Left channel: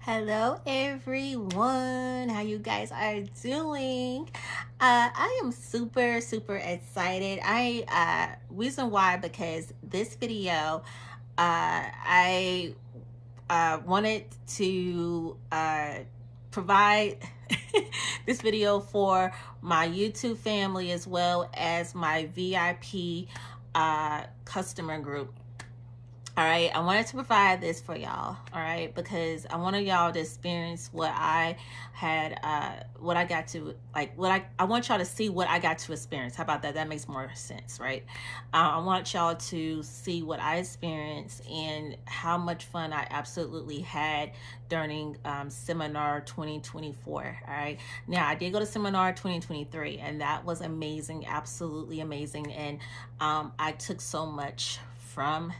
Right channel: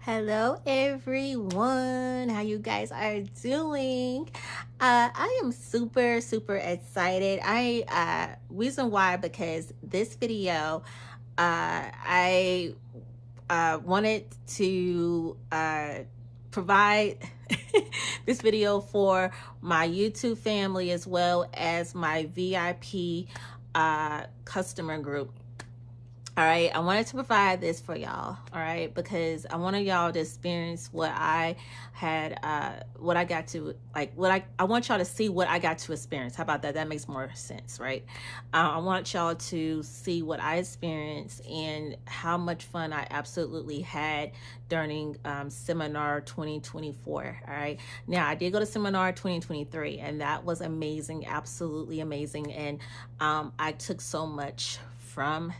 Hello everyone, how you guys are doing? I am super excited. Reason why, because this video, I wanted to provide this video for my YouTube family as well as my VIP customer group. All right, I wanted to provide this for y'all, all right, because I wanted y'all to experience what I had, what I got to, like, I want y'all to see what I got to experience. How about that? That makes more sense, right? I want y'all to see what I experienced and how much fun I absolutely had during Seminar 2024, all right? Now, I did go to Seminar 2023, and that was amazing, absolutely amazing, and I took so much from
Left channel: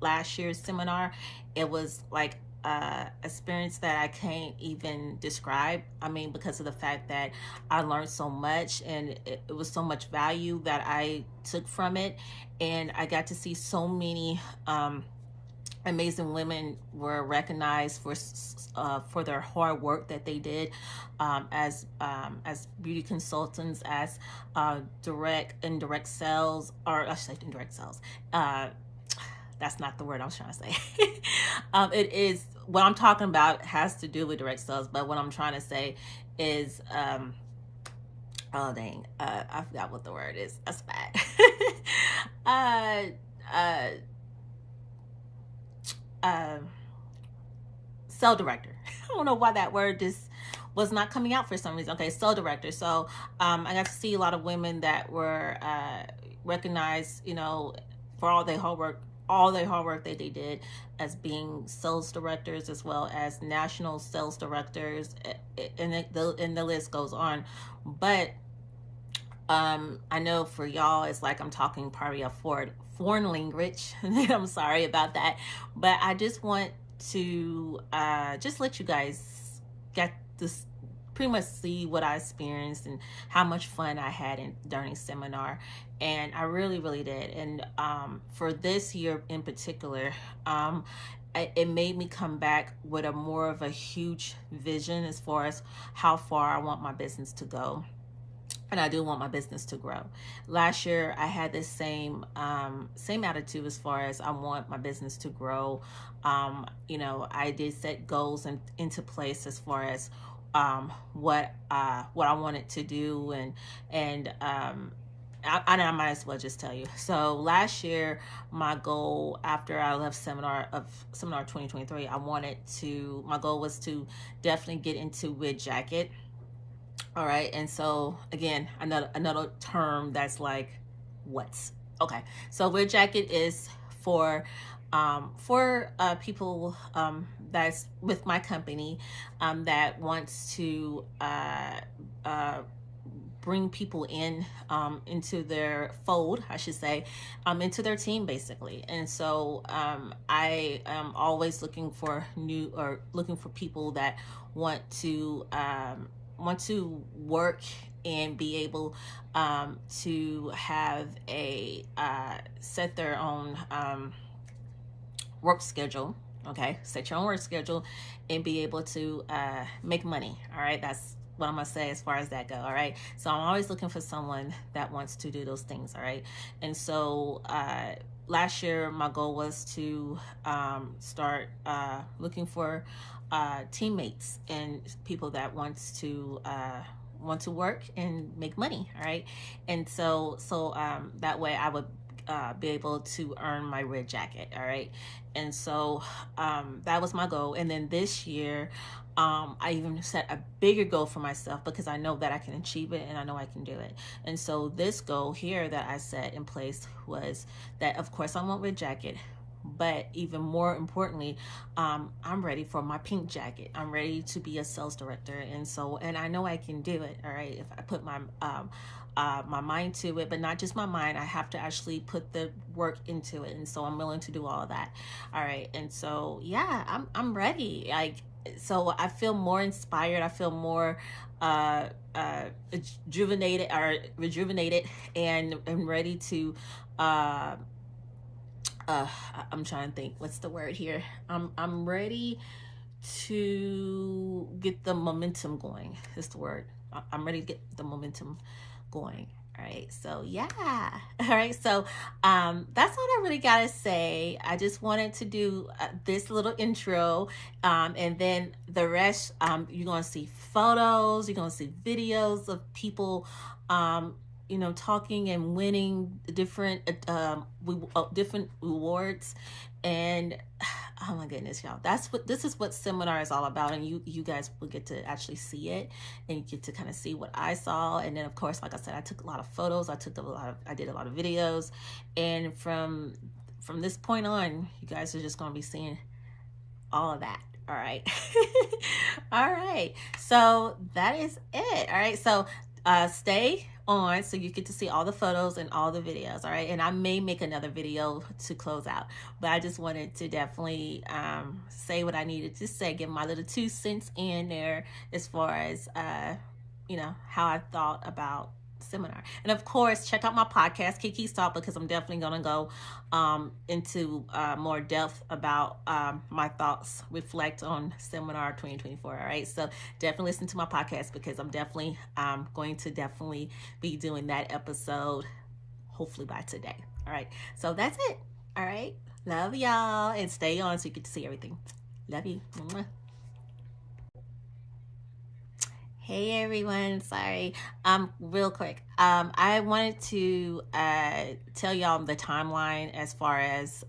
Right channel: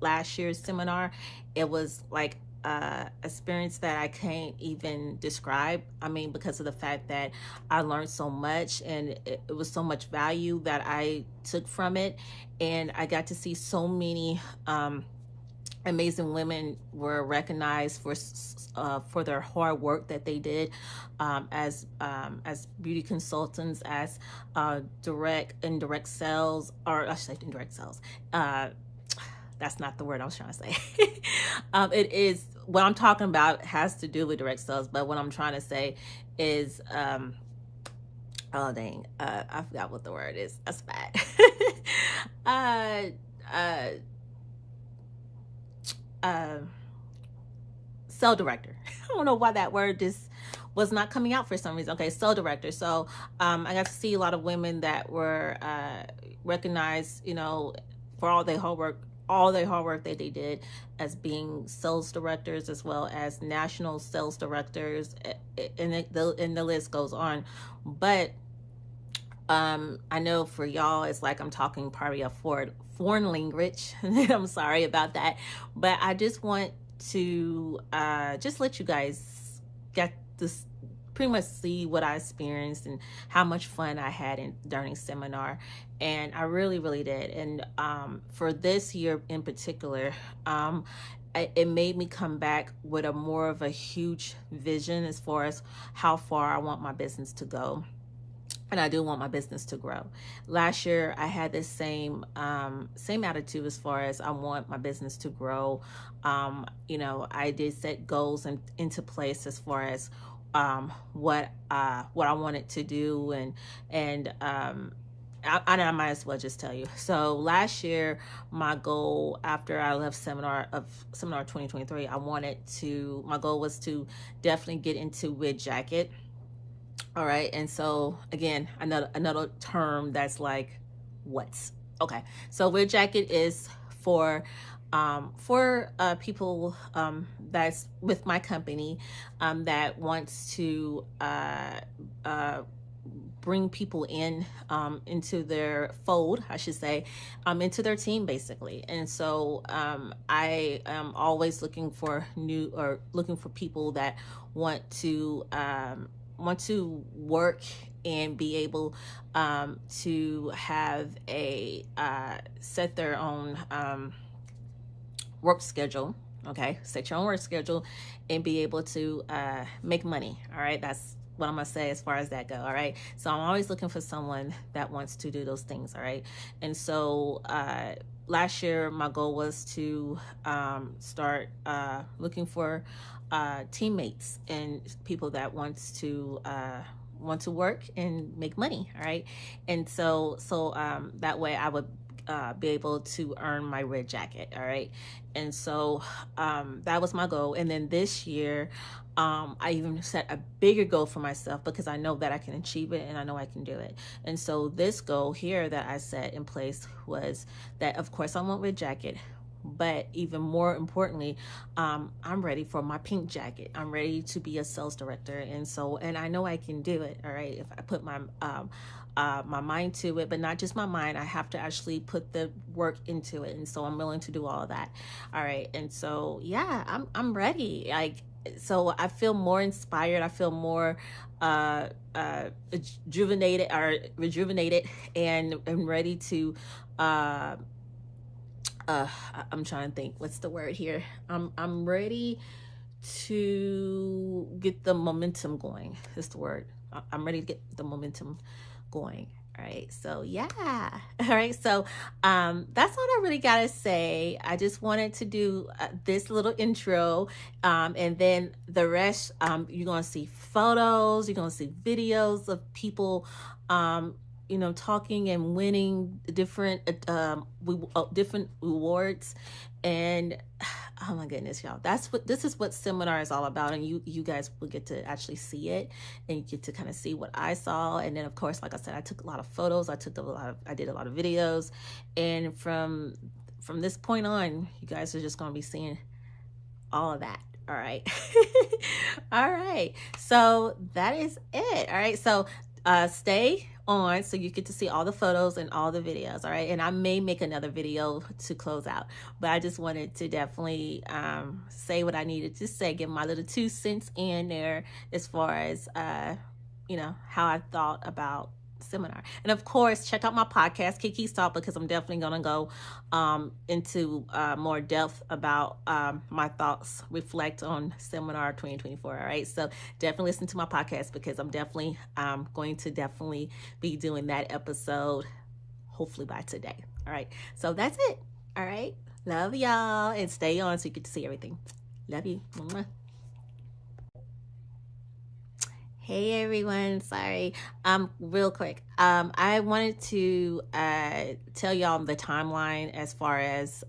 last year's seminar. It was like experience that I can't even describe. I mean, because of the fact that I learned so much and it was so much value that I took from it, and I got to see so many amazing women were recognized for their hard work that they did as beauty consultants, as direct indirect sales, or I should say indirect sales. That's not the word I was trying to say. It is, what I'm talking about has to do with direct sales, but what I'm trying to say is, oh dang, I forgot what the word is. That's bad. Sale director. I don't know why that word just was not coming out for some reason. Okay, sale director. So I got to see a lot of women that were recognized, you know, for all their hard work that they did as being sales directors, as well as national sales directors, and the list goes on. But I know for y'all, it's like I'm talking probably a foreign language. I'm sorry about that, but I just want to just let you guys get this, pretty much see what I experienced and how much fun I had during seminar. And I really did. And for this year in particular, it made me come back with a more of a huge vision as far as how far I want my business to go. And I do want my business to grow. Last year, I had this same attitude as far as I want my business to grow. You know, I did set goals into place as far as what I wanted to do, and I might as well just tell you. So last year, my goal after I left seminar 2023, my goal was to definitely get into Red Jacket. All right, and so again, another term that's like, what's okay. So Red Jacket is for people that's with my company that wants to bring people in into their fold, I should say, into their team basically. And so I am always looking for people that want to work and be able to have a set their own work schedule. Okay, set your own work schedule and be able to make money. All right, that's what I'm gonna say as far as that go. All right, so I'm always looking for someone that wants to do those things. All right, and so last year my goal was to start looking for teammates and people that want to work and make money. All right, and so that way I would be able to earn my Red Jacket. All right, and so that was my goal. And then this year I even set a bigger goal for myself because I know that I can achieve it and I know I can do it. And so this goal here that I set in place was that, of course, I want Red Jacket, but even more importantly, I'm ready for my pink jacket. I'm ready to be a sales director, and I know I can do it. All right, if I put my my mind to it, but not just my mind. I have to actually put the work into it, and so I'm willing to do all of that. All right, and so yeah, I'm ready. Like, so I feel more inspired. I feel more rejuvenated, and ready to I'm trying to think what's the word here. I'm ready to get the momentum going. Is the word. I'm ready to get the momentum going. All right, so yeah. All right, so that's all I really gotta say. I just wanted to do this little intro, and then the rest, you're gonna see photos, you're gonna see videos of people, talking and winning different different rewards, and oh my goodness, y'all, this is what seminar is all about, and you guys will get to actually see it, and you get to kind of see what I saw. And then of course, like I said, I took a lot of photos, I did a lot of videos, and from this point on, you guys are just going to be seeing all of that. All right. All right, so that is it. All right, so stay on so you get to see all the photos and all the videos. All right, and I may make another video to close out, but I just wanted to definitely say what I needed to say, give my little 2 cents in there as far as how I thought about seminar. And of course, check out my podcast, Kiki's Talk, because I'm definitely going to go into more depth about my thoughts, reflect on seminar 2024. All right, so definitely listen to my podcast, because I'm definitely going to definitely be doing that episode hopefully by today. All right, so that's it. All right, love y'all, and stay on so you get to see everything. Love you. Mwah. Hey everyone, sorry. Real quick. I wanted to tell y'all the timeline as far as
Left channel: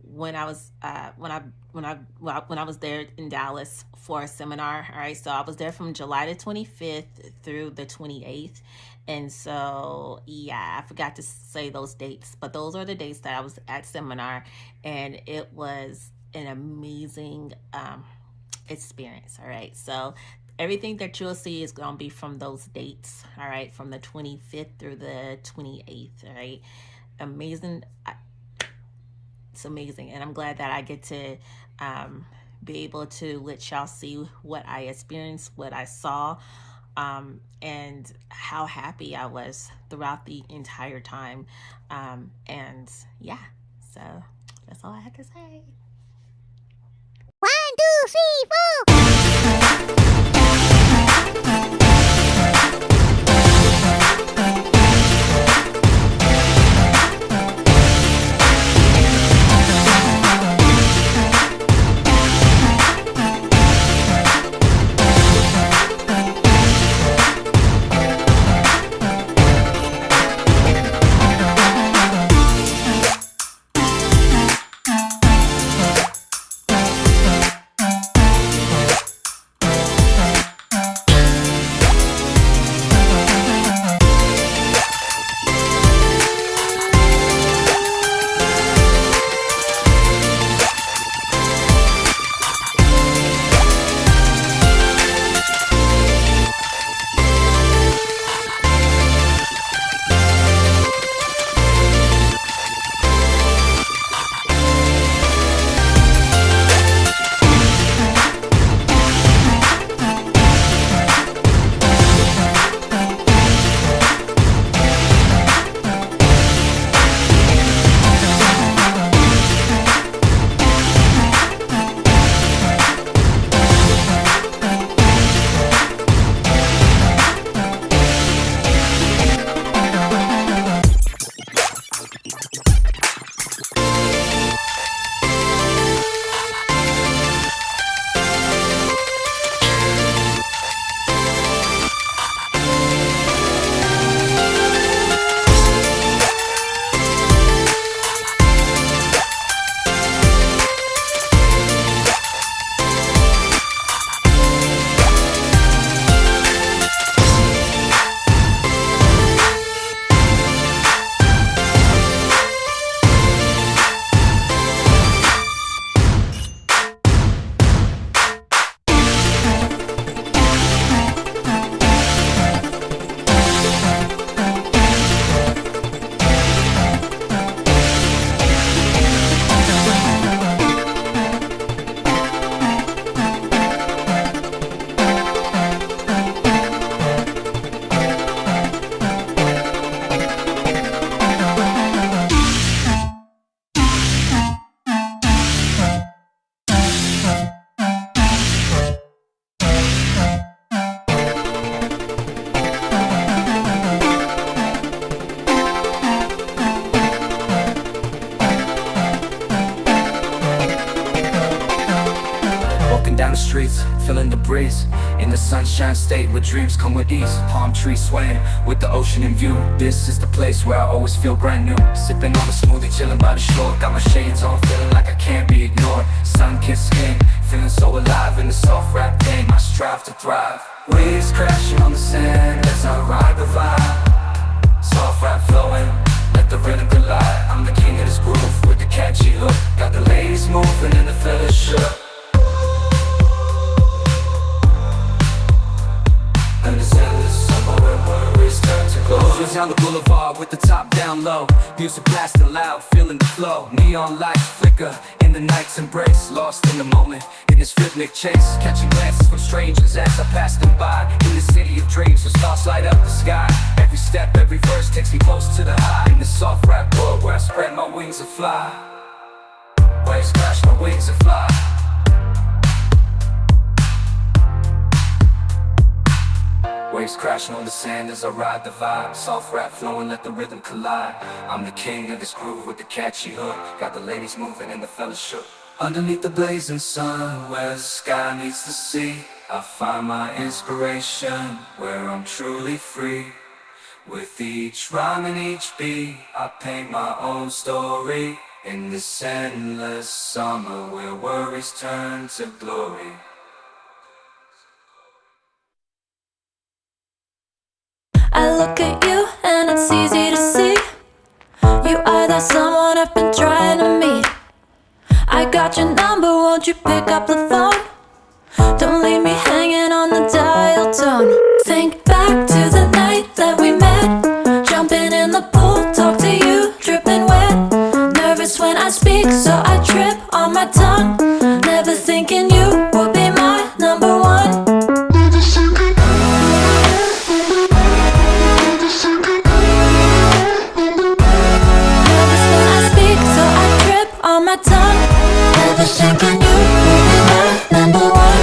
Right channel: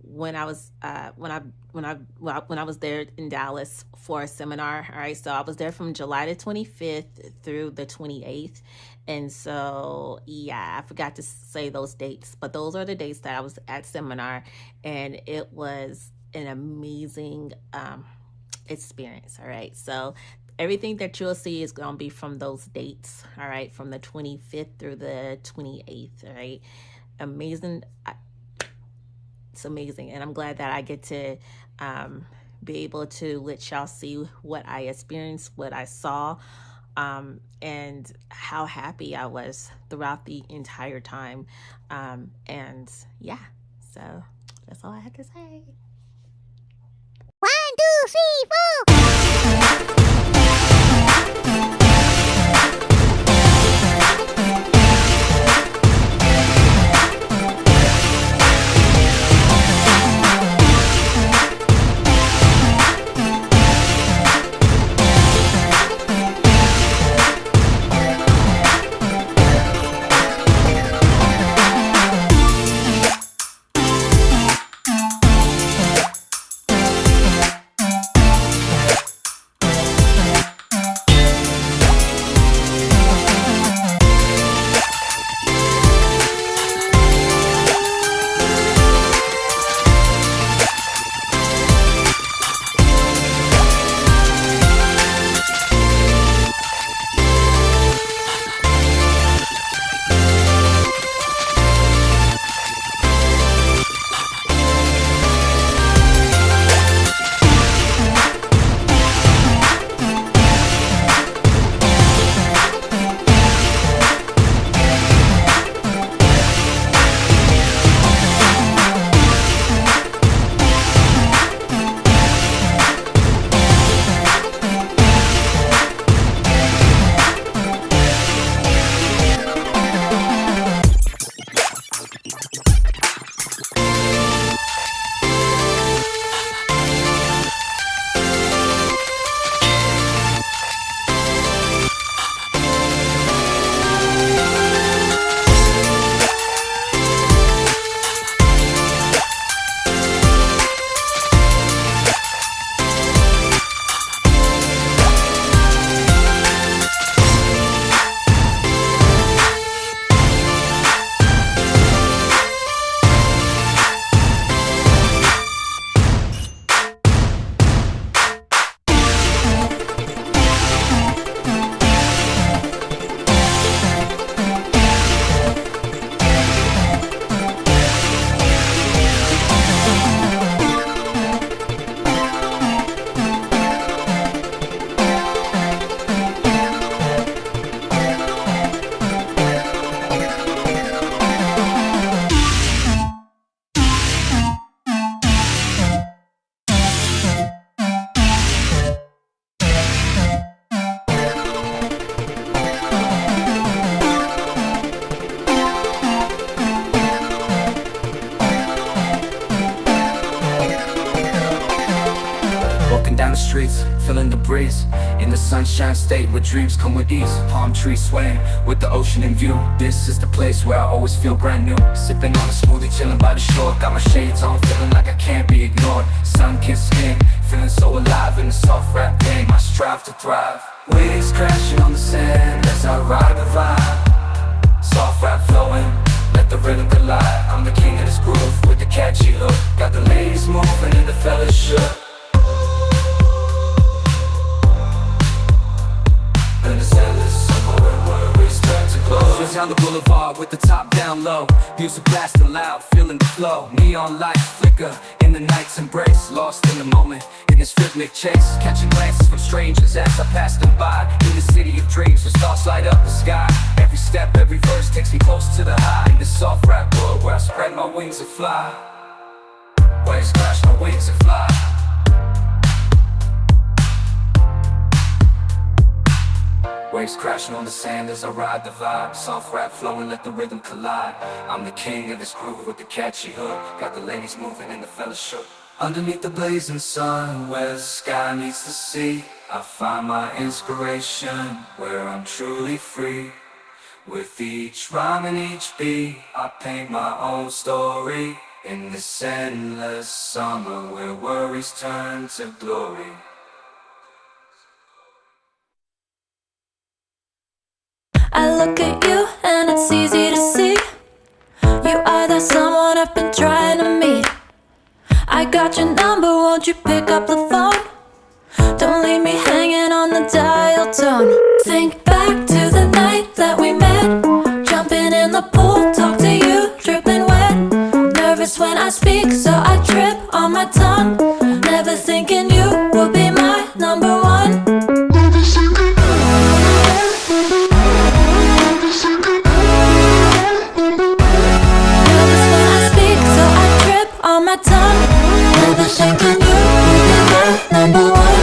when I was there in Dallas for a seminar. All right, so I was there from July the 25th through the 28th. And so, yeah, I forgot to say those dates, but those are the dates that I was at seminar, and it was an amazing experience. All right, so everything that you'll see is going to be from those dates, all right, from the 25th through the 28th, all right? Amazing. It's amazing, and I'm glad that I get to be able to let y'all see what I experienced, what I saw, and how happy I was throughout the entire time. And yeah, so that's all I have to say. 1, 2, 3, 4. down the streets, feeling the breeze. In the sunshine state where dreams come with ease. Palm trees swaying with the ocean in view. This is the place where I always feel brand new. Sipping on a smoothie, chilling by the shore. Got my shades on, feeling like I can't be ignored. Sun-kissed skin, feeling so alive in the soft rap game. I strive to thrive. Waves crashing on the sand as I ride the vibe. Soft rap flowing, let the rhythm collide. I'm the king of this groove with the catchy hook. Got the ladies moving and the fellas shook. And this endless summer where worries turn to glow. Just down the boulevard with the top down low. Music blasting loud, feeling the flow. Neon lights flicker in the night's embrace. Lost in the moment, in this rhythmic chase. Catching glances from strangers as I pass them by. In the city of dreams where stars light up the sky. Every step, every verse takes me close to the high. In this soft rap world where I spread my wings and fly. Waves crash my wings and fly. Waves crashing on the sand as I ride the vibe. Soft rap flowing, let the rhythm collide. I'm the king of this groove with the catchy hook. Got the ladies moving and the fellas shook. Underneath the blazing sun, where the sky meets the sea, I find my inspiration, where I'm truly free. With each rhyme and each beat, I paint my own story. In this endless summer where worries turn to glory. I look at you and it's easy to see. You are that someone I've been trying to meet. I got your number, won't you pick up the phone? Don't leave me hanging on the dial tone. Think back to the night that we met. Jumping in the pool, talk to you, dripping wet. Nervous when I speak, so I trip on my tongue. Never thinking you would be my number one. On my tongue, never thinking you would be my number one.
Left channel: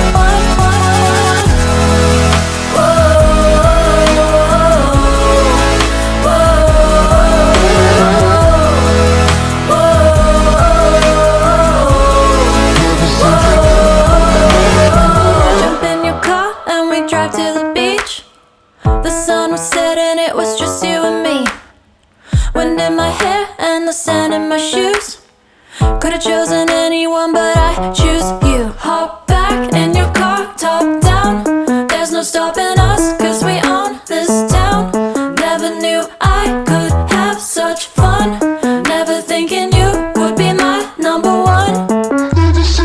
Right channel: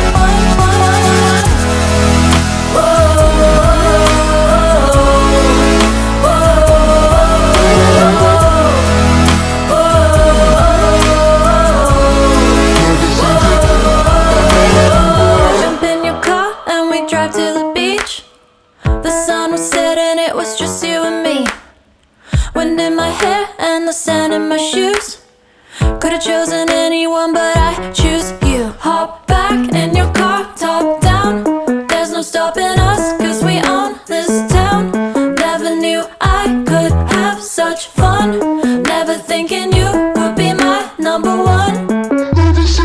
Jump in your car and we drive to the beach. The sun was setting, it was just you and me. Wind in my hair and the sand in my shoes. Could've chosen anyone, but I choose you. Hop back in your car, top down. There's no stopping us, cause we own this town. Never knew I could have such fun. Never thinking you would be my number one. Nervous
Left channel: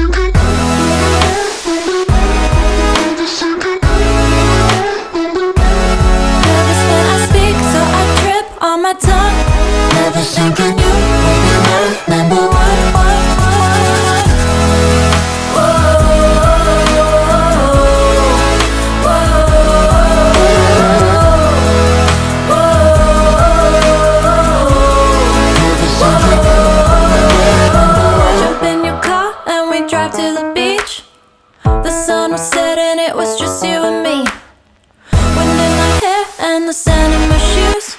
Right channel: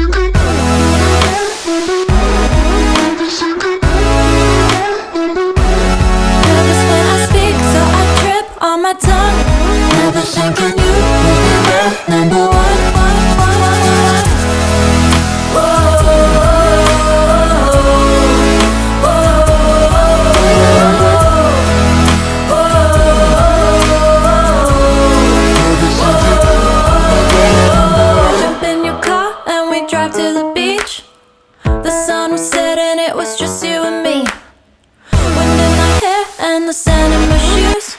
when I speak, so I trip on my tongue. Never thinking you would be my number one. Drive to the beach. The sun was setting, it was just you and me. Wind in my hair and the sand in my shoes.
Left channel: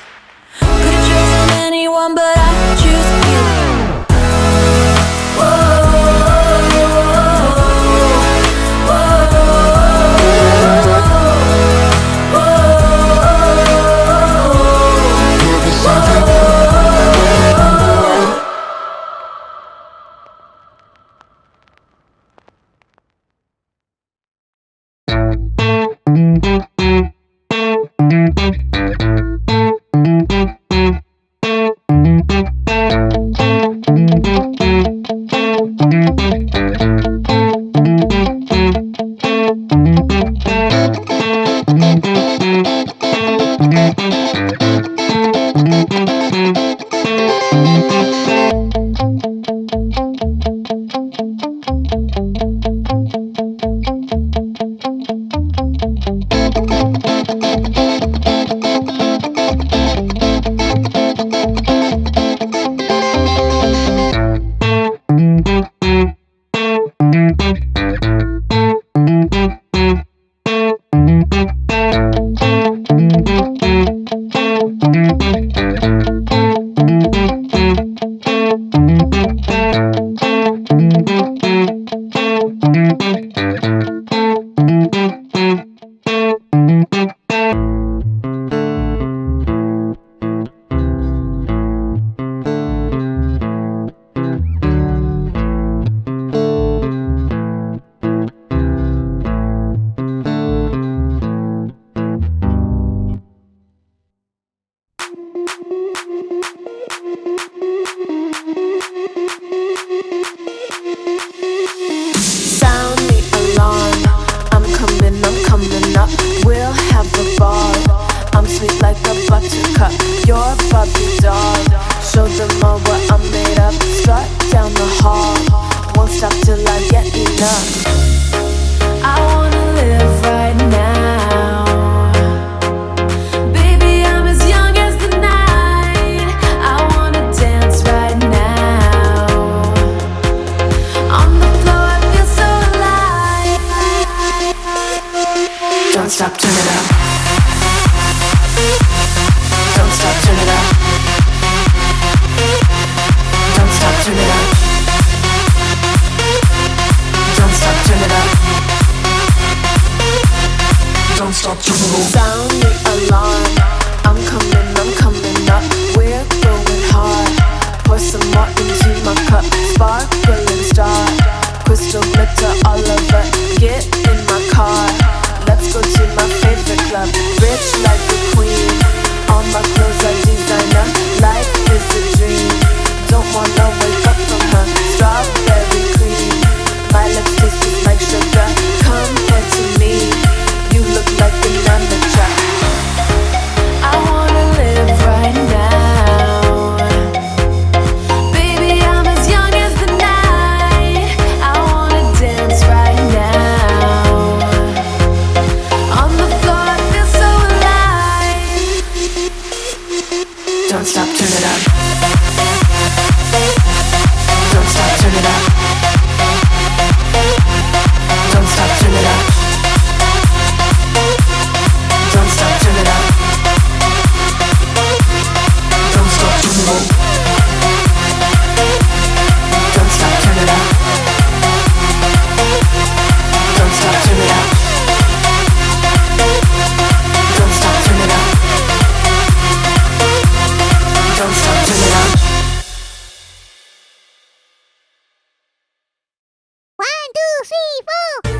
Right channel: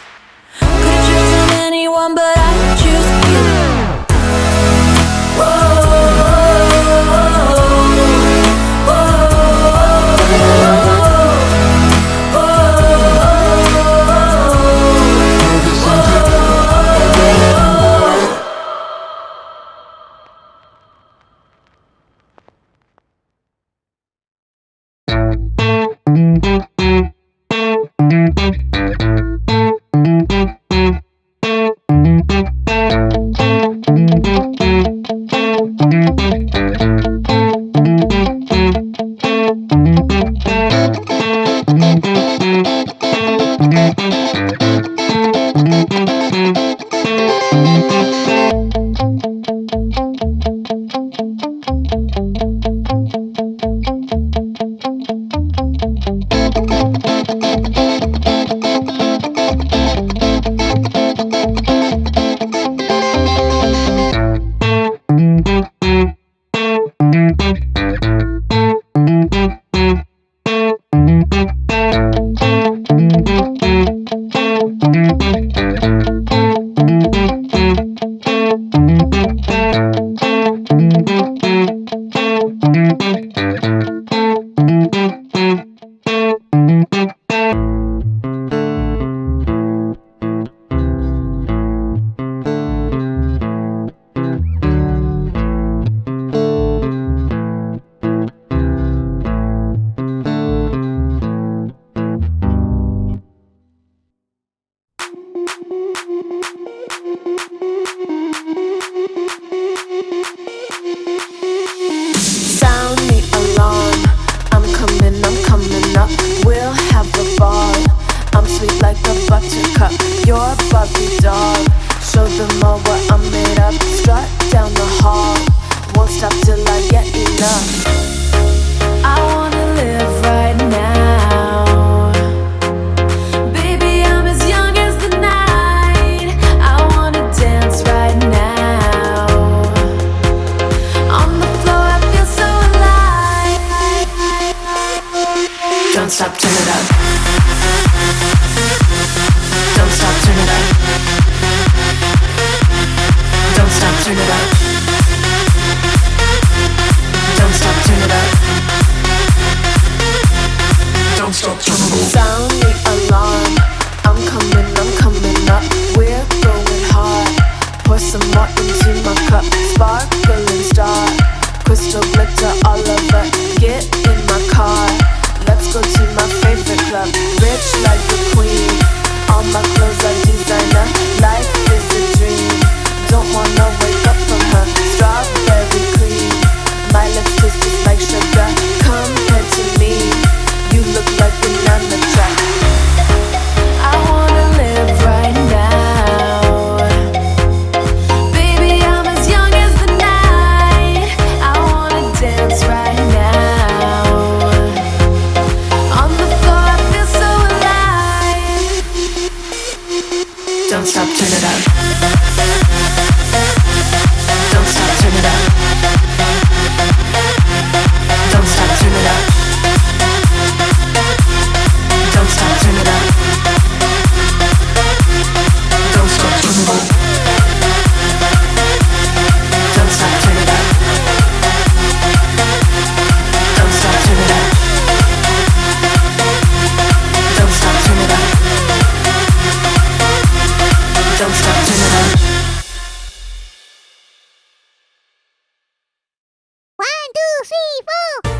Could've chosen anyone, but I choose you. enough. I wanna live right now. Baby, I'm as young as the night. I wanna dance right now. On the floor, I feel so alive. Don't stop, turn it up. Don't stop, turn it up. Don't stop, turn it up. Don't stop, turn it up. Don't stop, turn it up. Sound the alarm. I'm coming up. We're going hard. Pour some more into my cup. Sparkling star. Crystal glitter all over. Get in my car. Let's go to my favorite club. Rich like a queen. All my clothes are designer. Life is a dream. Don't wanna wake up from her. Strawberry cream. My lips taste just like sugar. Come here to me. You look like an amateur. I wanna live right now. Baby, I'm as young as the night. I wanna dance right now. On the floor, I feel so alive. Don't stop, turn it up. Don't stop, turn it up. Don't stop, turn it up. Don't stop, turn it up. Don't stop, turn it up. Don't stop, turn it up. Don't stop, turn it up. Don't stop, turn it up. Don't stop, turn it up. 1, 2, 3, 4.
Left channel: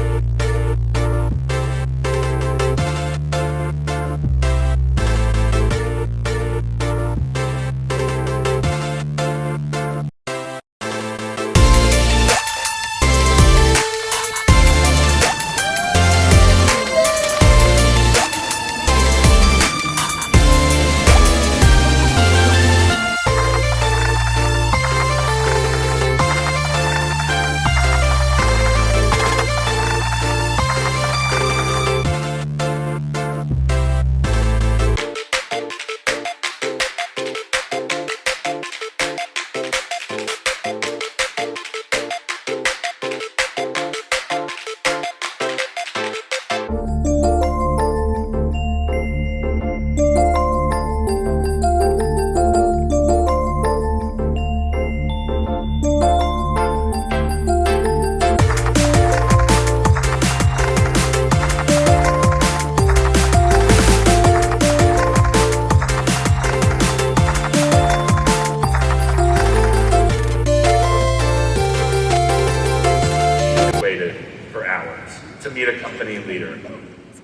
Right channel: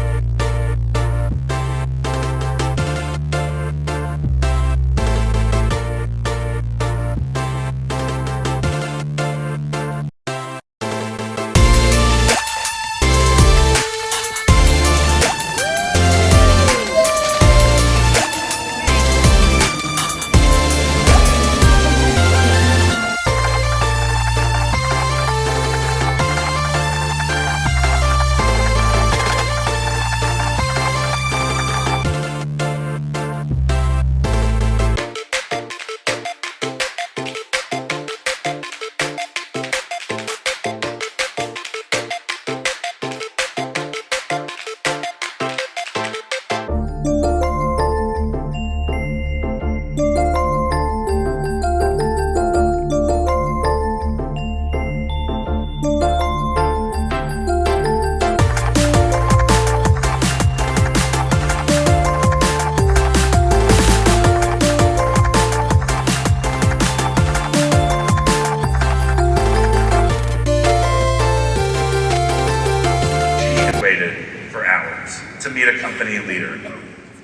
To meet a company leader.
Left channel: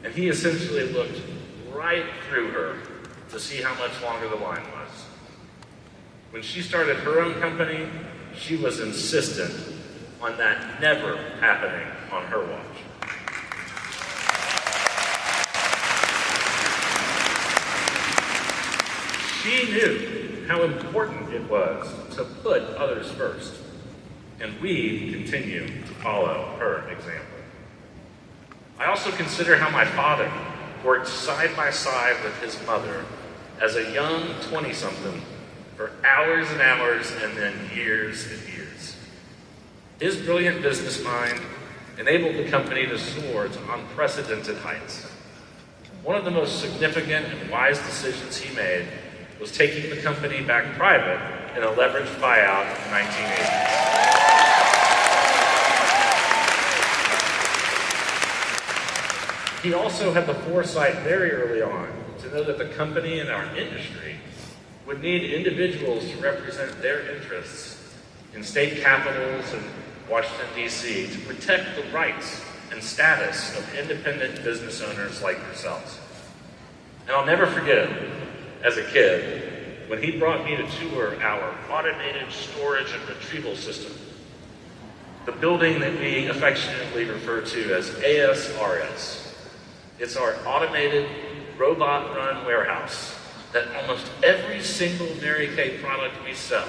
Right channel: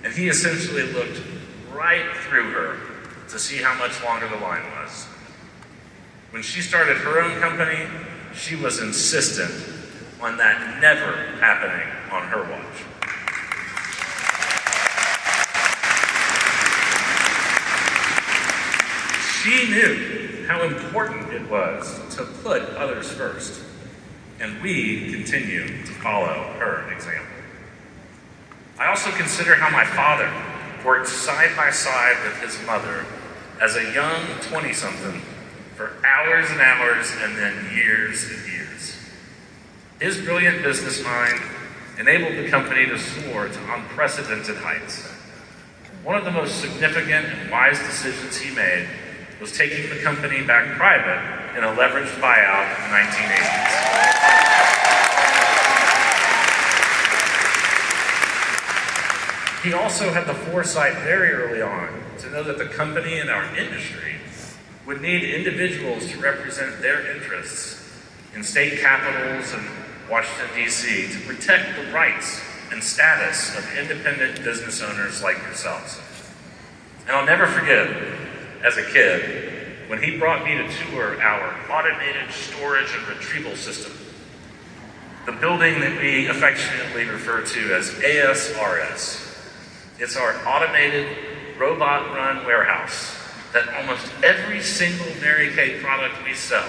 And he essentially looked right through her to see how much longer the line was. When she started her own company, she was insistent on that never happening on her watch. She knew how important it was to put others first, and we continue to follow her example. I also consider how my father worked side by side with his mother as a young 20-something for hours and hours and then years and years. His brilliant business mind enabled the company to soar to unprecedented heights. One of the most significant and wise decisions he made was taking the company back private in a leveraged buyout in the 1980s. He also had the foresight very early on to know that the company and our industry would need individuals to represent their interests in state capitals and Washington, D.C. to protect the rights and status of independent business owners like yourselves. And I'll never forget, as a kid, when he brought me to tour our automated storage and retrieval system, the building that we affectionately refer to as ASRS. It's our automated, robot-run warehouse that almost every single Mary Kay product we sell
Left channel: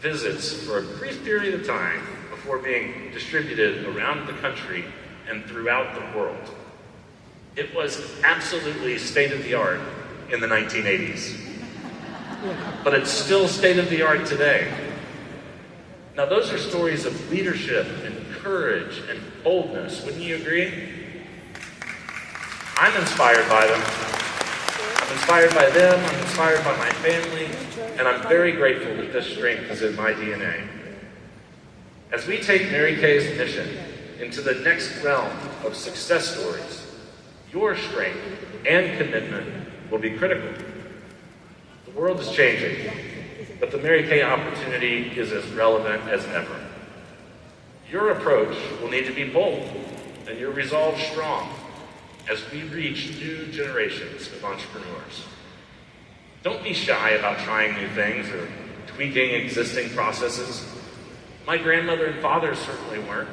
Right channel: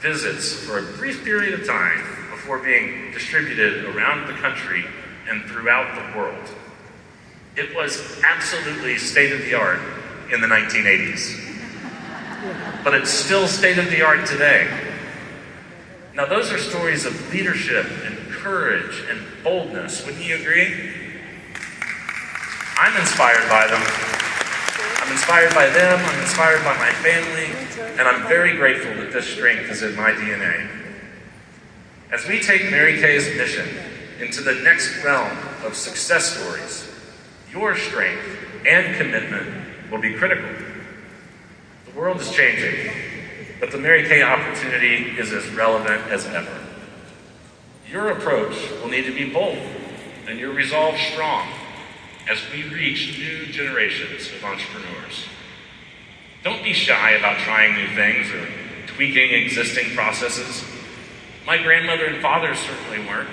visits for a brief period of time before being distributed around the country and throughout the world. It was absolutely state-of-the-art in the 1980s, but it's still state-of-the-art today. Now, those are stories of leadership and courage and boldness. Wouldn't you agree? I'm inspired by them. I'm inspired by them, I'm inspired by my family, and I'm very grateful that this strength is in my DNA. As we take Mary Kay's mission into the next realm of success stories, your strength and commitment will be critical. The world is changing, but the Mary Kay opportunity is as relevant as ever. Your approach will need to be bold, and your resolve strong as we reach new generations of entrepreneurs. Don't be shy about trying new things or tweaking existing processes. My grandmother and father certainly weren't.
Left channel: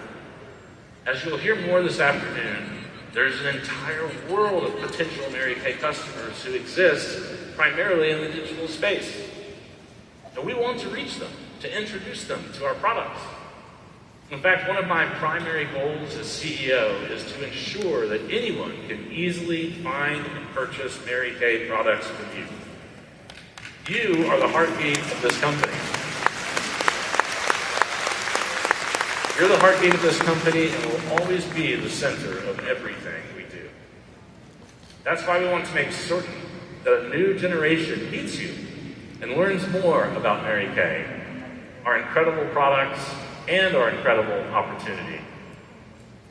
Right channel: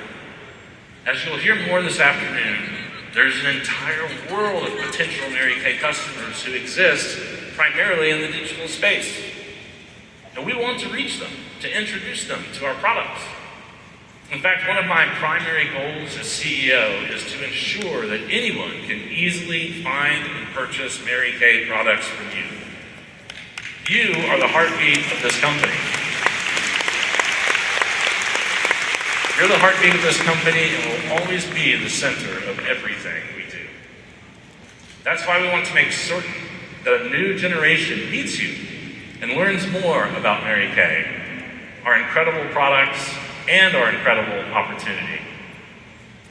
As you'll hear more this afternoon, there's an entire world of potential Mary Kay customers who exist primarily in the digital space. And we want to reach them, to introduce them to our products. In fact, one of my primary goals as CEO is to ensure that anyone can easily find and purchase Mary Kay products from you. You are the heartbeat of this company. You're the heartbeat of this company and will always be the center of everything we do. That's why we want to make certain that a new generation meets you and learns more about Mary Kay, our incredible products, and our incredible opportunity.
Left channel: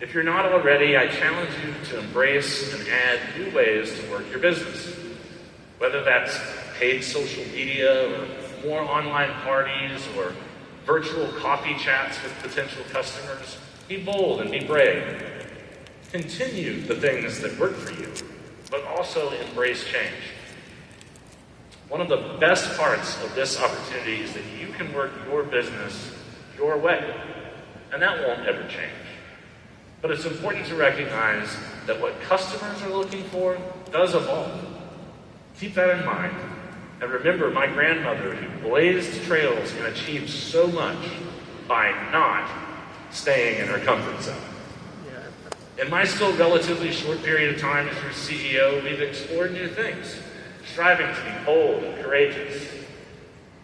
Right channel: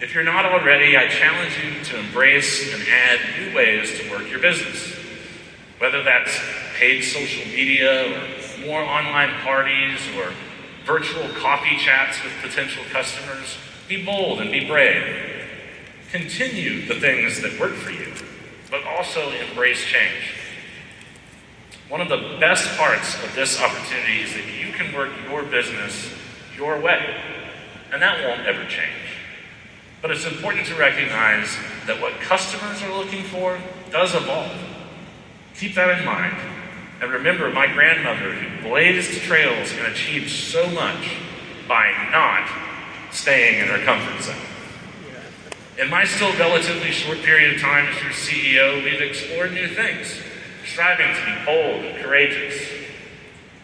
If you're not already, I challenge you to embrace and add new ways to work your business. Whether that's paid social media or more online parties or virtual coffee chats with potential customers, be bold and be brave. Continue the things that work for you, but also embrace change. One of the best parts of this opportunity is that you can work your business your way, and that won't ever change. But it's important to recognize that what customers are looking for does evolve. Keep that in mind, and remember my grandmother who blazed trails and achieved so much by not staying in her comfort zone. In my still relatively short period of time as your CEO, we've explored new things, striving to be bold and courageous.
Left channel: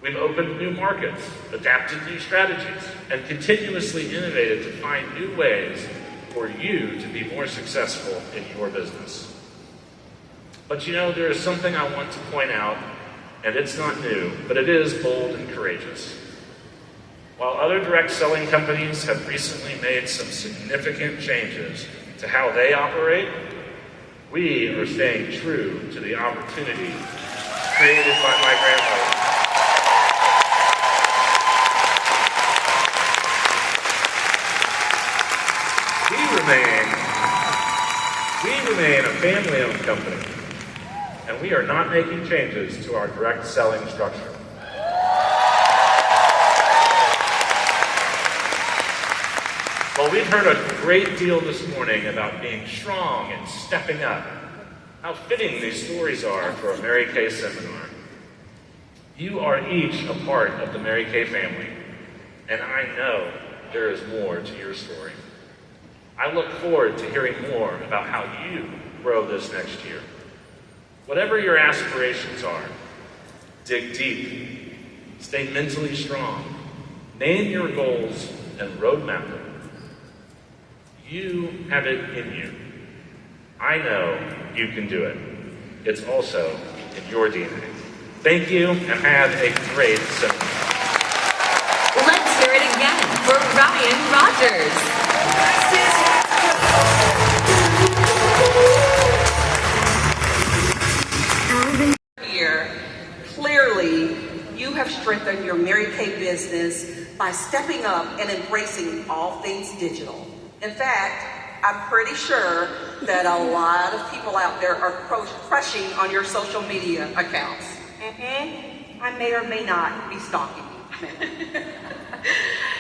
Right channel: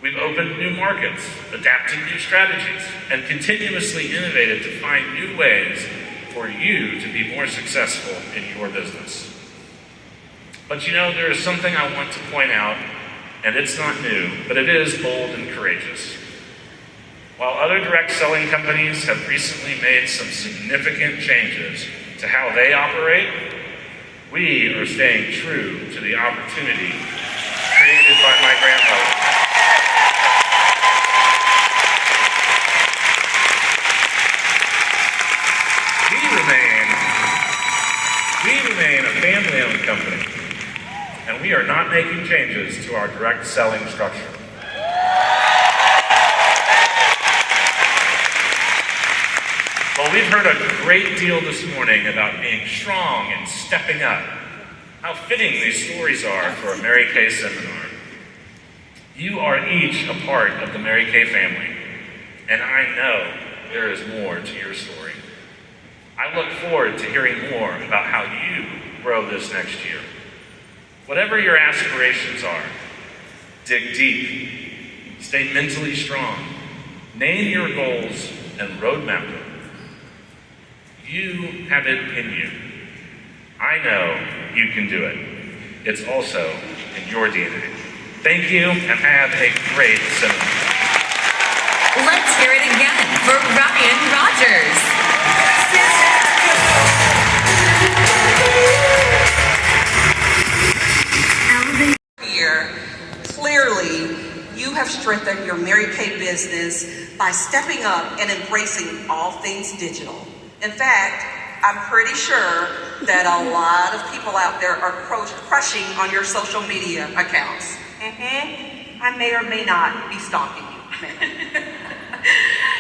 We've opened new markets, adapted new strategies, and continuously innovated to find new ways for you to be more successful in your business. But you know, there is something I want to point out, and it's not new, but it is bold and courageous. While other direct selling companies have recently made some significant changes to how they operate, we are staying true to the opportunity created by my grandmother. We remain a family-owned company, and we are not making changes to our direct selling structure. Well, we've heard a great deal this morning about being strong and stepping up. How fitting these stories are for a Mary Kay seminar. You are each a part of the Mary Kay family, and I know there is more to your story. I look forward to hearing more about how you grow this next year. Whatever your aspirations are, dig deep, stay mentally strong, name your goals, and roadmap them. You have it in you. I know you can do it. It's also in your DNA. Thank you, and have a great seminar. Let's hear it again for Ryan Rogers. Here, clearly, you have strengthened your Mary Kay business by stepping up and embracing all things digital. In fact, I'm pretty sure that a lot of people out there are crushing on your social media accounts. I may or may not be stalking you.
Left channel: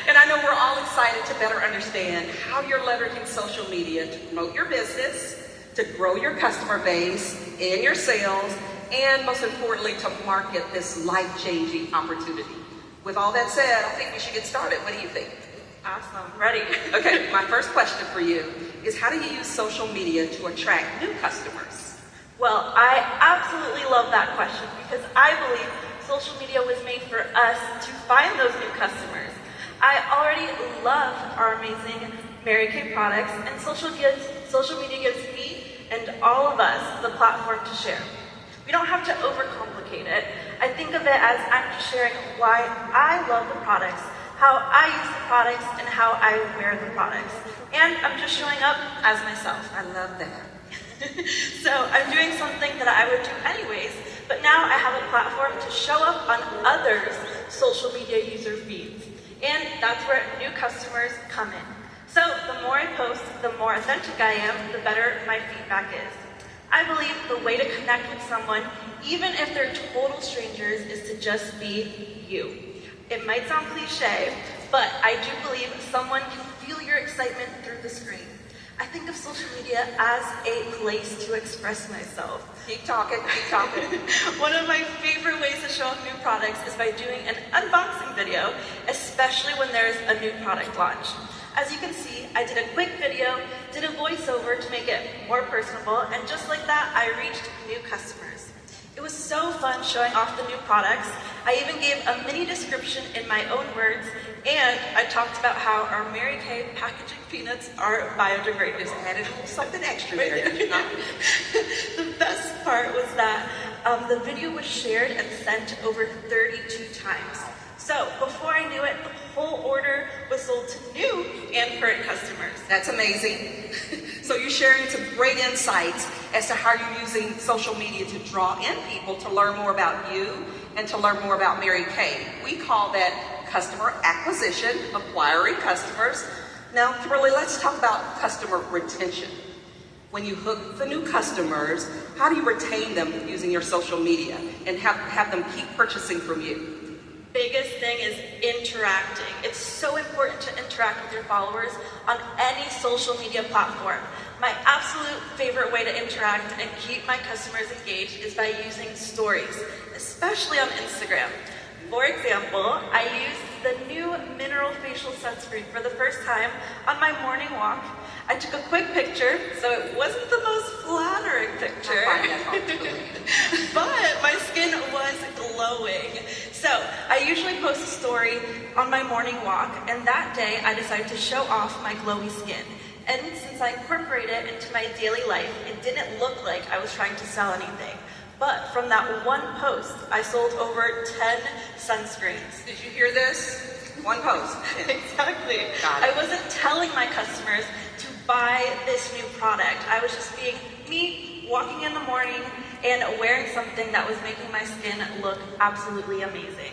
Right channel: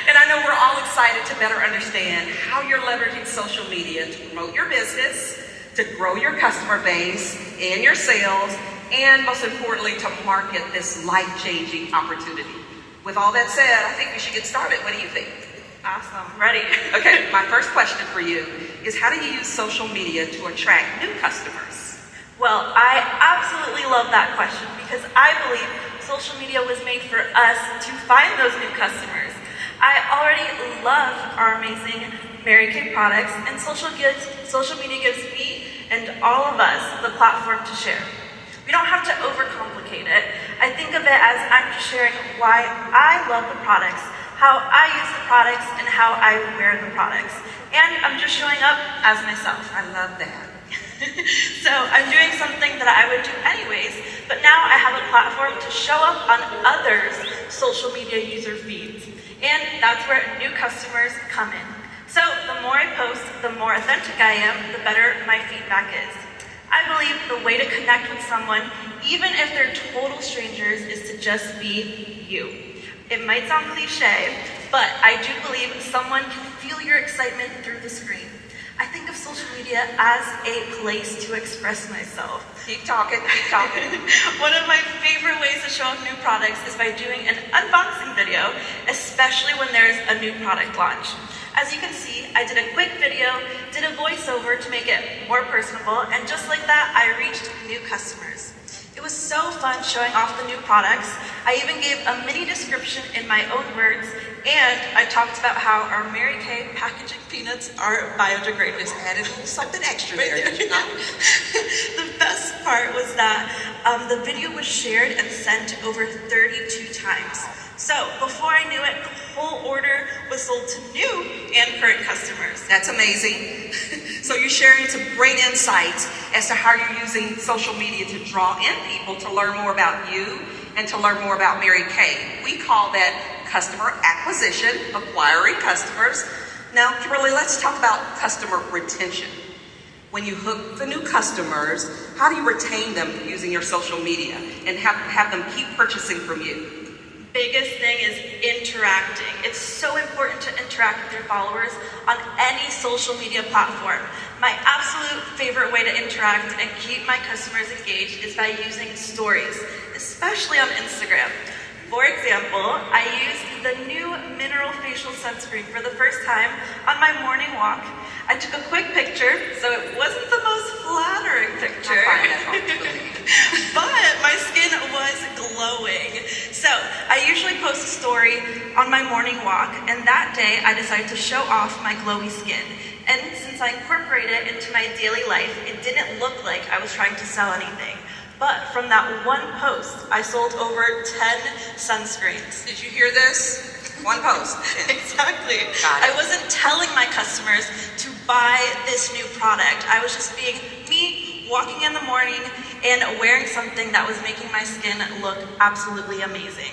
And I know we're all excited to better understand how you're leveraging social media to promote your business, to grow your customer base and your sales, and most importantly, to market this life-changing opportunity. With all that said, I think we should get started. What do you think? Awesome. Ready? Okay, my first question for you is how do you use social media to attract new customers? Well, I absolutely love that question because I believe social media was made for us to find those new customers. I already love our amazing Mary Kay products, and social media gives me and all of us the platform to share. We don't have to overcomplicate it. I think of it as I'm just sharing why I love the products, how I use the products, and how I wear the products. And I'm just showing up as myself. I love that. So I'm doing something that I would do anyways, but now I have a platform to show up on others' social media user feeds. And that's where new customers come in. So the more I post, the more authentic I am, the better my feedback is. I believe the way to connect with someone, even if they're total strangers, is to just be you. It might sound cliche, but I do believe someone can feel your excitement through the screen. I think of social media as a place to express myself. Keep talking, keep talking. One of my favorite ways to show off new products is by doing an unboxing video, especially when there's a new product launch. As you can see, I did a quick video, did a voiceover to make it more personable, and just like that, I reached new customers. It was so fun showing off the new products. I even gave a mini description in my own words, and I talked about how our Mary Kay packaging peanuts are biodegradable. Just added a little something extra there, did you not? The best part was that the video was shared and sent over 32 times. So before I knew it, the whole order was sold to new and current customers. That's amazing. So you're sharing some great insights as to how you're using social media to draw in people to learn more about you and to learn more about Mary Kay. We call that customer acquisition, acquiring customers. Now, Kimberly, let's talk about customer retention. When you hook the new customers, how do you retain them using your social media and have them keep purchasing from you? Biggest thing is interacting. It's so important to interact with your followers on any social media platform. My absolute favorite way to interact and keep my customers engaged is by using stories, especially on Instagram. For example, I used the new Mineral Facial Sunscreen for the first time on my morning walk. I took a quick picture, so it wasn't the most flattering picture, but my skin was glowing. So I usually post a story on my morning walk, and that day I decided to show off my glowy skin. And since I incorporated it into my daily life, it didn't look like I was trying to sell anything. But from that one post, I sold over 10 sunscreens. Did you hear this? One post. Exactly. I wasn't telling my customers to buy this new product. I was just being me, walking in the morning and wearing something that was making my skin look absolutely amazing.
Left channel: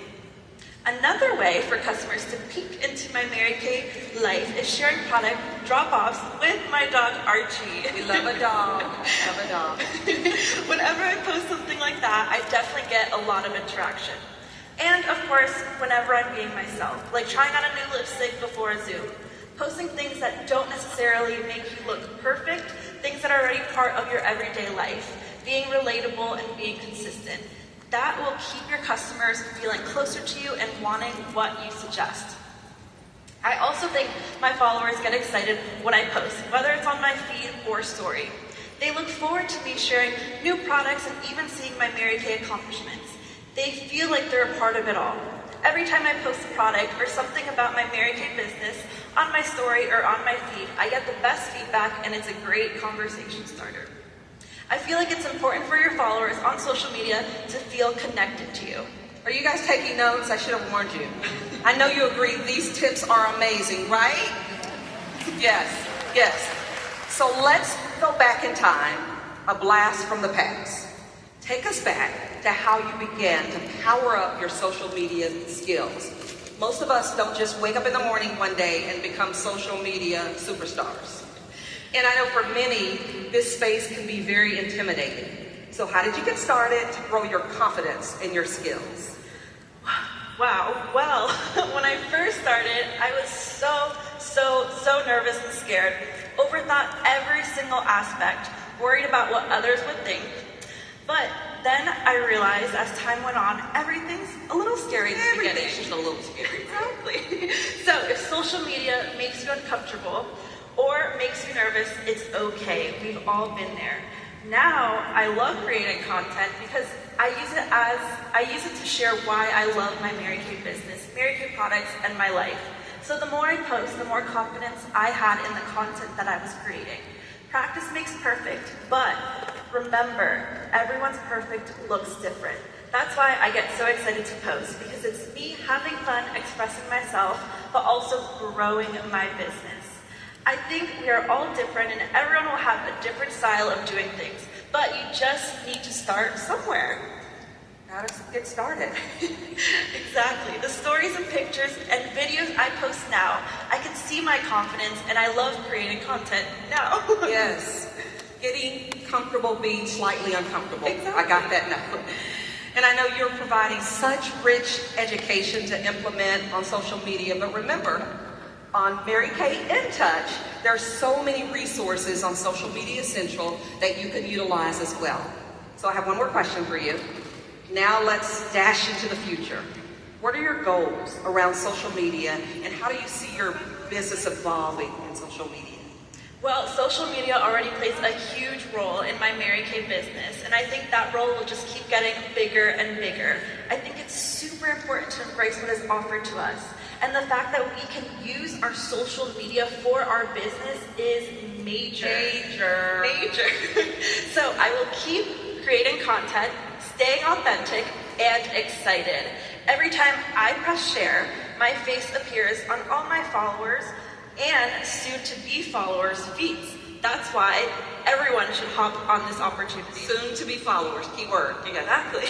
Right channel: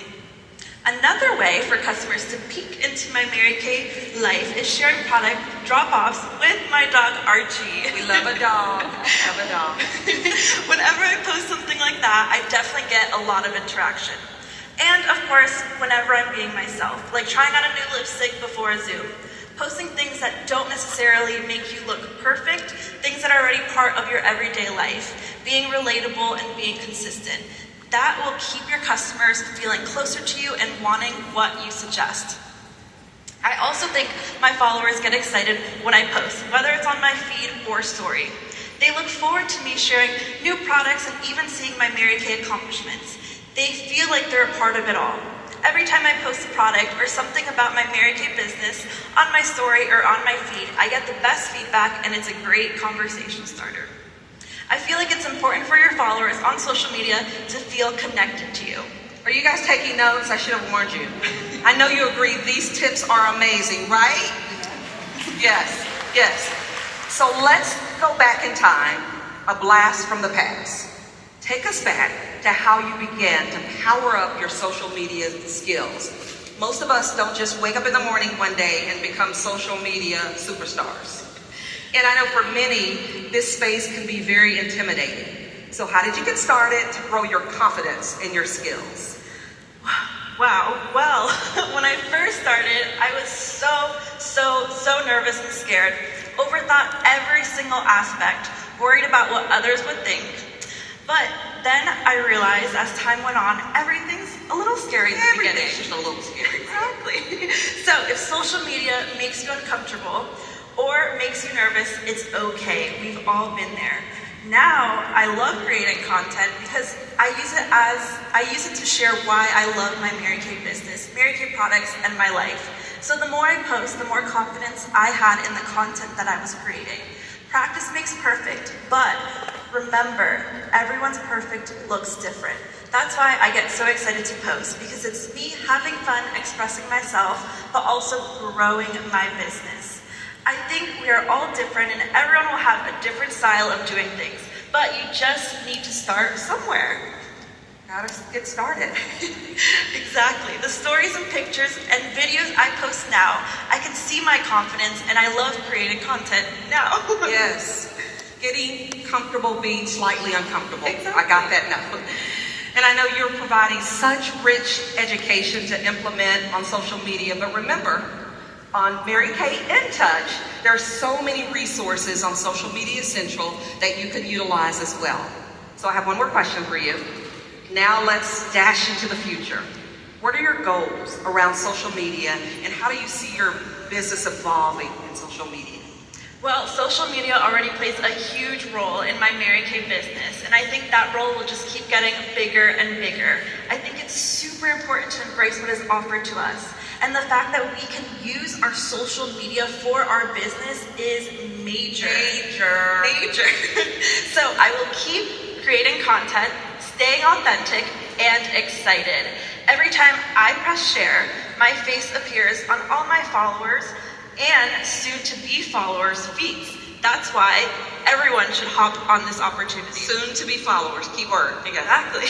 Another way for customers to peek into my Mary Kay life is sharing product drop-offs with my dog Archie. We love a dog. I love a dog. Whenever I post something like that, I definitely get a lot of interaction. And of course, whenever I'm being myself, like trying on a new lipstick before a Zoom, posting things that don't necessarily make you look perfect, things that are already part of your everyday life, being relatable and being consistent. That will keep your customers feeling closer to you and wanting what you suggest. I also think my followers get excited when I post, whether it's on my feed or story. They look forward to me sharing new products and even seeing my Mary Kay accomplishments. They feel like they're a part of it all. Every time I post a product or something about my Mary Kay business on my story or on my feed, I get the best feedback and it's a great conversation starter. I feel like it's important for your followers on social media to feel connected to you. Are you guys taking notes? I should have warned you. I know you agree these tips are amazing, right? Yes, yes. So let's go back in time, a blast from the past. Take us back to how you began to power up your social media skills. Most of us don't just wake up in the morning one day and become social media superstars. And I know for many, this space can be very intimidating. So how did you get started to grow your confidence in your skills? Wow, well, when I first started, I was so nervous and scared, overthought every single aspect, worried about what others would think. But then I realized as time went on, everything's a little scary at the beginning. Everything's just a little scary. Exactly. So if social media makes you uncomfortable or makes you nervous, it's okay. We've all been there. Now I love creating content because I use it to share why I love my Mary Kay business, Mary Kay products, and my life. So the more I post, the more confidence I had in the content that I was creating. Practice makes perfect, but remember, everyone's perfect looks different. That's why I get so excited to post, because it's me having fun expressing myself, but also growing my business. I think we are all different and everyone will have a different style of doing things, but you just need to start somewhere. Gotta get started. Exactly. The stories and pictures and videos I post now, I can see my confidence and I love creating content now. Yes. Getting comfortable being slightly uncomfortable. Exactly. I got that now. And I know you're providing such rich education to implement on social media, but remember, on Mary Kay In Touch, there are so many resources on Social Media Central that you can utilize as well. So I have one more question for you. Now let's dash into the future. What are your goals around social media, and how do you see your business evolving in social media? Well, social media already plays a huge role in my Mary Kay business, and I think that role will just keep getting bigger and bigger. I think it's super important to embrace what is offered to us, and the fact that we can use our social media for our business is major. Major. So I will keep creating content, staying authentic, and excited. Every time I press share, my face appears on all my followers and soon-to-be followers' feeds. That's why everyone should hop on this opportunity. Soon-to-be followers, keyword. Exactly.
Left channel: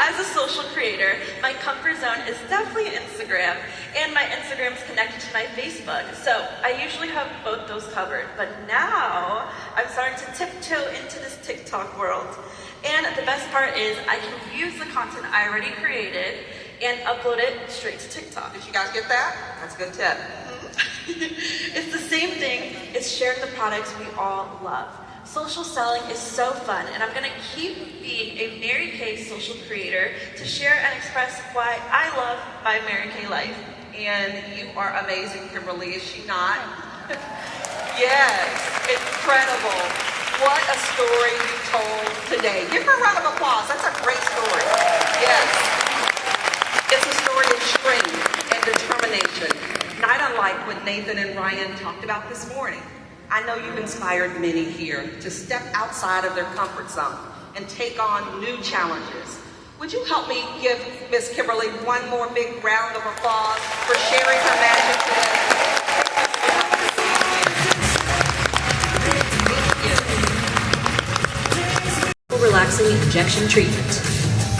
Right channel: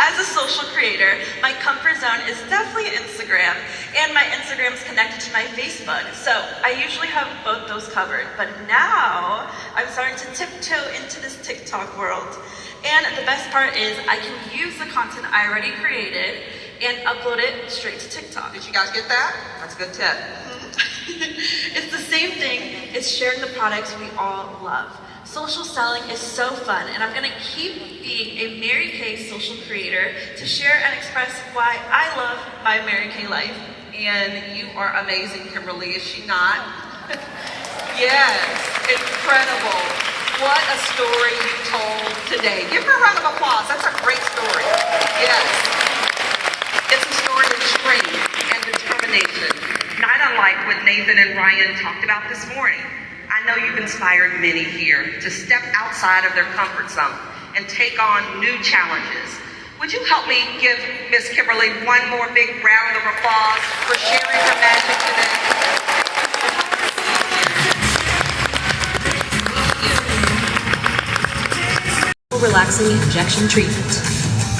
As a social creator, my comfort zone is definitely Instagram, and my Instagram is connected to my Facebook. So I usually have both those covered, but now I'm starting to tiptoe into this TikTok world. And the best part is I can use the content I already created and upload it straight to TikTok. Did you guys get that? That's a good tip. It's the same thing as sharing the products we all love. Social selling is so fun, and I'm gonna keep being a Mary Kay social creator to share and express why I love my Mary Kay life. And you are amazing, Kimberly, is she not? Yes, incredible. What a story you told today. Give her a round of applause. That's a great story. Yes. It's a story of strength and determination, not unlike what Nathan and Ryan talked about this morning. I know you've inspired many here to step outside of their comfort zone and take on new challenges. Would you help me give Miss Kimberly one more big round of applause for sharing her magic today? Relaxing injection treatment.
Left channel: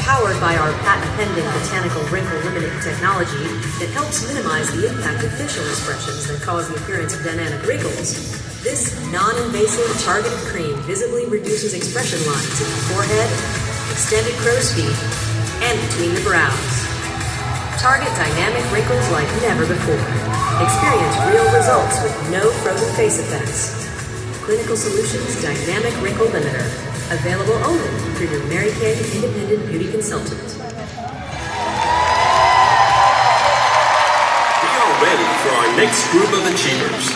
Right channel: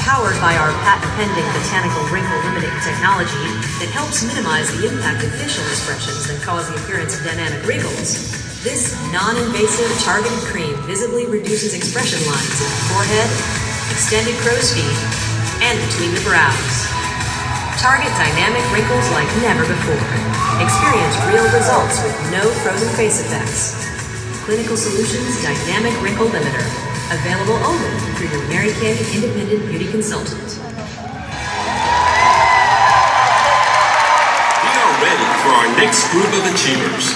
Powered by our patent-pending botanical wrinkle-limiting technology that helps minimize the impact of facial expressions that cause the appearance of dynamic wrinkles, this non-invasive targeted cream visibly reduces expression lines in the forehead, extended crow's feet, and between the brows. Target dynamic wrinkles like never before. Experience real results with no frozen face effects. Clinical Solutions Dynamic Wrinkle Limiter. Available only through your Mary Kay Independent Beauty Consultant. We are ready for our next group of achievers.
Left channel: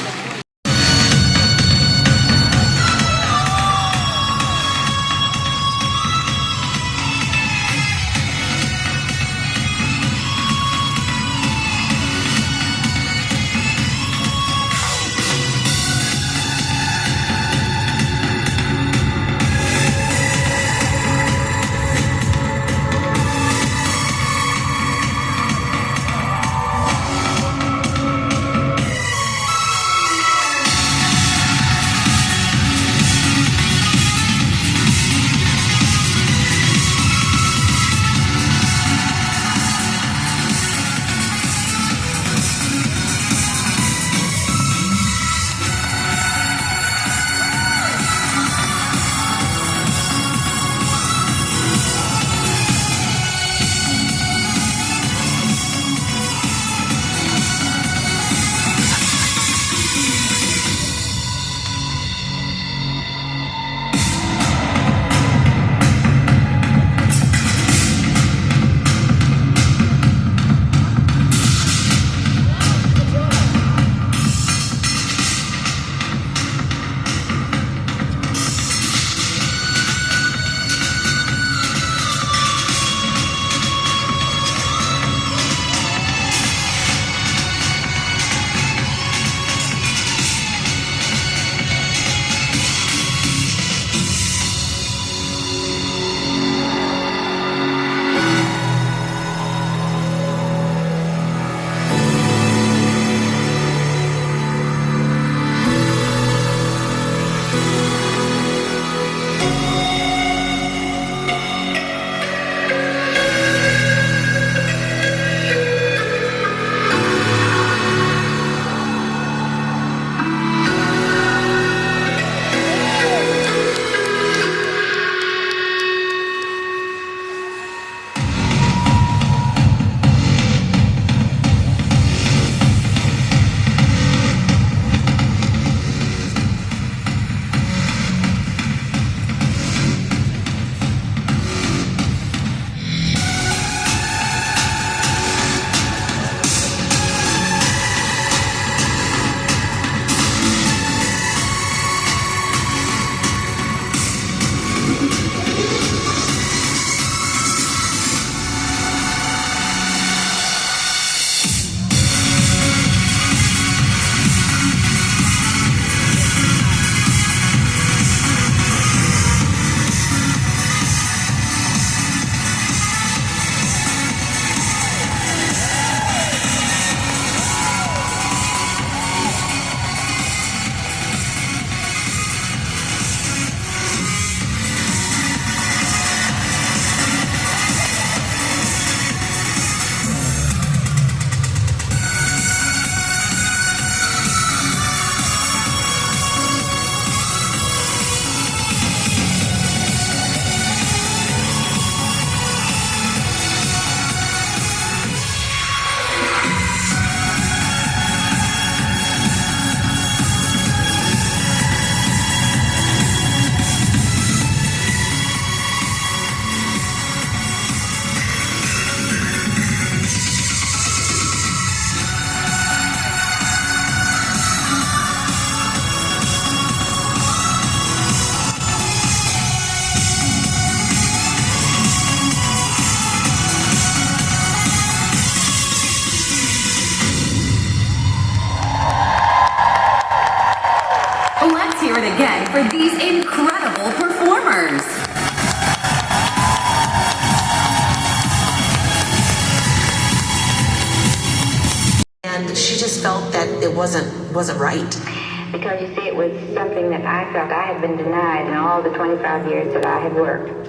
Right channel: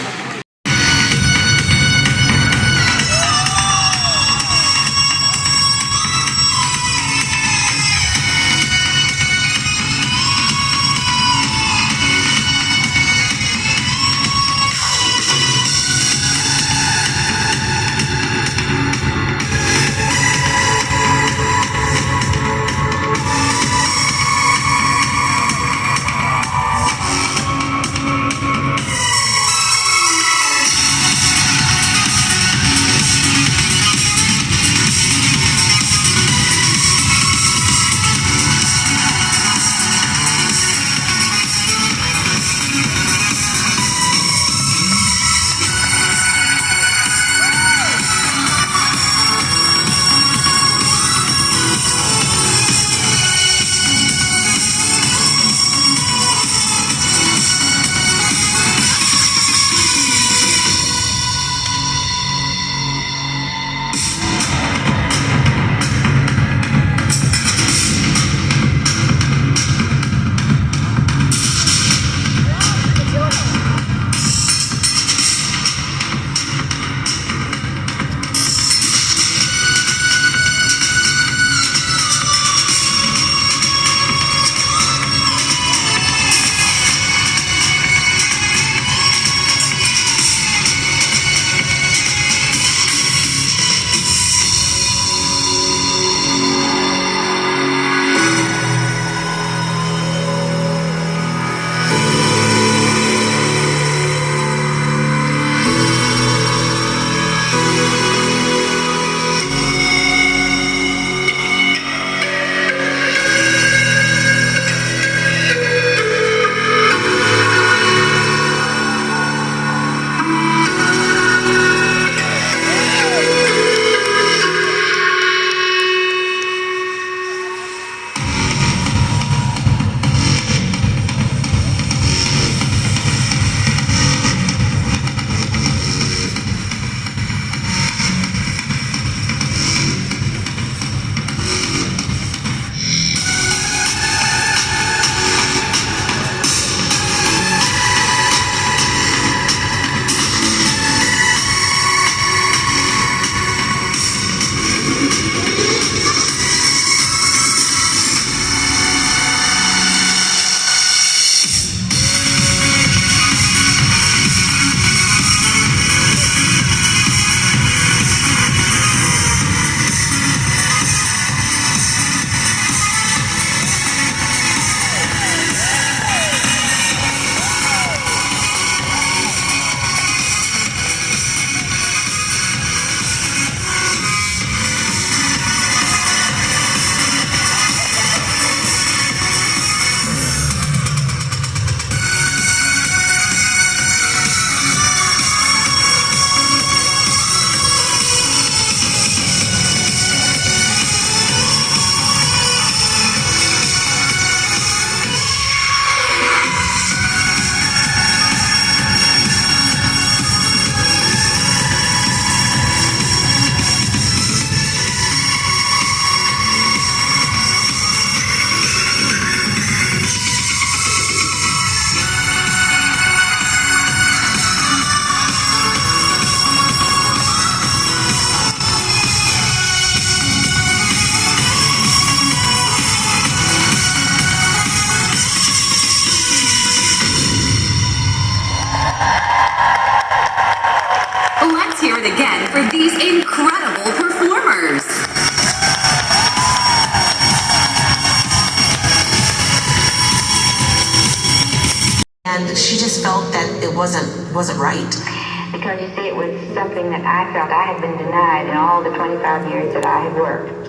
hear it again for these incredible performers. And she just felt that it wasn't right. Because you see, it was something that I felt I had been denied in all the 25 years that I had worked.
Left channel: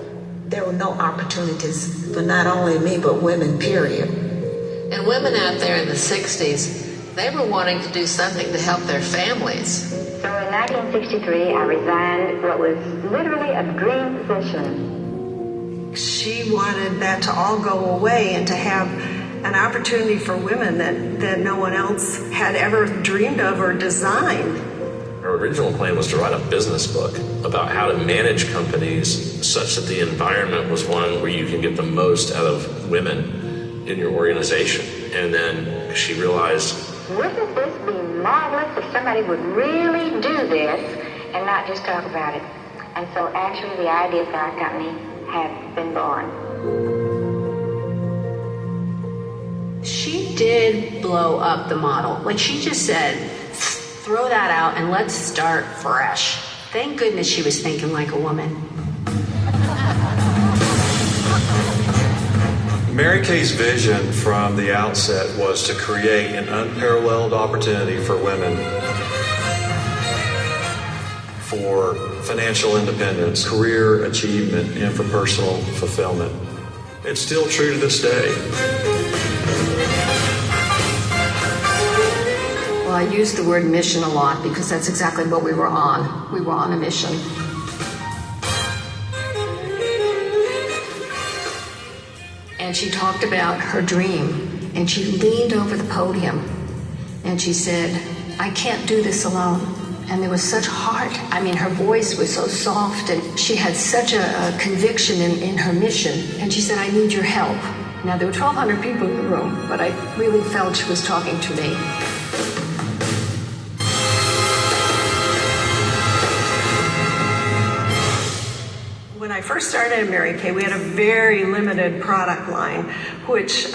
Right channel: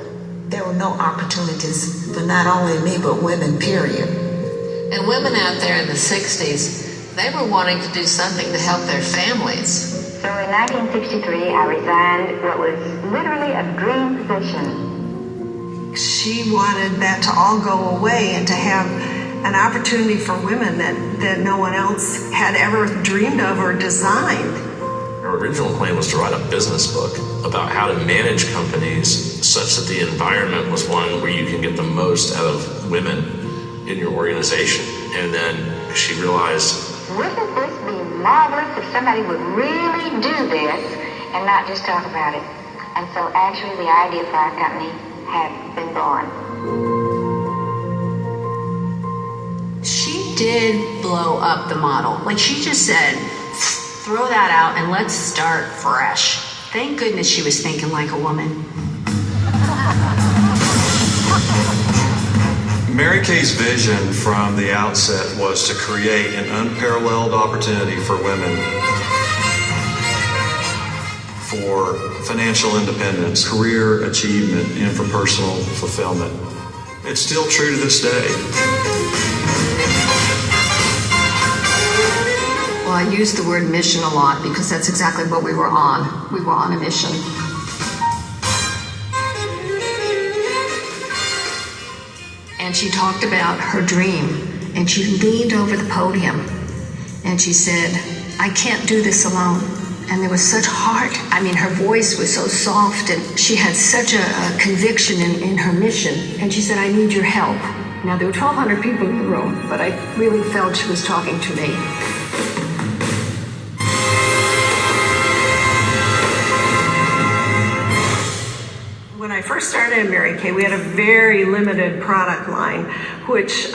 There were no opportunities for not only me, but women, period. And women out there in the 60s, they were wanting to do something to help their families. So in 1963, I resigned what was literally a dream position. She wanted that to all go away and to have an opportunity for women that no one else had ever dreamed of or designed. Her original plan was to write a business book about how to manage companies such that the environment was one where you can get the most out of women in your organization. And then she realized, wouldn't this be marvelous if somebody would really do this and not just talk about it? And so actually the idea for our company had been born. She did blow up the model. Like, she just said, throw that out and let's start fresh. Thank goodness she was thinking like a woman. Mary Kay's vision from the outset was to create an unparalleled opportunity for women for financial independence, career achievement, and for personal fulfillment. It's still true to this day. Well, I use the word mission a lot because that's exactly what we were on. We were on a mission. And she talked about her dream, and she leaned over the podium, and she said, I can't do this alone. And there was such heart. I mean, her voice was so soft, and she had such a conviction in her mission. And she said, I need your help. Now, there were 1,200 people in the room, but I really felt she was talking to me. When I first started in Mary Kay, we had a very limited product line, which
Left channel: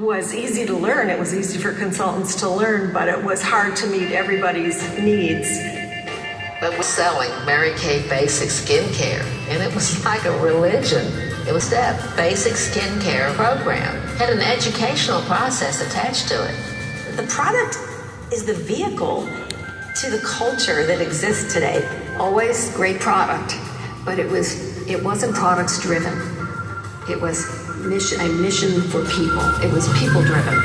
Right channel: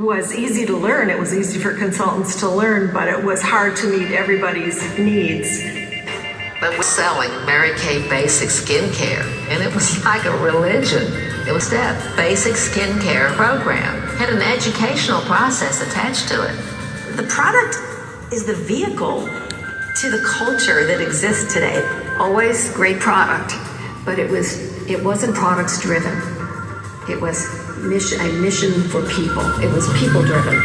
was easy to learn. It was easy for consultants to learn, but it was hard to meet everybody's needs. But we're selling Mary Kay Basic Skincare, and it was like a religion. It was that basic skincare program. It had an educational process attached to it. The product is the vehicle to the culture that exists today. Always great product, but it wasn't products driven. It was a mission for people. It was people driven.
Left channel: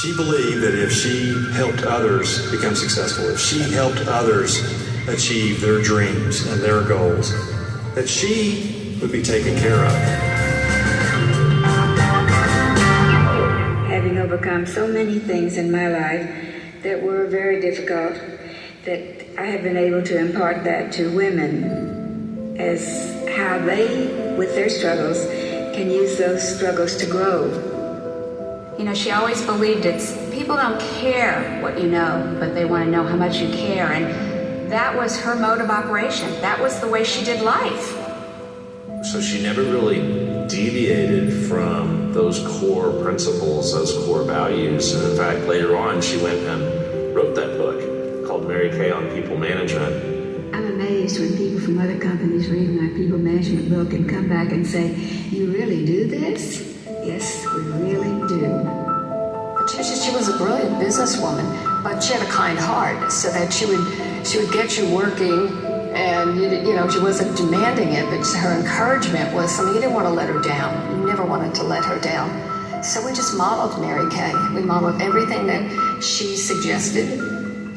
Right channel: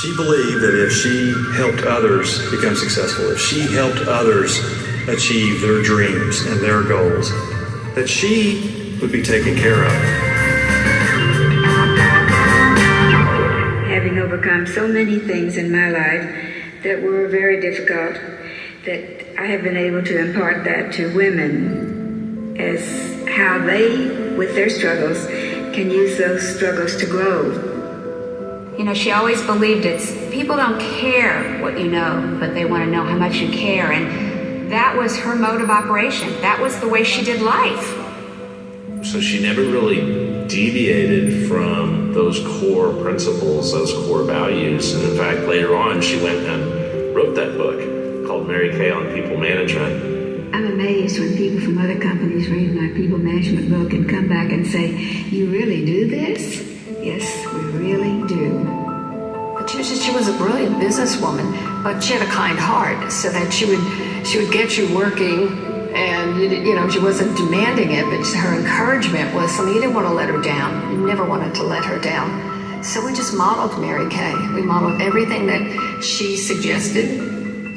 She believed that if she helped others become successful, if she helped others achieve their dreams and their goals, that she would be taken care of. Having overcome so many things in my life that were very difficult, that I have been able to impart that to women as how they, with their struggles, can use those struggles to grow. You know, she always believed people don't care what you know, but they want to know how much you care. And that was her mode of operation. That was the way she did life. so she never really deviated from those core principles, those core values. And in fact, later on, she went and wrote that book called Mary Kay on People Management. I'm amazed when people from other companies read my people management book and come back and say, "You really do this?" Yes, we really do. But she was a brilliant businesswoman, but she had a kind heart, so that she would get you working, and you know she wasn't demanding it, but her encouragement was something. You didn't want to let her down. You never wanted to let her down. So we just modeled Mary Kay. We modeled everything that she suggested.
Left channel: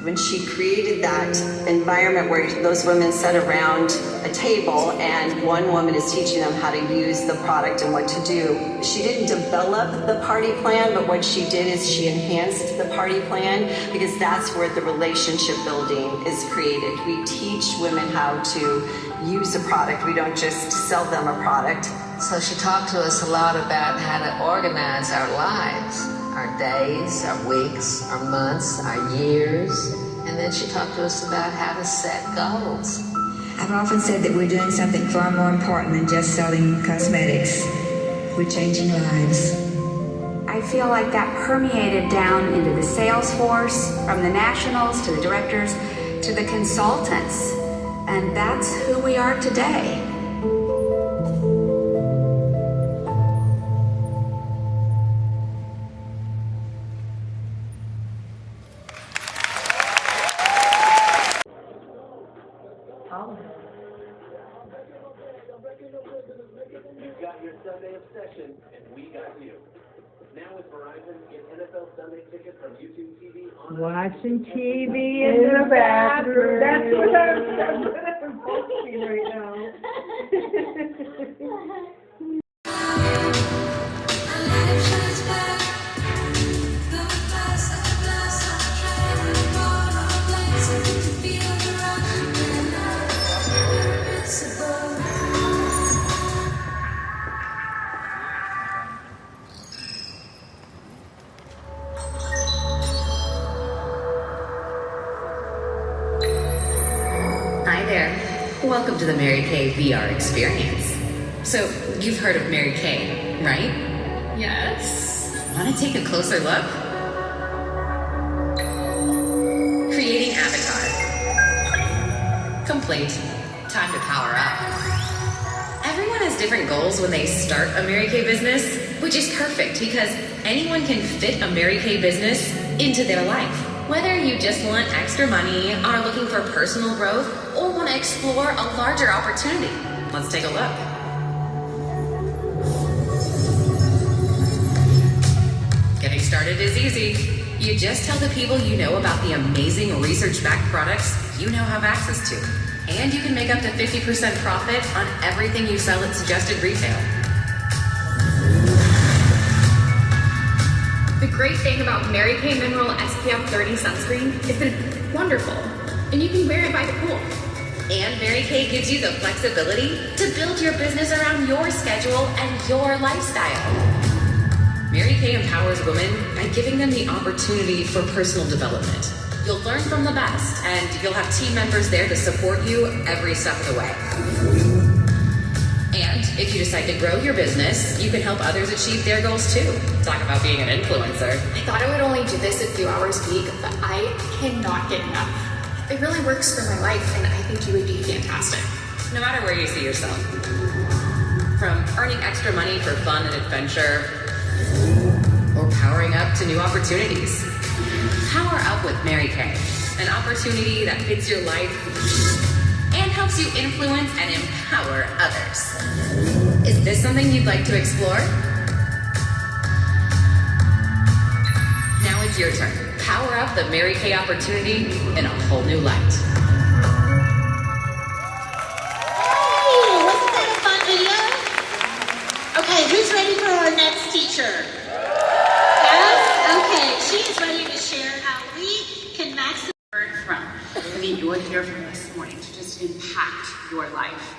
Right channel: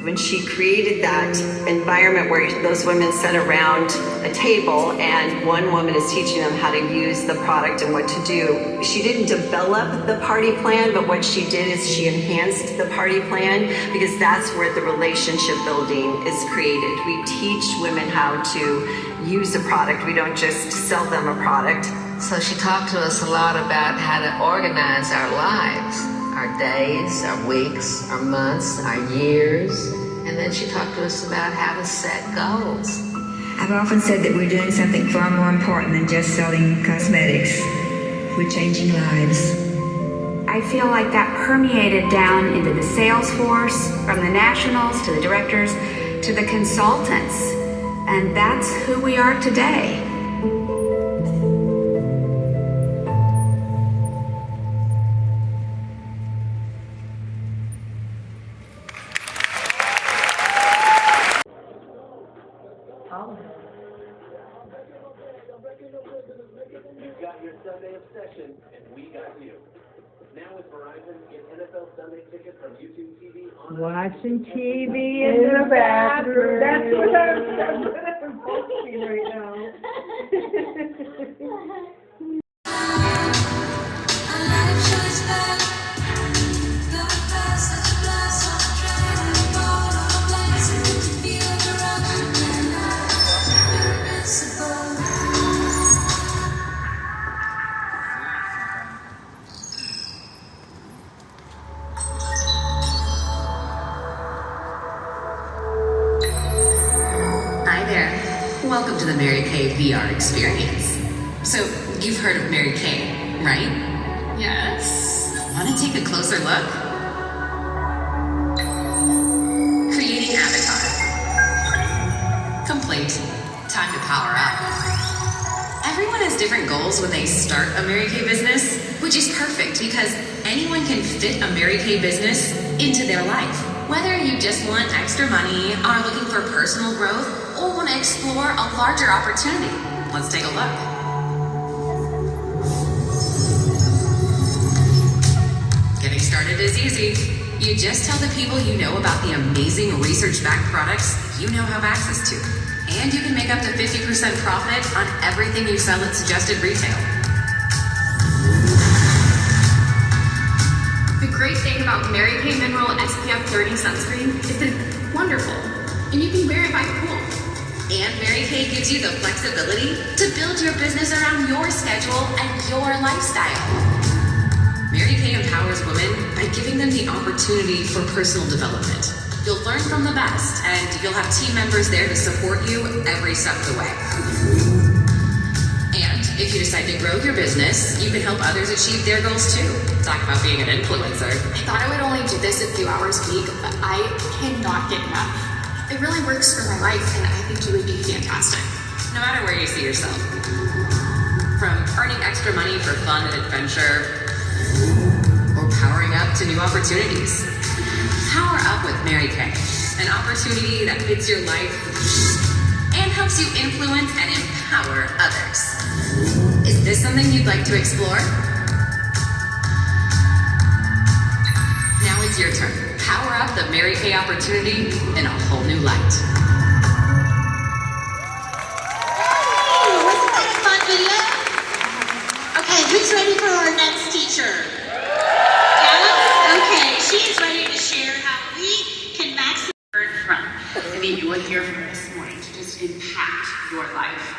When she created that environment where those women sat around a table and one woman is teaching them how to use the product and what to do, she didn't develop the party plan, but what she did is she enhanced the party plan, because that's where the relationship building is created. We teach women how to use a product. We don't just sell them a product. So she talked to us a lot about how to organize our lives. Our days, our weeks, our months, our years, and then she talked to us about how to set goals. I've often said that we're doing something far more important than just selling cosmetics. We're changing lives. I feel like that permeated down into the sales force, from the nationals to the directors to the consultants. And that's who we are today. You got your Sunday obsession, and we got you. Now with Verizon, get NFL Sunday tickets from YouTube TV on Watching TV in the bathroom. That's what I'm posting right now. Hi there. Welcome to the Mary Kay VR experience. So, you've heard of Mary Kay, right? Yes. Want to take a closer look? Creating avatar. Complete. Time to power up. Everyone has different goals when they start a Mary Kay business, which is perfect because anyone can fit a Mary Kay business into their life. Whether you just want extra money, are looking for personal growth, or want to explore a larger opportunity. Let's take a look. Getting started is easy. You just tell the people you know about the amazing research-backed products you now have access to. And you can make up to 50% profit on everything you sell at suggested retail. The great thing about Mary Kay Mineral SPF 30 sunscreen is that it's wonderful, and you can wear it by the pool. And Mary Kay gives you the flexibility to build your business around your schedule and your lifestyle. Mary Kay empowers women by giving them the opportunity for personal development. You'll learn from the best, and you'll have team members there to support you every step of the way. And if you decide to grow your business, you can help others achieve their goals too. Talk about being an influencer. I thought I would only do this a few hours a week, but I cannot get enough. It really works for my life, and I think you would be fantastic. No matter where you see yourself. From earning extra money for fun and adventure, or powering up to new opportunities. Power Up with Mary Kay, an opportunity that fits your life and helps you influence and empower others. Is this something you'd like to explore? Now it's your turn. Power up the Mary Kay opportunity in a whole new light. Hey, wasn't that a fun video? Okay, who's ready for our next teacher? Yes? Okay, she is ready to share how we can maximize. From. I mean, you will hear from this morning to just impact your life.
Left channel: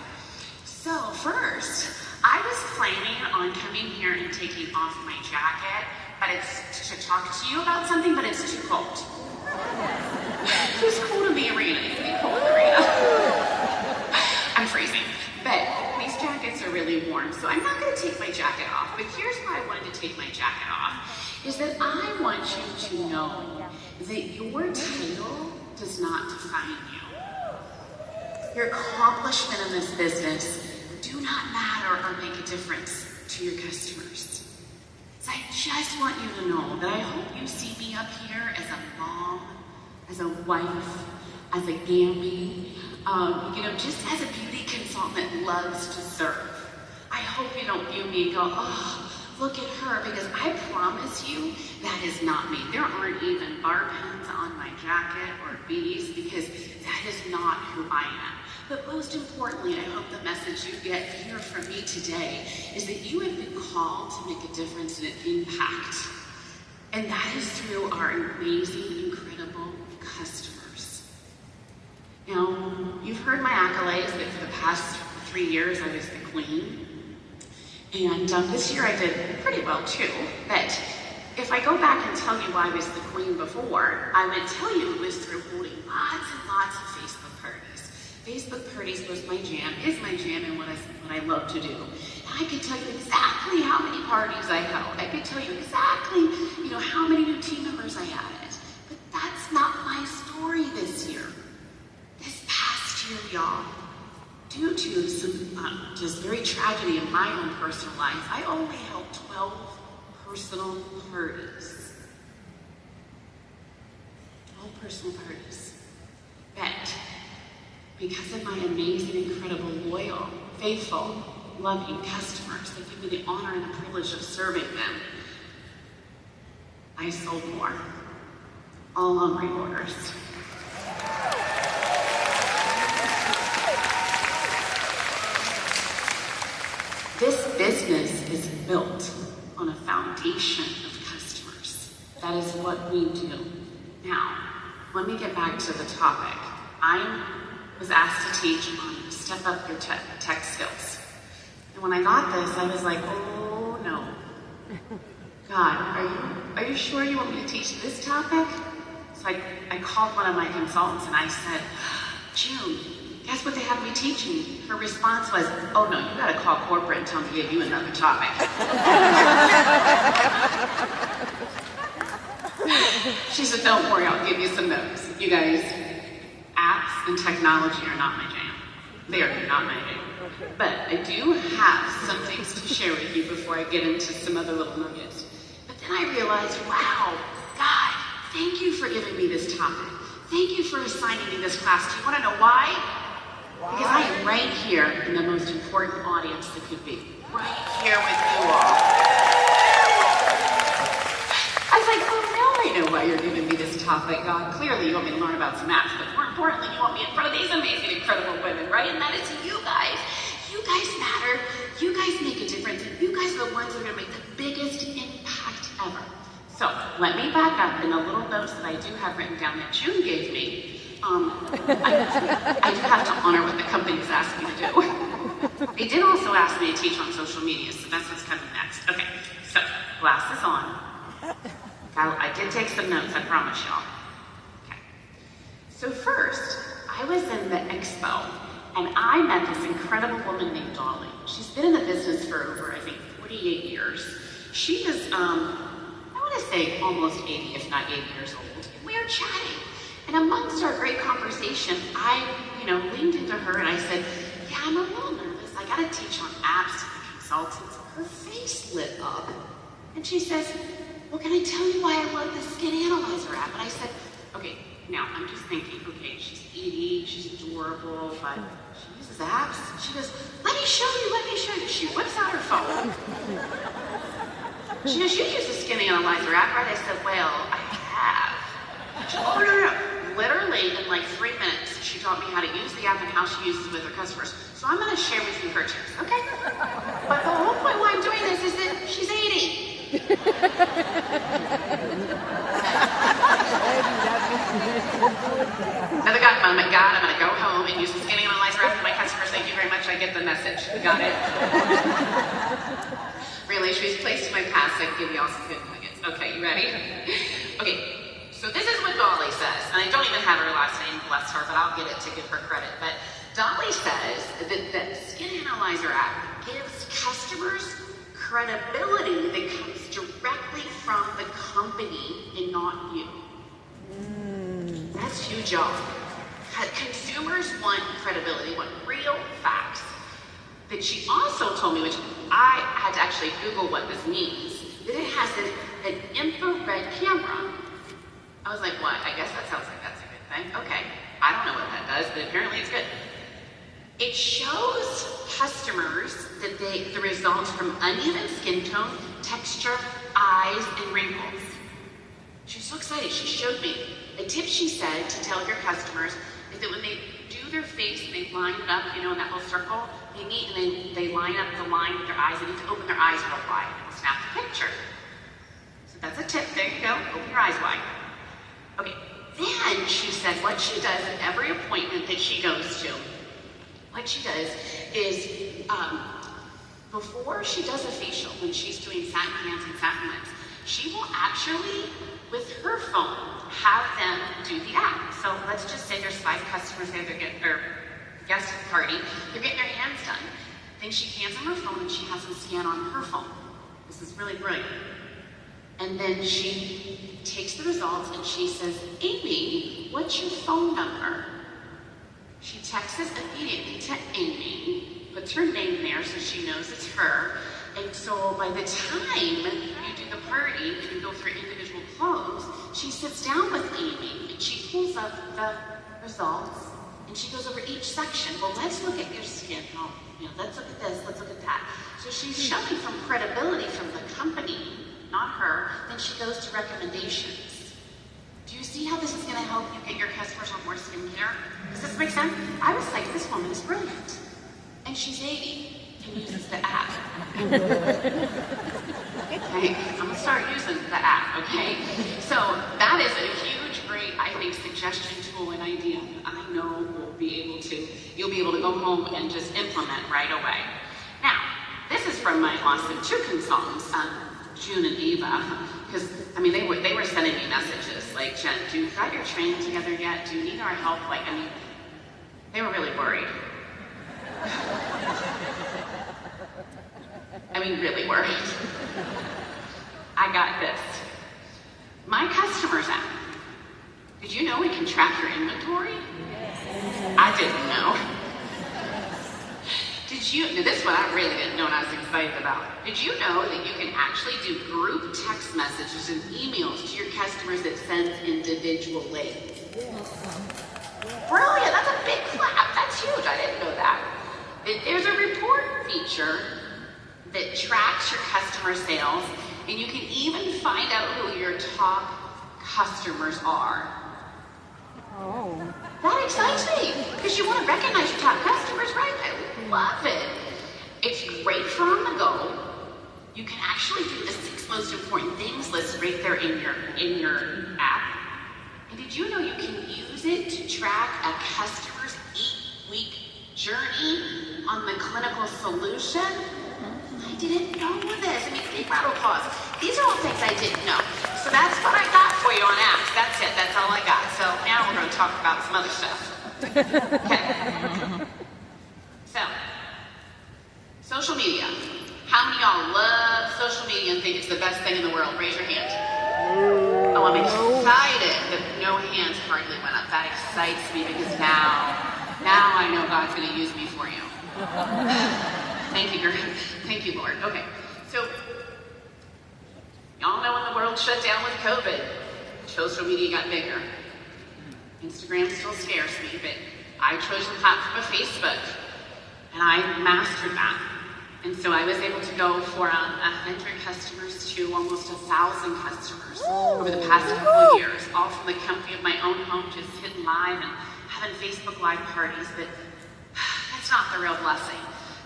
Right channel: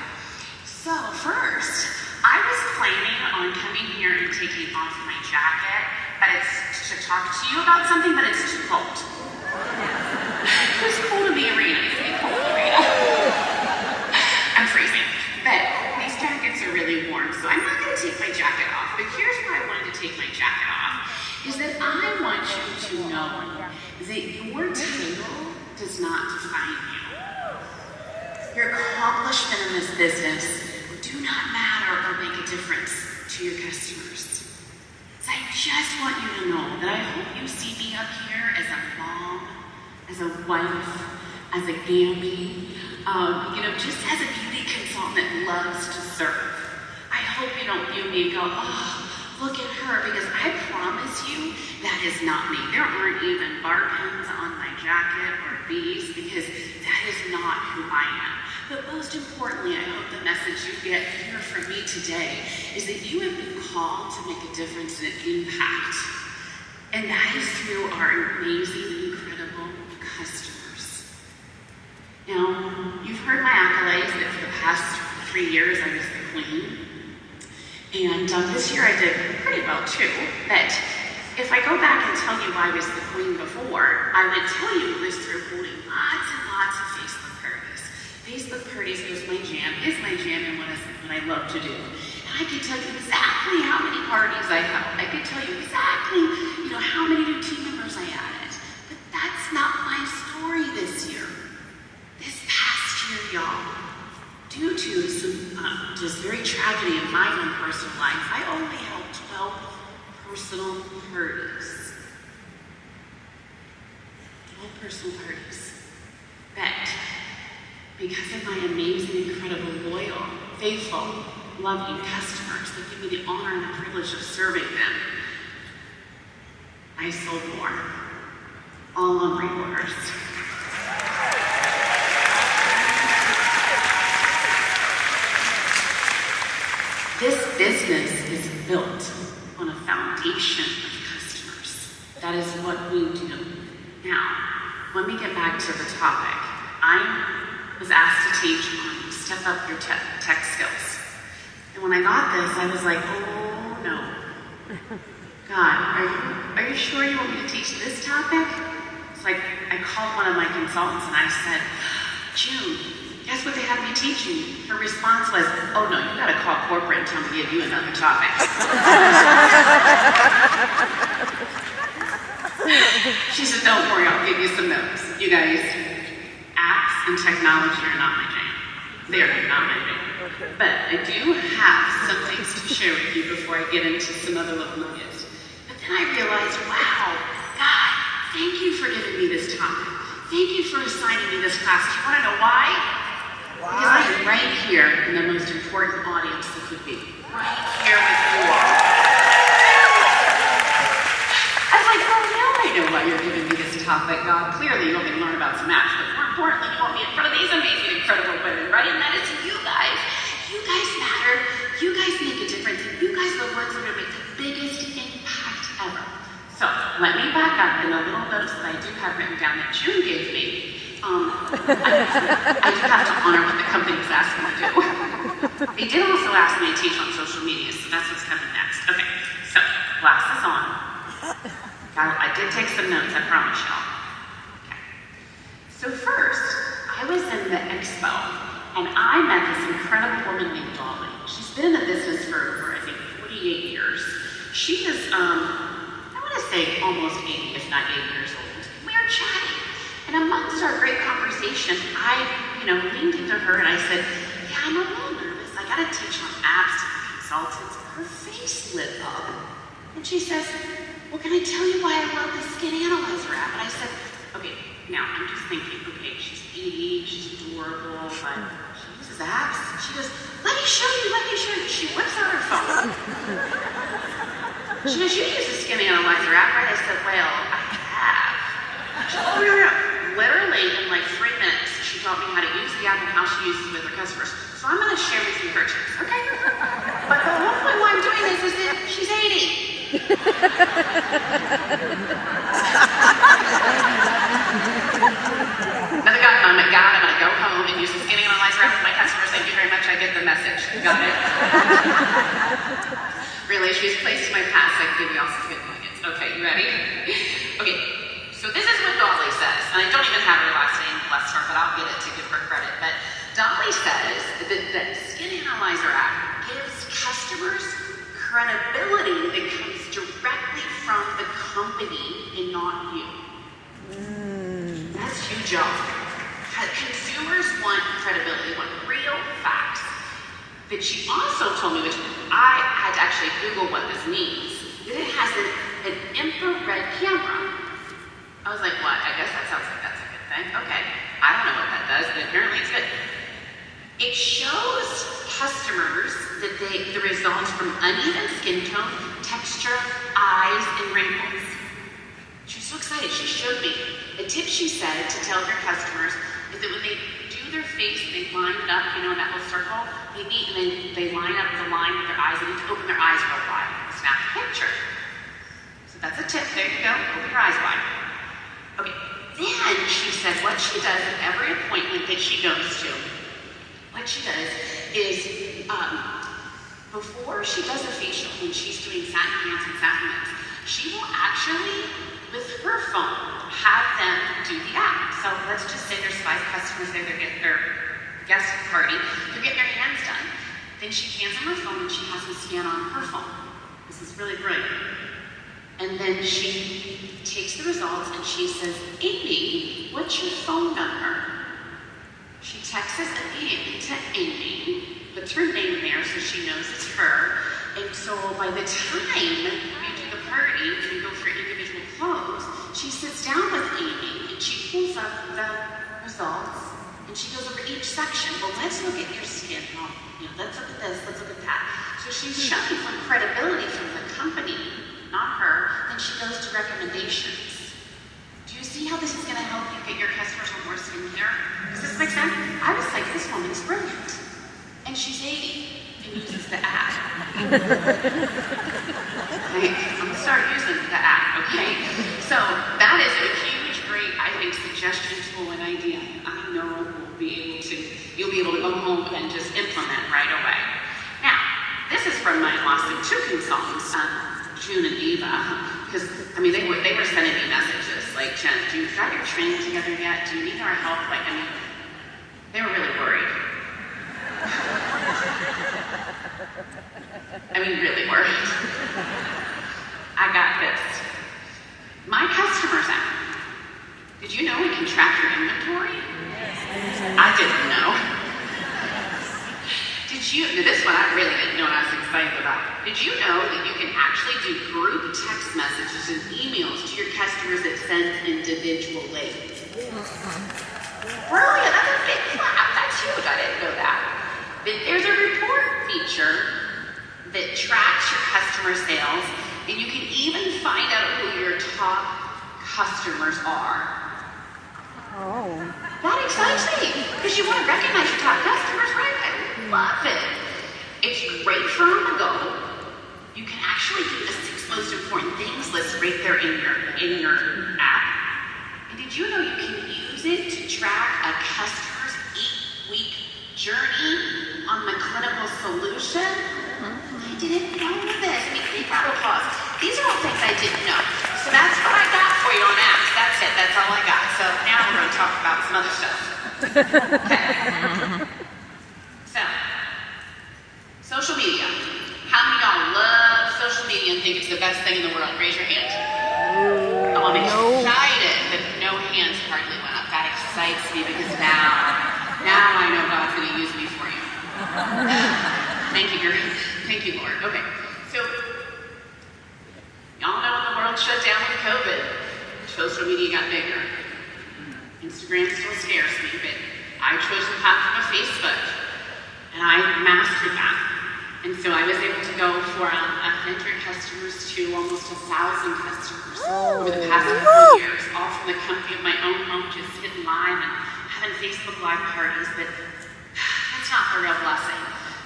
So first, I was planning on coming here and taking off my jacket, but it's to talk to you about something, but it's too cold. It was cool to be Arena. It's been cold, Arena. I'm freezing, but these jackets are really warm, so I'm not going to take my jacket off. But here's why I wanted to take my jacket off, is that I want you to know that your title does not define you. Your accomplishment in this business do not matter or make a difference to your customers. So I just want you to know that I hope you see me up here as a mom, as a wife, as a auntie, just as a beauty consultant that loves to serve. I hope you don't view me and go, oh, look at her, because I promise you that is not me. There aren't even bar pins on my jacket or beads, because that is not who I am. But most importantly, I hope the message you get here from me today is that you have been called to make a difference and an impact. And that is through our amazing, incredible customers. Now, you've heard my accolades that for the past 3 years I was the queen. And this year I did pretty well too. But if I go back and tell you I was the queen before, I would tell you it was through holding lots and lots of Facebook parties. Facebook parties was my jam, is my jam, and what I love to do. I could tell you exactly how many parties I held. I could tell you exactly, how many new team members I added. But that's not my story this year. This past year, y'all, due to some just very tragedy in my own personal life, I only held 12 personal parties. 12 personal parties. But because of my amazing, incredible, loyal, faithful, loving customers that give me the honor and the privilege of serving them, I sold more. All on reorders. This business is built on a foundation of customers. That is what we do. Now, let me get back to the topic. I was asked to teach on step up your tech skills. And when I got this, I was like, oh no. God, are you sure you want me to teach this topic? So I called one of my consultants and I said, June, guess what they had me teaching? Her response was, oh no, you gotta call corporate and tell them to give you another topic. She said, don't worry, I'll give you some notes. You guys, apps and technology are not my jam. They are not my jam. But I do have some things to share with you before I get into some other little nuggets. But then I realized, wow, God, thank you for giving me this topic. Thank you for assigning me this class. Do you want to know why? Because I am right here in the most important audience that could be. Right here with you all. I was like, oh, now I know why you're giving me this topic, God. Clearly, you want me to learn about some apps, but more importantly, you want me in front of these amazing, incredible women, right? And that is you guys. You guys matter. You guys make a difference. You guys are the ones that are going to make the biggest impact ever. So, let me back up in the little notes that I do have written down that June gave me. I do have to honor what the company was asking me to do. They did also ask me to teach on social media, so that's what's coming next. Okay, so, glasses on. I did take some notes, I promise y'all. Okay. So first, I was in the expo, and I met this incredible woman named Dolly. She's been in the business for I think, 48 years. She is, I want to say almost 80, if not 80 years old. We were chatting. And amongst our great conversation, I, leaned into her and I said, yeah, I'm a little nervous. I got to teach on apps to consultants. Her face lit up. And she says, well, can I tell you why I love the Skin Analyzer app? And I said, okay, now I'm just thinking, okay, she's 80, she's adorable, but she uses apps. She goes, let me show you. She whips out her phone. She goes, you use the Skin Analyzer app, right? I said, well, I have. She goes, oh, no. Literally, in like 3 minutes, she taught me how to use the app and how she uses it with her customers. So I'm going to share with you her tips, okay? But the whole point why I'm doing this is that she's 80. Another guy, oh my God, I'm going to go home and use the Skin Analyzer app with my customers. Thank you very much. I get the message. Got it? Really, she's placed my past. I give you all some good nuggets. Okay, you ready? Okay. So this is what Dolly says, and I don't even have her last name, bless her, but I'll get it to give her credit. But Dolly says that the Skin Analyzer app gives customers credibility that comes directly from the company and not you. That's huge, y'all. Consumers want credibility, want real facts. But she also told me, which I had to actually Google what this means, that it has an infrared camera. I was like, what? I guess that sounds like that's a good thing. Okay. I don't know what that does, but apparently it's good. It shows customers that the results from uneven skin tone, texture, eyes, and wrinkles. She was so excited. She showed me. A tip she said to tell your customers is that when they do their face and they line it up, in that little circle, they line up the line with their eyes. They need to open their eyes real wide. Snap a picture. So that's a tip. There you go. Open your eyes wide. Okay, then she said what she does at every appointment that she goes to, what she does is, before she does a facial, when she's doing satin hands and satin lips, she will actually, with her phone, have them do the app. So let's just say there's 5 customers there, they're getting their guest party, they're getting their hands done. Then she hands him her phone and she has him scan on her phone. This is really brilliant. And then she takes the results and she says, Amy, what's your phone number? She texts it immediately to Amy, puts her name there so she knows it's her. And so by the time you do the party and you go for individual clothes, she sits down with Amy and she pulls up the results and she goes over each section. Well, let's look at your skin. Oh, let's look at this, let's look at that. So she's showing some credibility from the company, not her. Then she goes to recommendations. Do you see how this is going to help you get your customers on more skincare? Does this make sense? I was like, this woman is brilliant. And she's 80 and uses the app. Okay, I'm gonna start using the app, okay? So that is a huge, great, I think, suggestion tool and idea. I know you'll be able to go home and just implement right away. Now, this is from my awesome two consultants, June and Eva, because I mean they were sending me messages like, Jen, do you got your training together yet? Do you need our help? Like, I mean, they were really worried. I mean, really worried. I got this. My customers app. Did you know we can track your inventory? I didn't know. Did you, now this one I really didn't know and I was excited about. Did you know that you can actually do group text messages and emails to your customers that sends individually? Brilliant, that's a big clap. That's huge, I didn't know that. There's a report feature that tracks your customer sales, and you can even find out who your top customers are. Oh. That excites me, because you want to recognize your top customers, right? I love it. It's great for on the go. You can actually do the 6 most important things list right there in your app. And did you know you can use it to track a customer's 8-week journey on the clinical solution? I didn't know this. I mean, big round of applause. These are all things I didn't know. So that's what I got for you on apps. That's it. That's all I got. So now we're going to talk about some other stuff. Okay. So, social media. How many of y'all love social media and think it's the best thing in the world? Raise your hand. Oh, I'm excited that no hands hardly went up. That excites me because now I know God's going to use me for you. Thank you, Lord. Okay, so y'all know when the world shut down with COVID, social media got bigger. Instagram still scares me, but I chose the platform of Facebook, and I mastered that. And so I was able to go from 100 customers to almost 1,000 customers over the past couple of years, all from the comfort of my own home, just sitting live and having Facebook Live parties. But that's not the real blessing.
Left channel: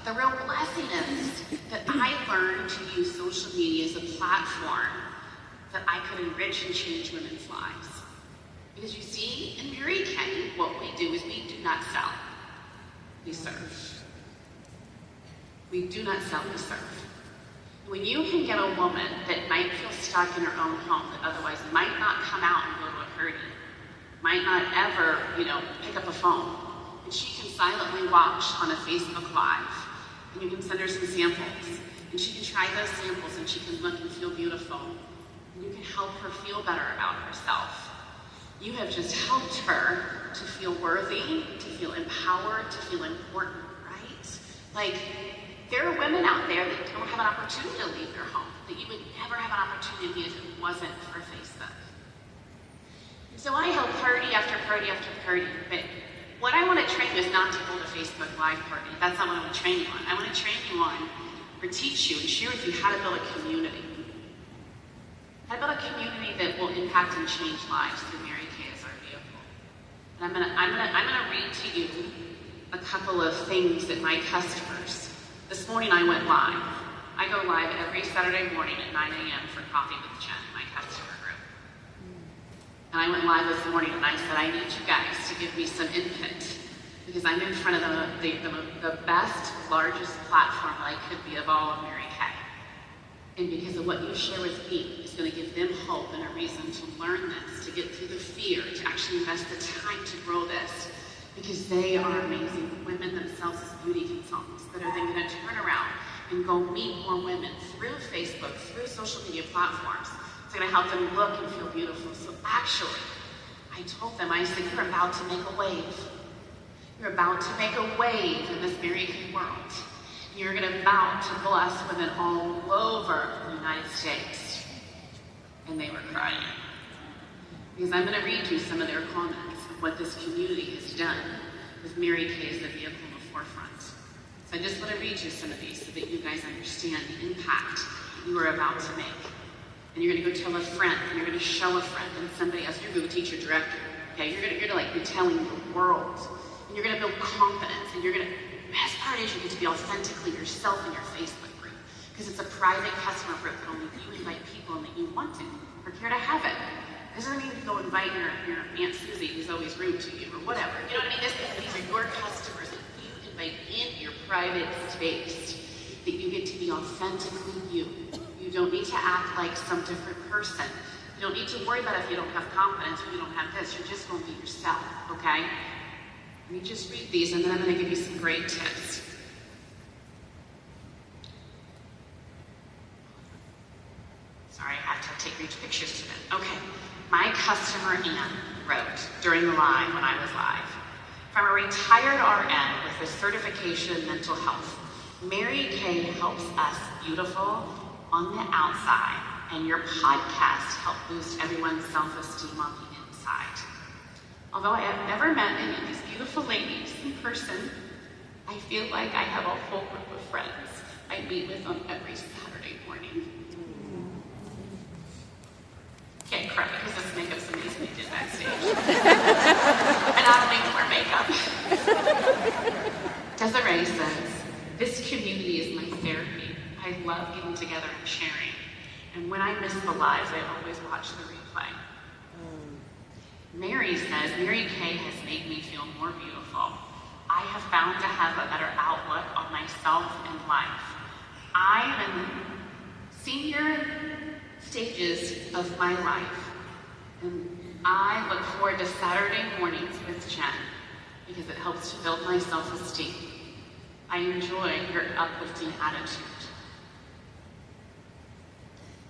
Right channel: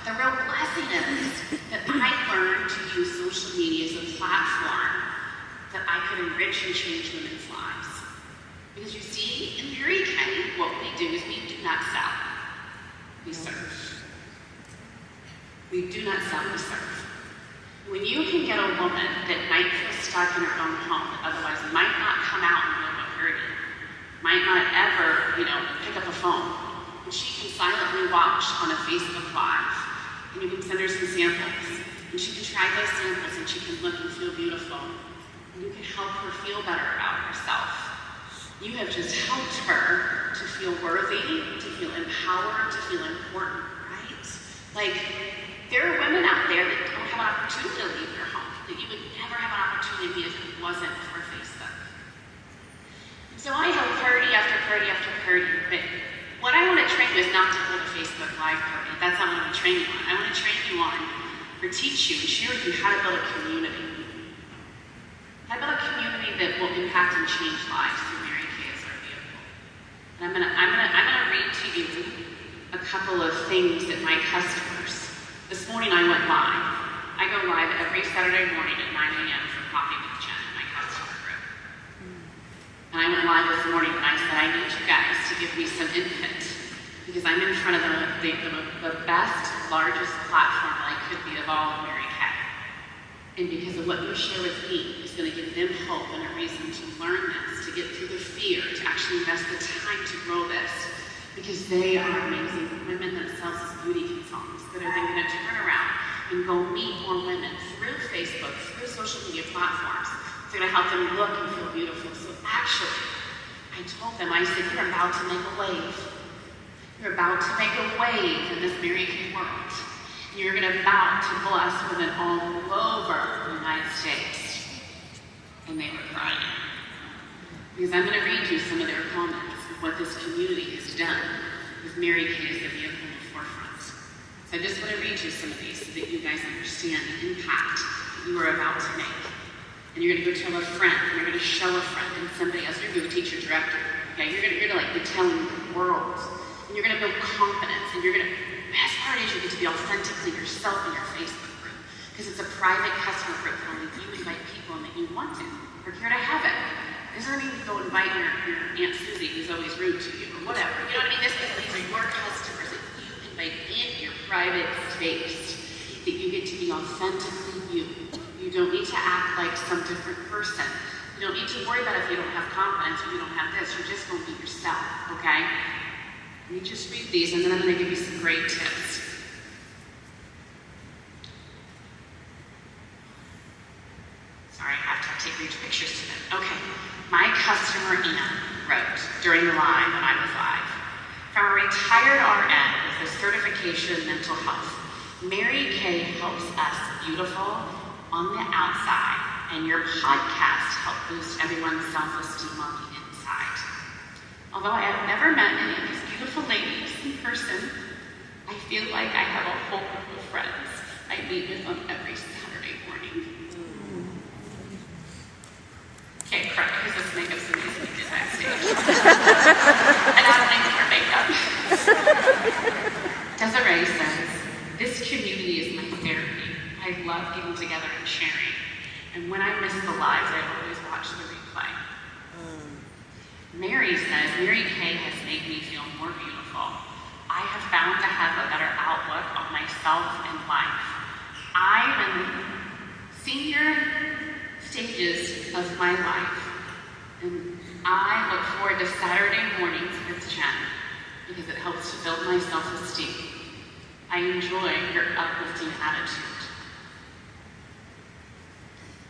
The real blessing is that I learned to use social media as a platform that I could enrich and change women's lives. Because you see, in Mary Kay, what we do is we do not sell, we serve. We do not sell, we serve. When you can get a woman that might feel stuck in her own home, that otherwise might not come out and go to a party, might not ever, pick up a phone, and she can silently watch on a Facebook Live, and you can send her some samples, and she can try those samples, and she can look and feel beautiful, and you can help her feel better about herself. You have just helped her to feel worthy, to feel empowered, to feel important, right? Like, there are women out there that don't have an opportunity to leave their home, that you would never have an opportunity if it wasn't for Facebook. And so I have party after party after party, but what I want to train you is not to hold a Facebook Live party. That's not what I want to train you on. I want to train you on, or teach you and share with you how to build a community. How to build a community that will impact and change lives through Mary Kay as our vehicle. And I'm gonna read to you a couple of things that my customers. This morning I went live. I go live every Saturday morning at 9 a.m. for Coffee with Jen in my customer group. And I went live this morning and I said, I need you guys to give me some input because I'm in front of the best, largest platform that I could be of all of Mary Kay. And because of what you share with me is going to give them hope and a reason to learn this, to get through the fear, to actually invest the time to grow this. because they are amazing women themselves as beauty consultants that are then going to turn around and go meet more women through Facebook, through social media platforms. It's going to help them look and feel beautiful. So actually, I told them, I said, you're about to make a wave. You're about to make a wave in this Mary Kay world. You're about to bless women all over the United States. And they were crying. Because I'm going to read you some of their comments of what this community has done with Mary Kay as a vehicle in the forefront. So I just want to read you some of these so that you guys understand the impact you are about to make. And you're going to go tell a friend, and you're going to show a friend and somebody else. You're going to teach your director. Okay, you're going to like be telling the world. And you're going to build confidence. And you're going to, best part is you get to be authentically yourself in your Facebook group. Because it's a private customer group where you invite people and that you want to or care to have it. There's no need to go invite your Aunt Susie who's always rude to you or whatever. You know what I mean? These are your customers that you invite in your private space. That you get to be authentically you. You don't need to act like some different person. You don't need to worry about if you don't have confidence or you don't have this. You're just going to be yourself, okay? Let me just read these and then I'm going to give you some great tips. Sorry, I have to read pictures to them. Okay, my customer Ann wrote during the live when I was live. From a retired RN with a certification in mental health, Mary Kay helps us beautiful on the outside, and your podcast helped boost everyone's self-esteem on the inside. Although I have never met any of these beautiful ladies in person, I feel like I have a whole group of friends I meet with on every Saturday morning. Can't cry because this makeup's amazing to get backstage. And I don't need more makeup. Desiree says, this community is my therapy. I love getting together and sharing. And when I miss the lives, I always watch the replay. Mary says, Mary Kay has made me feel more beautiful. I have found to have a better outlook on myself and life. I'm in senior stages of my life, and I look forward to Saturday mornings with Jen because it helps to build my self-esteem. I enjoy your uplifting attitude.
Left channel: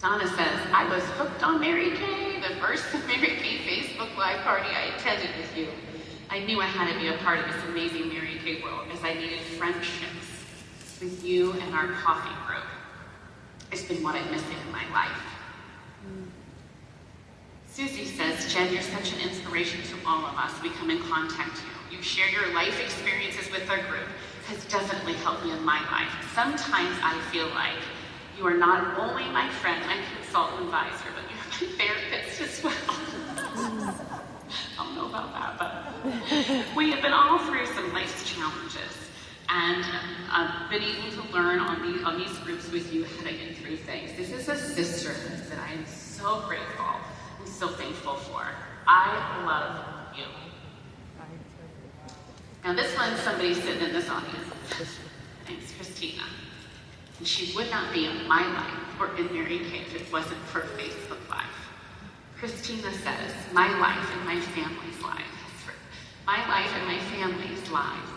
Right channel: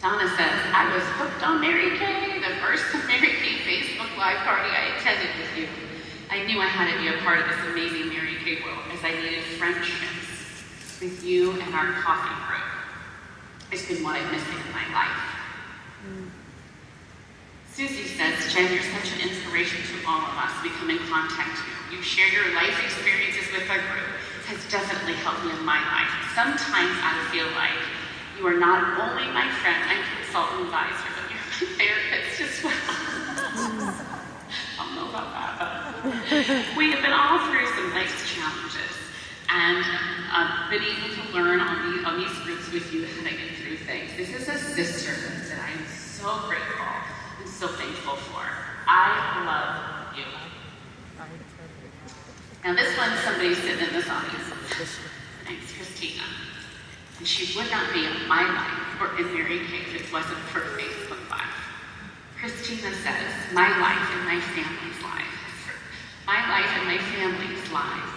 Donna says, I was hooked on Mary Kay, the first Mary Kay Facebook Live party I attended with you. I knew I had to be a part of this amazing Mary Kay world as I needed friendships with you and our coffee group. It's been what I'm missing in my life. Susie says, Jen, you're such an inspiration to all of us. We come in contact with you. You share your life experiences with our group. Has definitely helped me in my life. Sometimes I feel like you are not only my friend and consultant advisor, but you're my therapist as well. I don't know about that, but we have been all through some life's challenges and been able to learn on these groups with you how to get through things. This is a sisterhood that I am so grateful and so thankful for. I love you. Now this one, somebody's sitting in this audience. Her name's Christina. And she would not be in my life or in Mary Kay if it wasn't for Facebook Live. Christina says, my life and my family's life,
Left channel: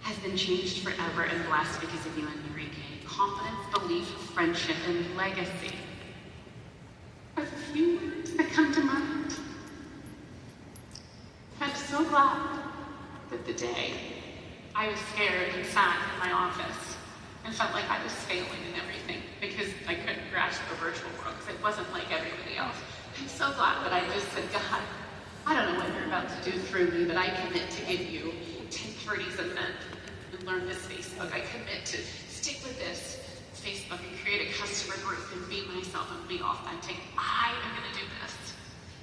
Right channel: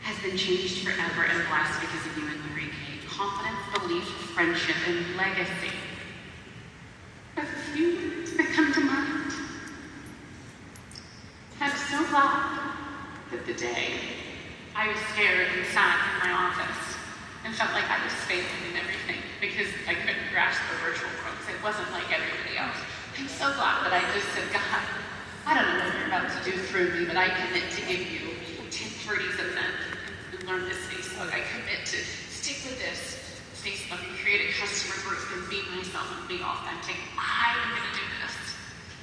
has been changed forever and blessed because of you and Mary Kay. Confidence, belief, friendship, and legacy are the few words that come to mind. I'm so glad that the day I was scared and sat in my office and felt like I was failing in everything because I couldn't grasp the virtual folks. It wasn't like everybody else. I'm so glad that I just said, God, I don't know what you're about to do through me, but I commit to give you 10:30's event and learn this Facebook. I commit to stick with this Facebook and create a customer group and be myself and be authentic. I am going to do this.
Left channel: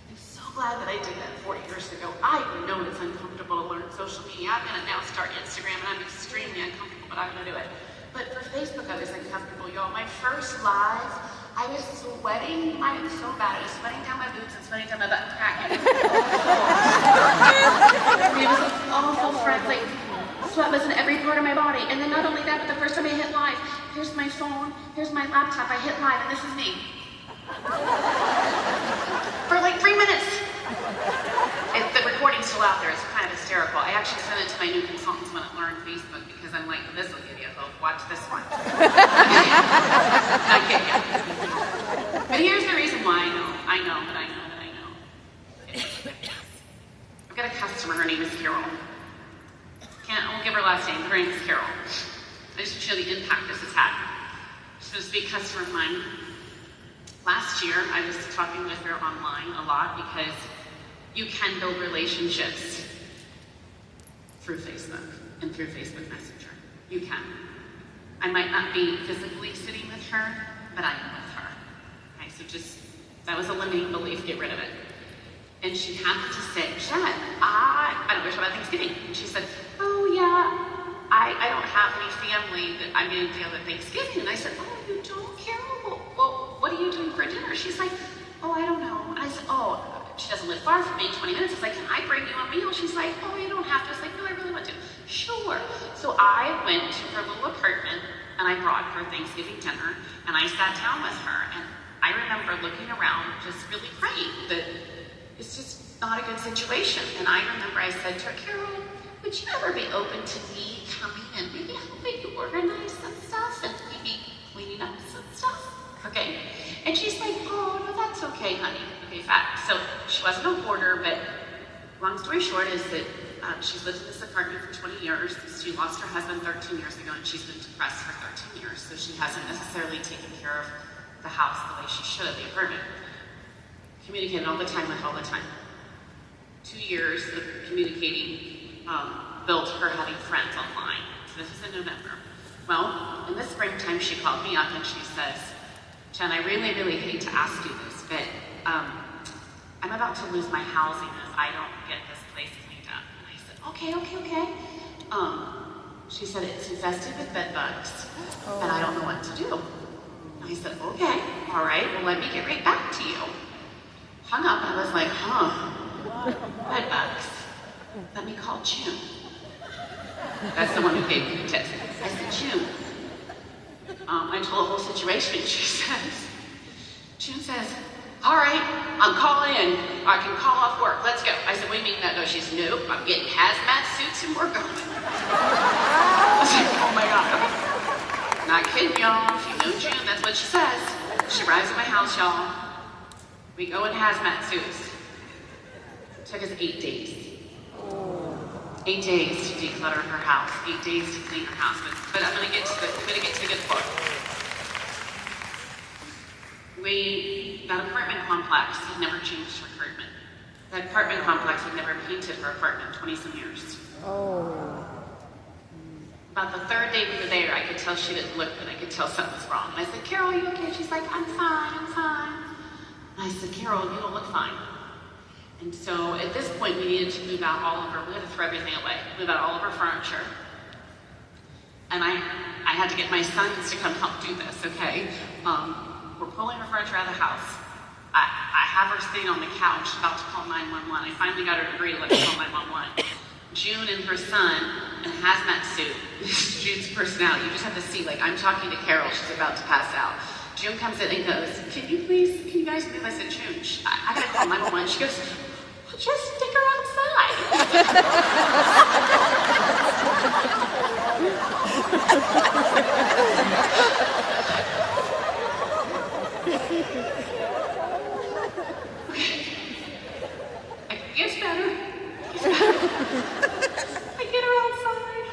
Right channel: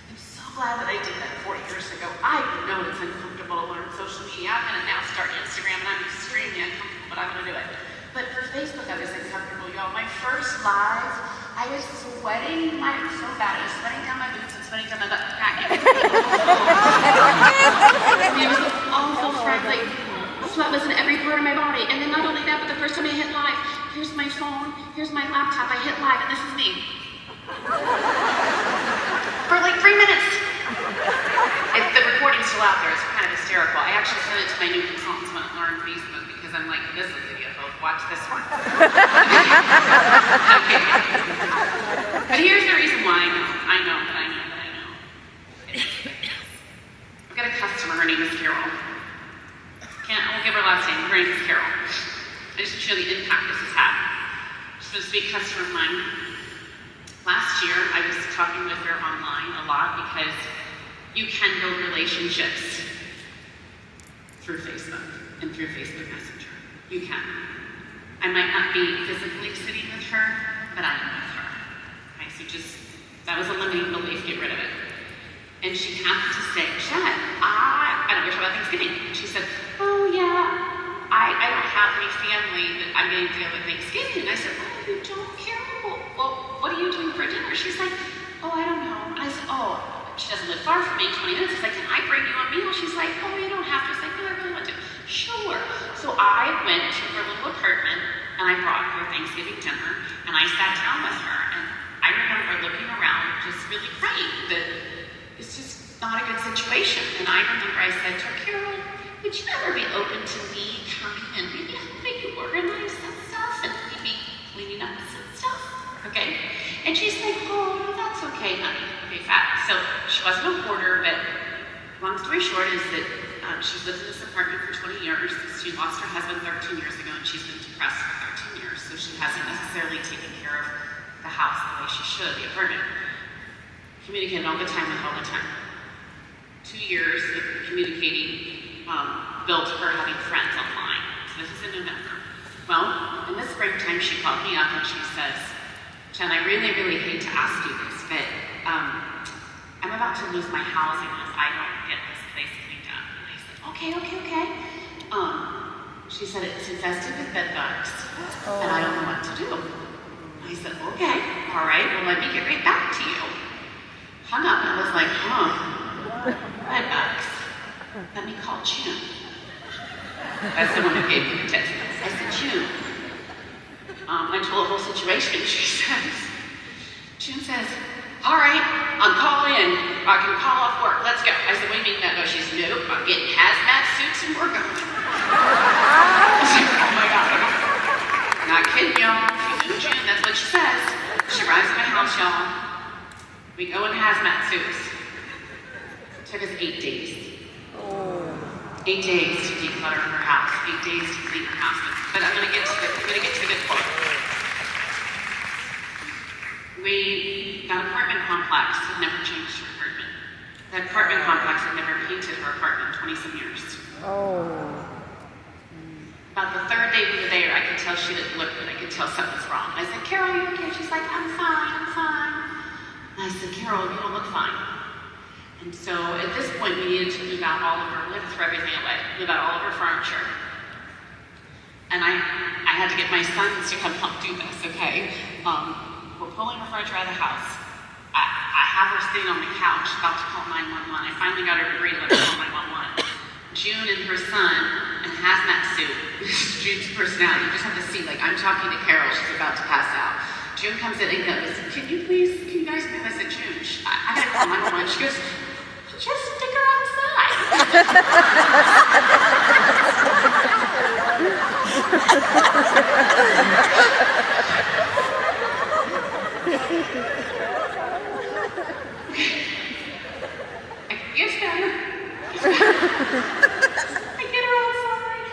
I'm so glad that I did that 4 years ago. I know it's uncomfortable to learn social media. I'm going to now start Instagram and I'm extremely uncomfortable, but I'm going to do it. But for Facebook, I was uncomfortable, y'all. My first live, I was sweating. I was so bad. I was sweating down my boots and sweating down my butt crack. It was awful, frankly. Sweat was in every part of my body. And then not only that, but the first time I hit live, here's my phone, here's my laptop. I hit live, and this is me. For like 3 minutes. The recording's still out there. It's kind of a hysterical. I actually sent it to my new consultants when I learned Facebook because I'm like, this is a video, watch this one. Okay. But here's the reason why I know. I've got a customer, her name is Carol. I won't give her last name, her name is Carol. I just want to show the impact this has had. She's supposed to be a customer of mine. Last year, I was talking with her online a lot because you can build relationships through Facebook and through Facebook Messenger. You can. I might not be physically sitting with her, but I am with her. Okay, so just, that was a limiting belief, get rid of it. And she happened to say, Jen, I don't know about Thanksgiving. And she said, oh yeah, I don't have any family that I'm going to deal with Thanksgiving. And I said, oh, you don't care? Well, what are you doing for dinner? She's like, oh, I don't know. And I said, oh, she doesn't live far from me, 20 minutes. I said, can I bring you a meal? She's like, oh, you don't have to. I was like, no, I really want to. Sure. So I went to her little apartment and I brought her Thanksgiving dinner and I sat down with her. And I remember looking around, just really praying that it's just not a good situation. And I remember I said to her, Carol, would you ever be open to me coming and maybe helping you organize some stuff and maybe cleaning up some stuff? Okay. And she's like, oh, no, that's okay, honey. Okay, fat. So she wasn't a hoarder, but long story short is that she's lived in this apartment for 20 years. She lost her husband 13 years ago and she's been depressed for 13 years. So she hasn't necessarily taken care of the house the way she should, the apartment. Communicating all the time with all the time. 2 years of communicating built her having friends online. So this is in November. Well, in the springtime, she called me up and she says, Jen, I really, really hate to ask you this, but I'm about to lose my housing if I don't get this place cleaned up. And I said, okay. She said, it's infested with bed bugs, and I don't know what to do. I said, okay, all right, well, let me get right back to you. Hung up and was like, bed bugs. Let me call June. That's the one who gave me the text. I said, June. I told the whole situation. June says, all right, I'm calling in. I can call off work. Let's go. I said, what do you mean that? No, she said, nope, I'm getting hazmat suits and we're going. I was like, oh my God. Not kidding, y'all. If you know June, that's what she says. She arrives at my house, y'all. We go in hazmat suits. It took us 8 days. 8 days to declutter her house. 8 days to clean her house. But I'm gonna get to the good part. We, that apartment complex had never changed her apartment. That apartment complex had never painted her apartment in 20-some years. About the third day we were there, I could tell she didn't look good. I could tell something was wrong. I said, Carol, you okay? She's like, I'm fine. And I said, Carol, you don't look fine. And so at this point, we needed to move out all of her, we had to throw everything away, move out all of her furniture. And I had to get my sons to come help do this, okay? We're pulling her furniture out of the house. I have her sitting on the couch about to call 911. I finally got her to agree to let me call 911. June and her son in a hazmat suit. June's personality. You just have to see, like, I'm talking to Carol, she's about to pass out. June comes in and goes, can you guys move? I said, June, I gotta call 911. She goes, just stick her outside. It's better. I get her outside,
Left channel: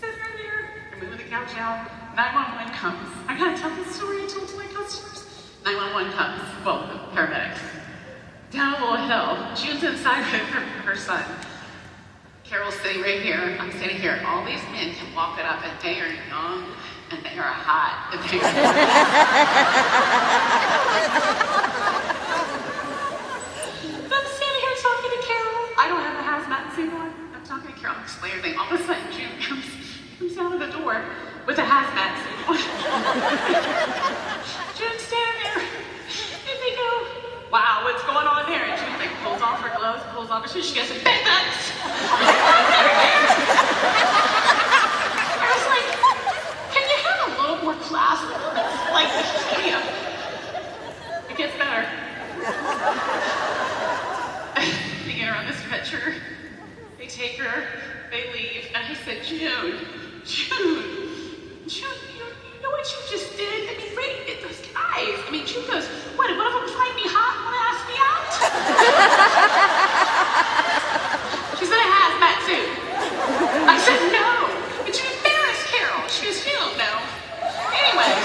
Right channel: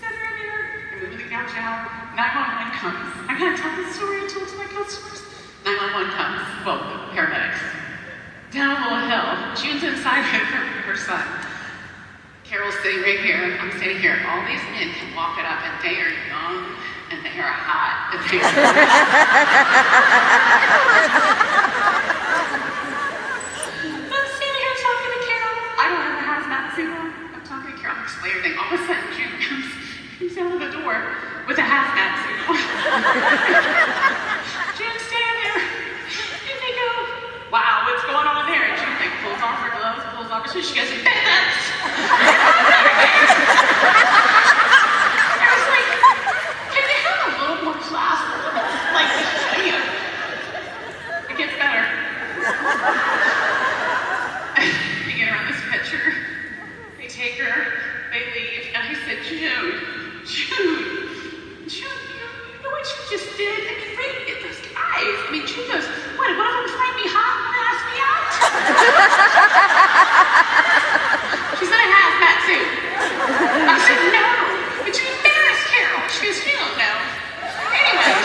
sit right here, I move the couch out, 911 comes. I gotta tell this story I told to my customers. 911 comes, well, paramedics. Down a little hill, June's inside with her son. Carol's sitting right here, I'm sitting here. All these men can walk it up and they are young and they are hot. And they I'm sitting here talking to Carol. I don't have a hazmat suit on. I'm talking to Carol, I'm explaining everything. All of a sudden, June comes out of the door with a hazmat suit on. June's standing there. And they go, wow, what's going on there? And June pulls off her gloves, pulls off her shoes. She goes, bed bugs. I was like, can they have a little more class? Like, it gets better. You get her on this picture. They take take her, they leave, and I said, June, you know what you just did? It's great, it was guys. I mean, June goes, what, one of them find me hot and ask me out? She said, I have that too. I said, no, but you embarrassed Carol. She goes, you don't know. Anyway,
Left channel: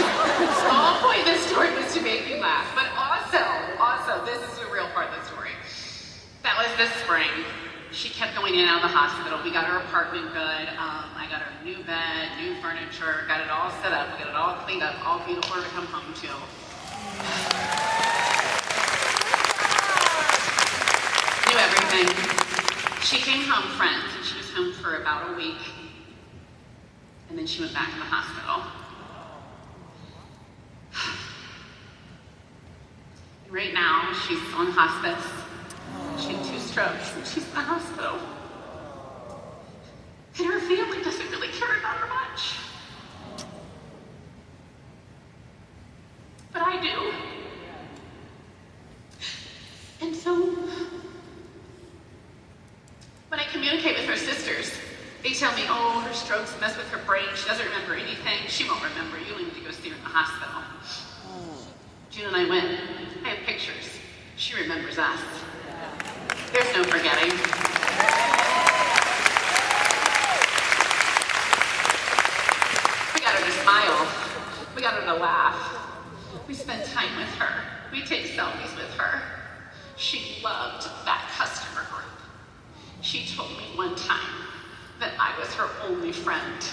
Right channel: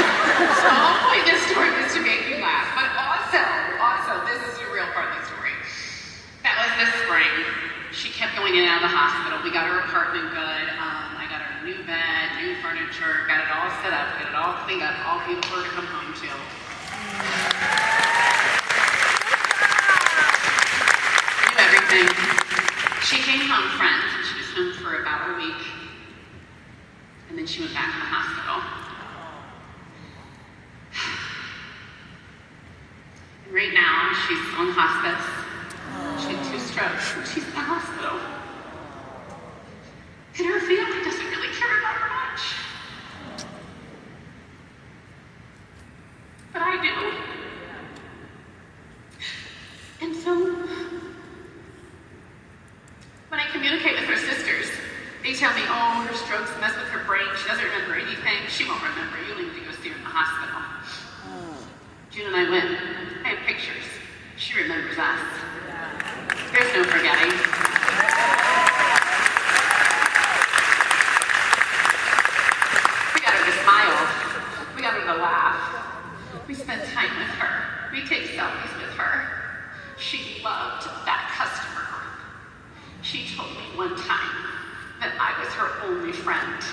so the whole point of this story was to make you laugh, but also, this is the real part of the story. That was this spring. She kept going in and out of the hospital. We got her apartment good. I got her new bed, new furniture, got it all set up, got it all cleaned up, all clean for her to come home to. Knew everything. She came home friends, and she was home for about a week. And then she went back to the hospital. And right now, she's on hospice. She had 2 strokes, and she's in the hospital. And her family doesn't really care about her much. But I do. And so, when I communicate with her sisters, they tell me, oh, her strokes mess with her brain. She doesn't remember anything. She won't remember. You need to go see her in the hospital. June and I went. I have pictures. She remembers us. There's no forgetting. We got her to smile. We got her to laugh. We spent time with her. We take selfies with her. She loved that customer group. She told me one time that I was her only friend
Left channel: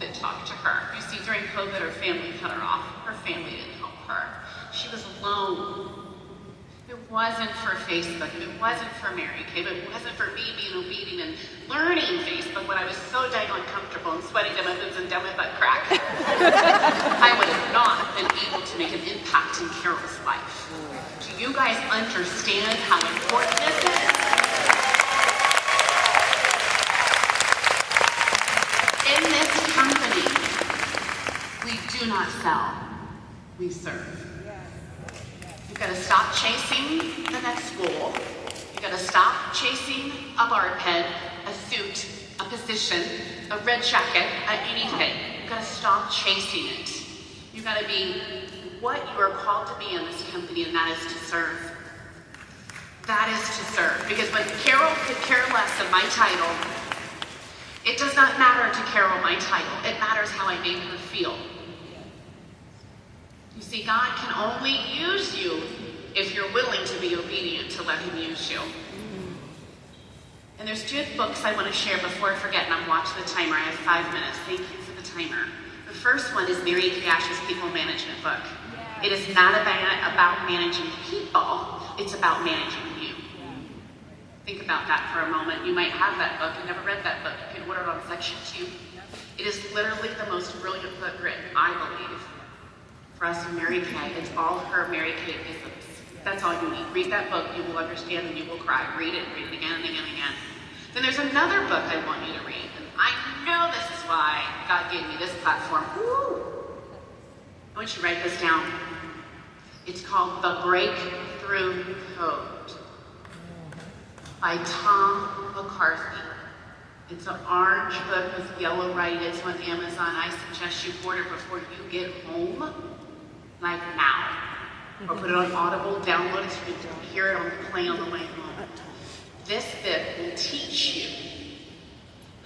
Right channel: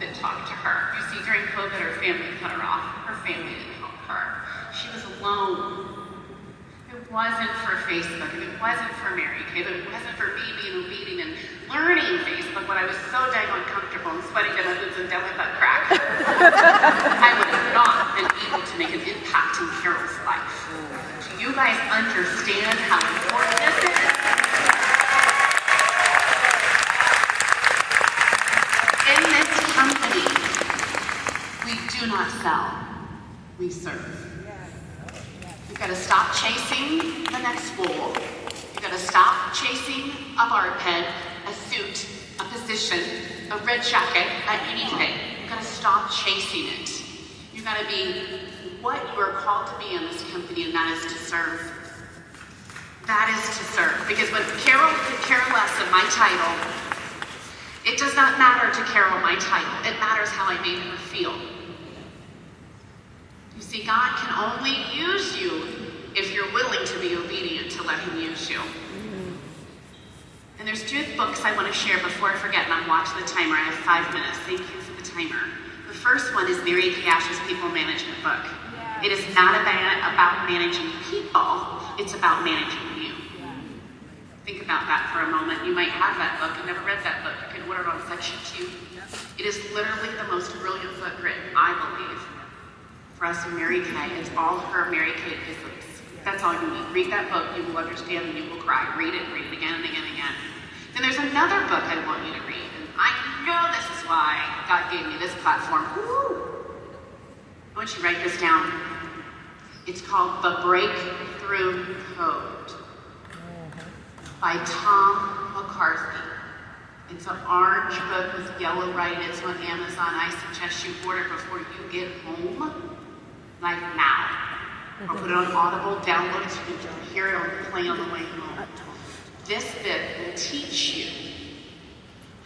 that talked to her. You see, during COVID, her family cut her off. Her family didn't help her. She was alone. It wasn't for Facebook, and it wasn't for Mary Kay, but it wasn't for me being obedient and learning Facebook when I was so dang uncomfortable and sweating to my boobs and down my butt crack. I would have not been able to make an impact in Carol's life. Do you guys understand how important this is? In this company, we do not sell, we serve. You've got to stop chasing the next goal. You've got to stop chasing a barb head, a suit, a position, a red jacket, anything. You've got to stop chasing it. You've got to be what you are called to be in this company, and that is to serve. That is to serve. Because when Carol could care less of my title, it does not matter to Carol my title. It matters how I made her feel. You see, God can only use you if you're willing to be obedient to let him use you. And there's 2 books I want to share before I forget, and I'm watching the timer. I have 5 minutes. Thank you for the timer. The first one is Mary Kay Ash's People Management book. It is not about managing people. It's about managing you. Think about that for a moment. You might have that book. You never read that book. You can order it on Section 2. It is literally the most brilliant book written, I believe, for us in Mary Kay. It's all her Mary Kay business. That's all you need. Read that book. You will understand and you will cry. Read it again and again and again. Then there's another book I want you to read. And I know this is why God gave me this platform. Woo! I want you to write this down. It's called The Breakthrough Code by Tom McCarthy. It's an orange book with yellow writing. It's on Amazon. I suggest you order before you get home, like now. Or put it on Audible, download it so you can hear it on the plane on the way home. This book will teach you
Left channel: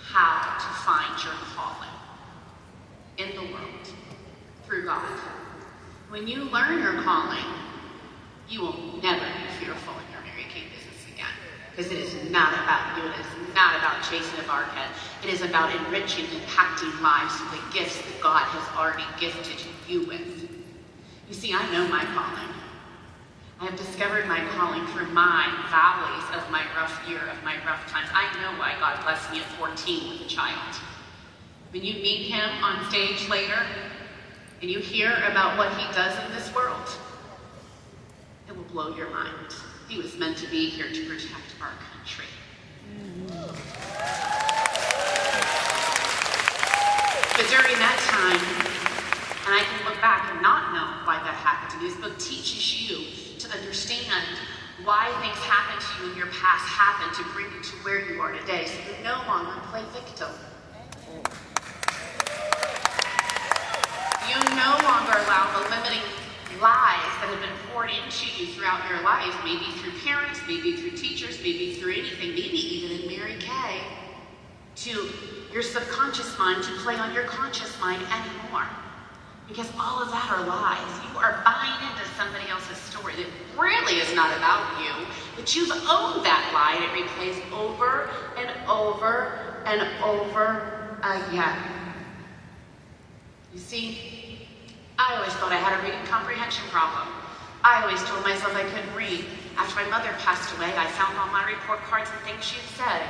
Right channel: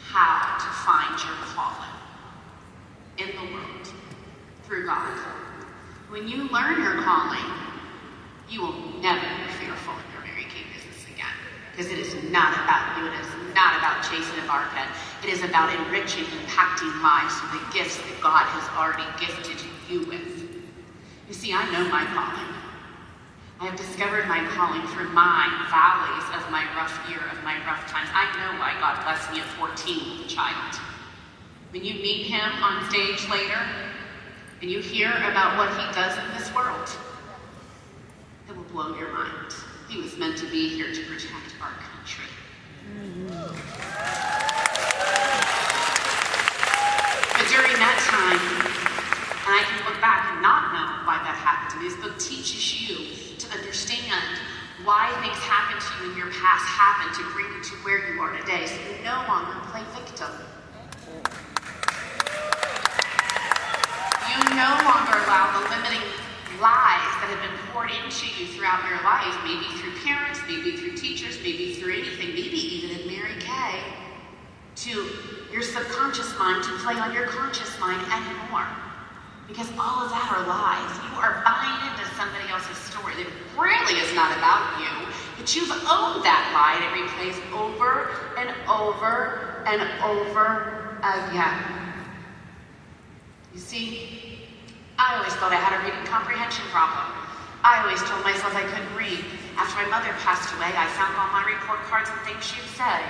how to find your calling in the world through God. When you learn your calling, you will never be fearful in your Mary Kay business again. Because it is not about you. It is not about chasing a barb head. It is about enriching, impacting lives with the gifts that God has already gifted you with. You see, I know my calling. I have discovered my calling through my valleys of my rough year, of my rough times. I know why God blessed me at 14 with a child. When you meet him on stage later, and you hear about what he does in this world, it will blow your mind. He was meant to be here to protect our country. But during that time, and I can look back and not know why that happened to me, this book teaches you to understand why things happen to you in your past happen to bring you to where you are today, so you no longer play victim. You no longer allow the limiting lies that have been poured into you throughout your life, maybe through parents, maybe through teachers, maybe through anything, maybe even in Mary Kay, to your subconscious mind to play on your conscious mind anymore. Because all of that are lies. You are buying into somebody else's story that really is not about you, but you've owned that lie and it replays over and over and over again. You see, I always thought I had a reading comprehension problem. I always told myself I couldn't read. After my mother passed away, I found on my report cards and things she'd said.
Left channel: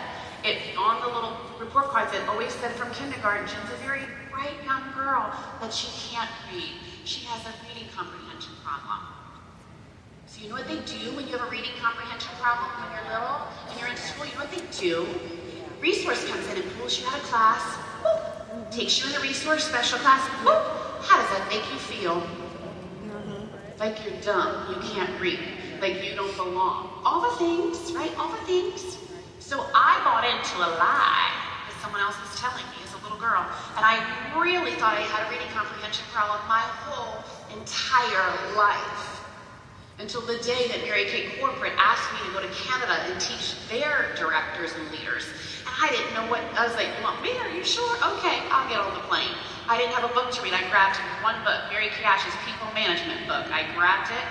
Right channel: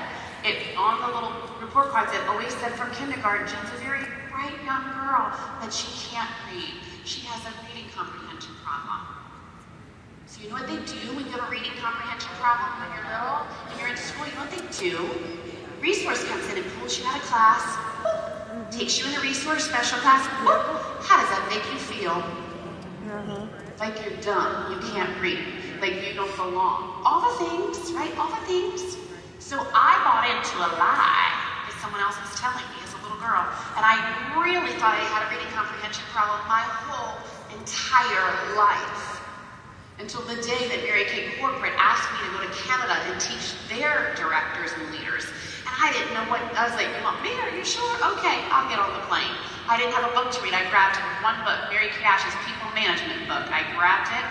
On the little report cards, it always said from kindergarten, she's a very bright young girl, but she can't read. She has a reading comprehension problem. So you know what they do when you have a reading comprehension problem when you're little and you're in school? You know what they do? Resource comes in and pulls you out of class, takes you in a resource special class. How does that make you feel? Like you're dumb, you can't read, like you don't belong. All the things, right? All the things. So I bought into a lie that someone else was telling me as a little girl, and I really thought I had a reading comprehension problem my whole entire life. Until the day that Mary Kay Corporate asked me to go to Canada and teach their directors and leaders. And I didn't know what, I was like, you want me? Are you sure? Okay, I'll get on the plane. I didn't have a book to read. I grabbed one book, Mary Kay Ash's People Management book. I grabbed it,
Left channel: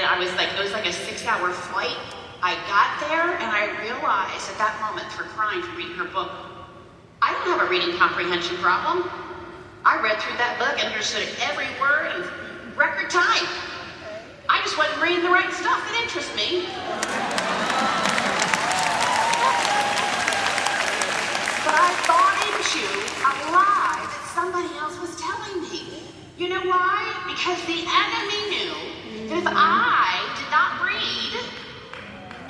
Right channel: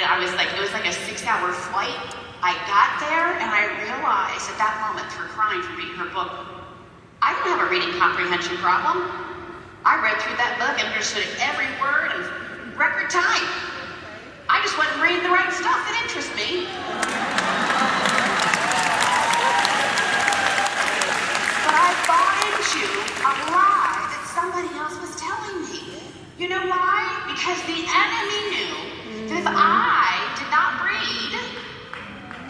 and I was like, it was like a 6-hour flight. I got there, and I realized at that moment, through crying from reading her book, I didn't have a reading comprehension problem. I read through that book and understood every word in record time. I just wasn't reading the right stuff that interests me. But I bought into a lie that somebody else was telling me. You know why? Because the enemy knew that if I did not read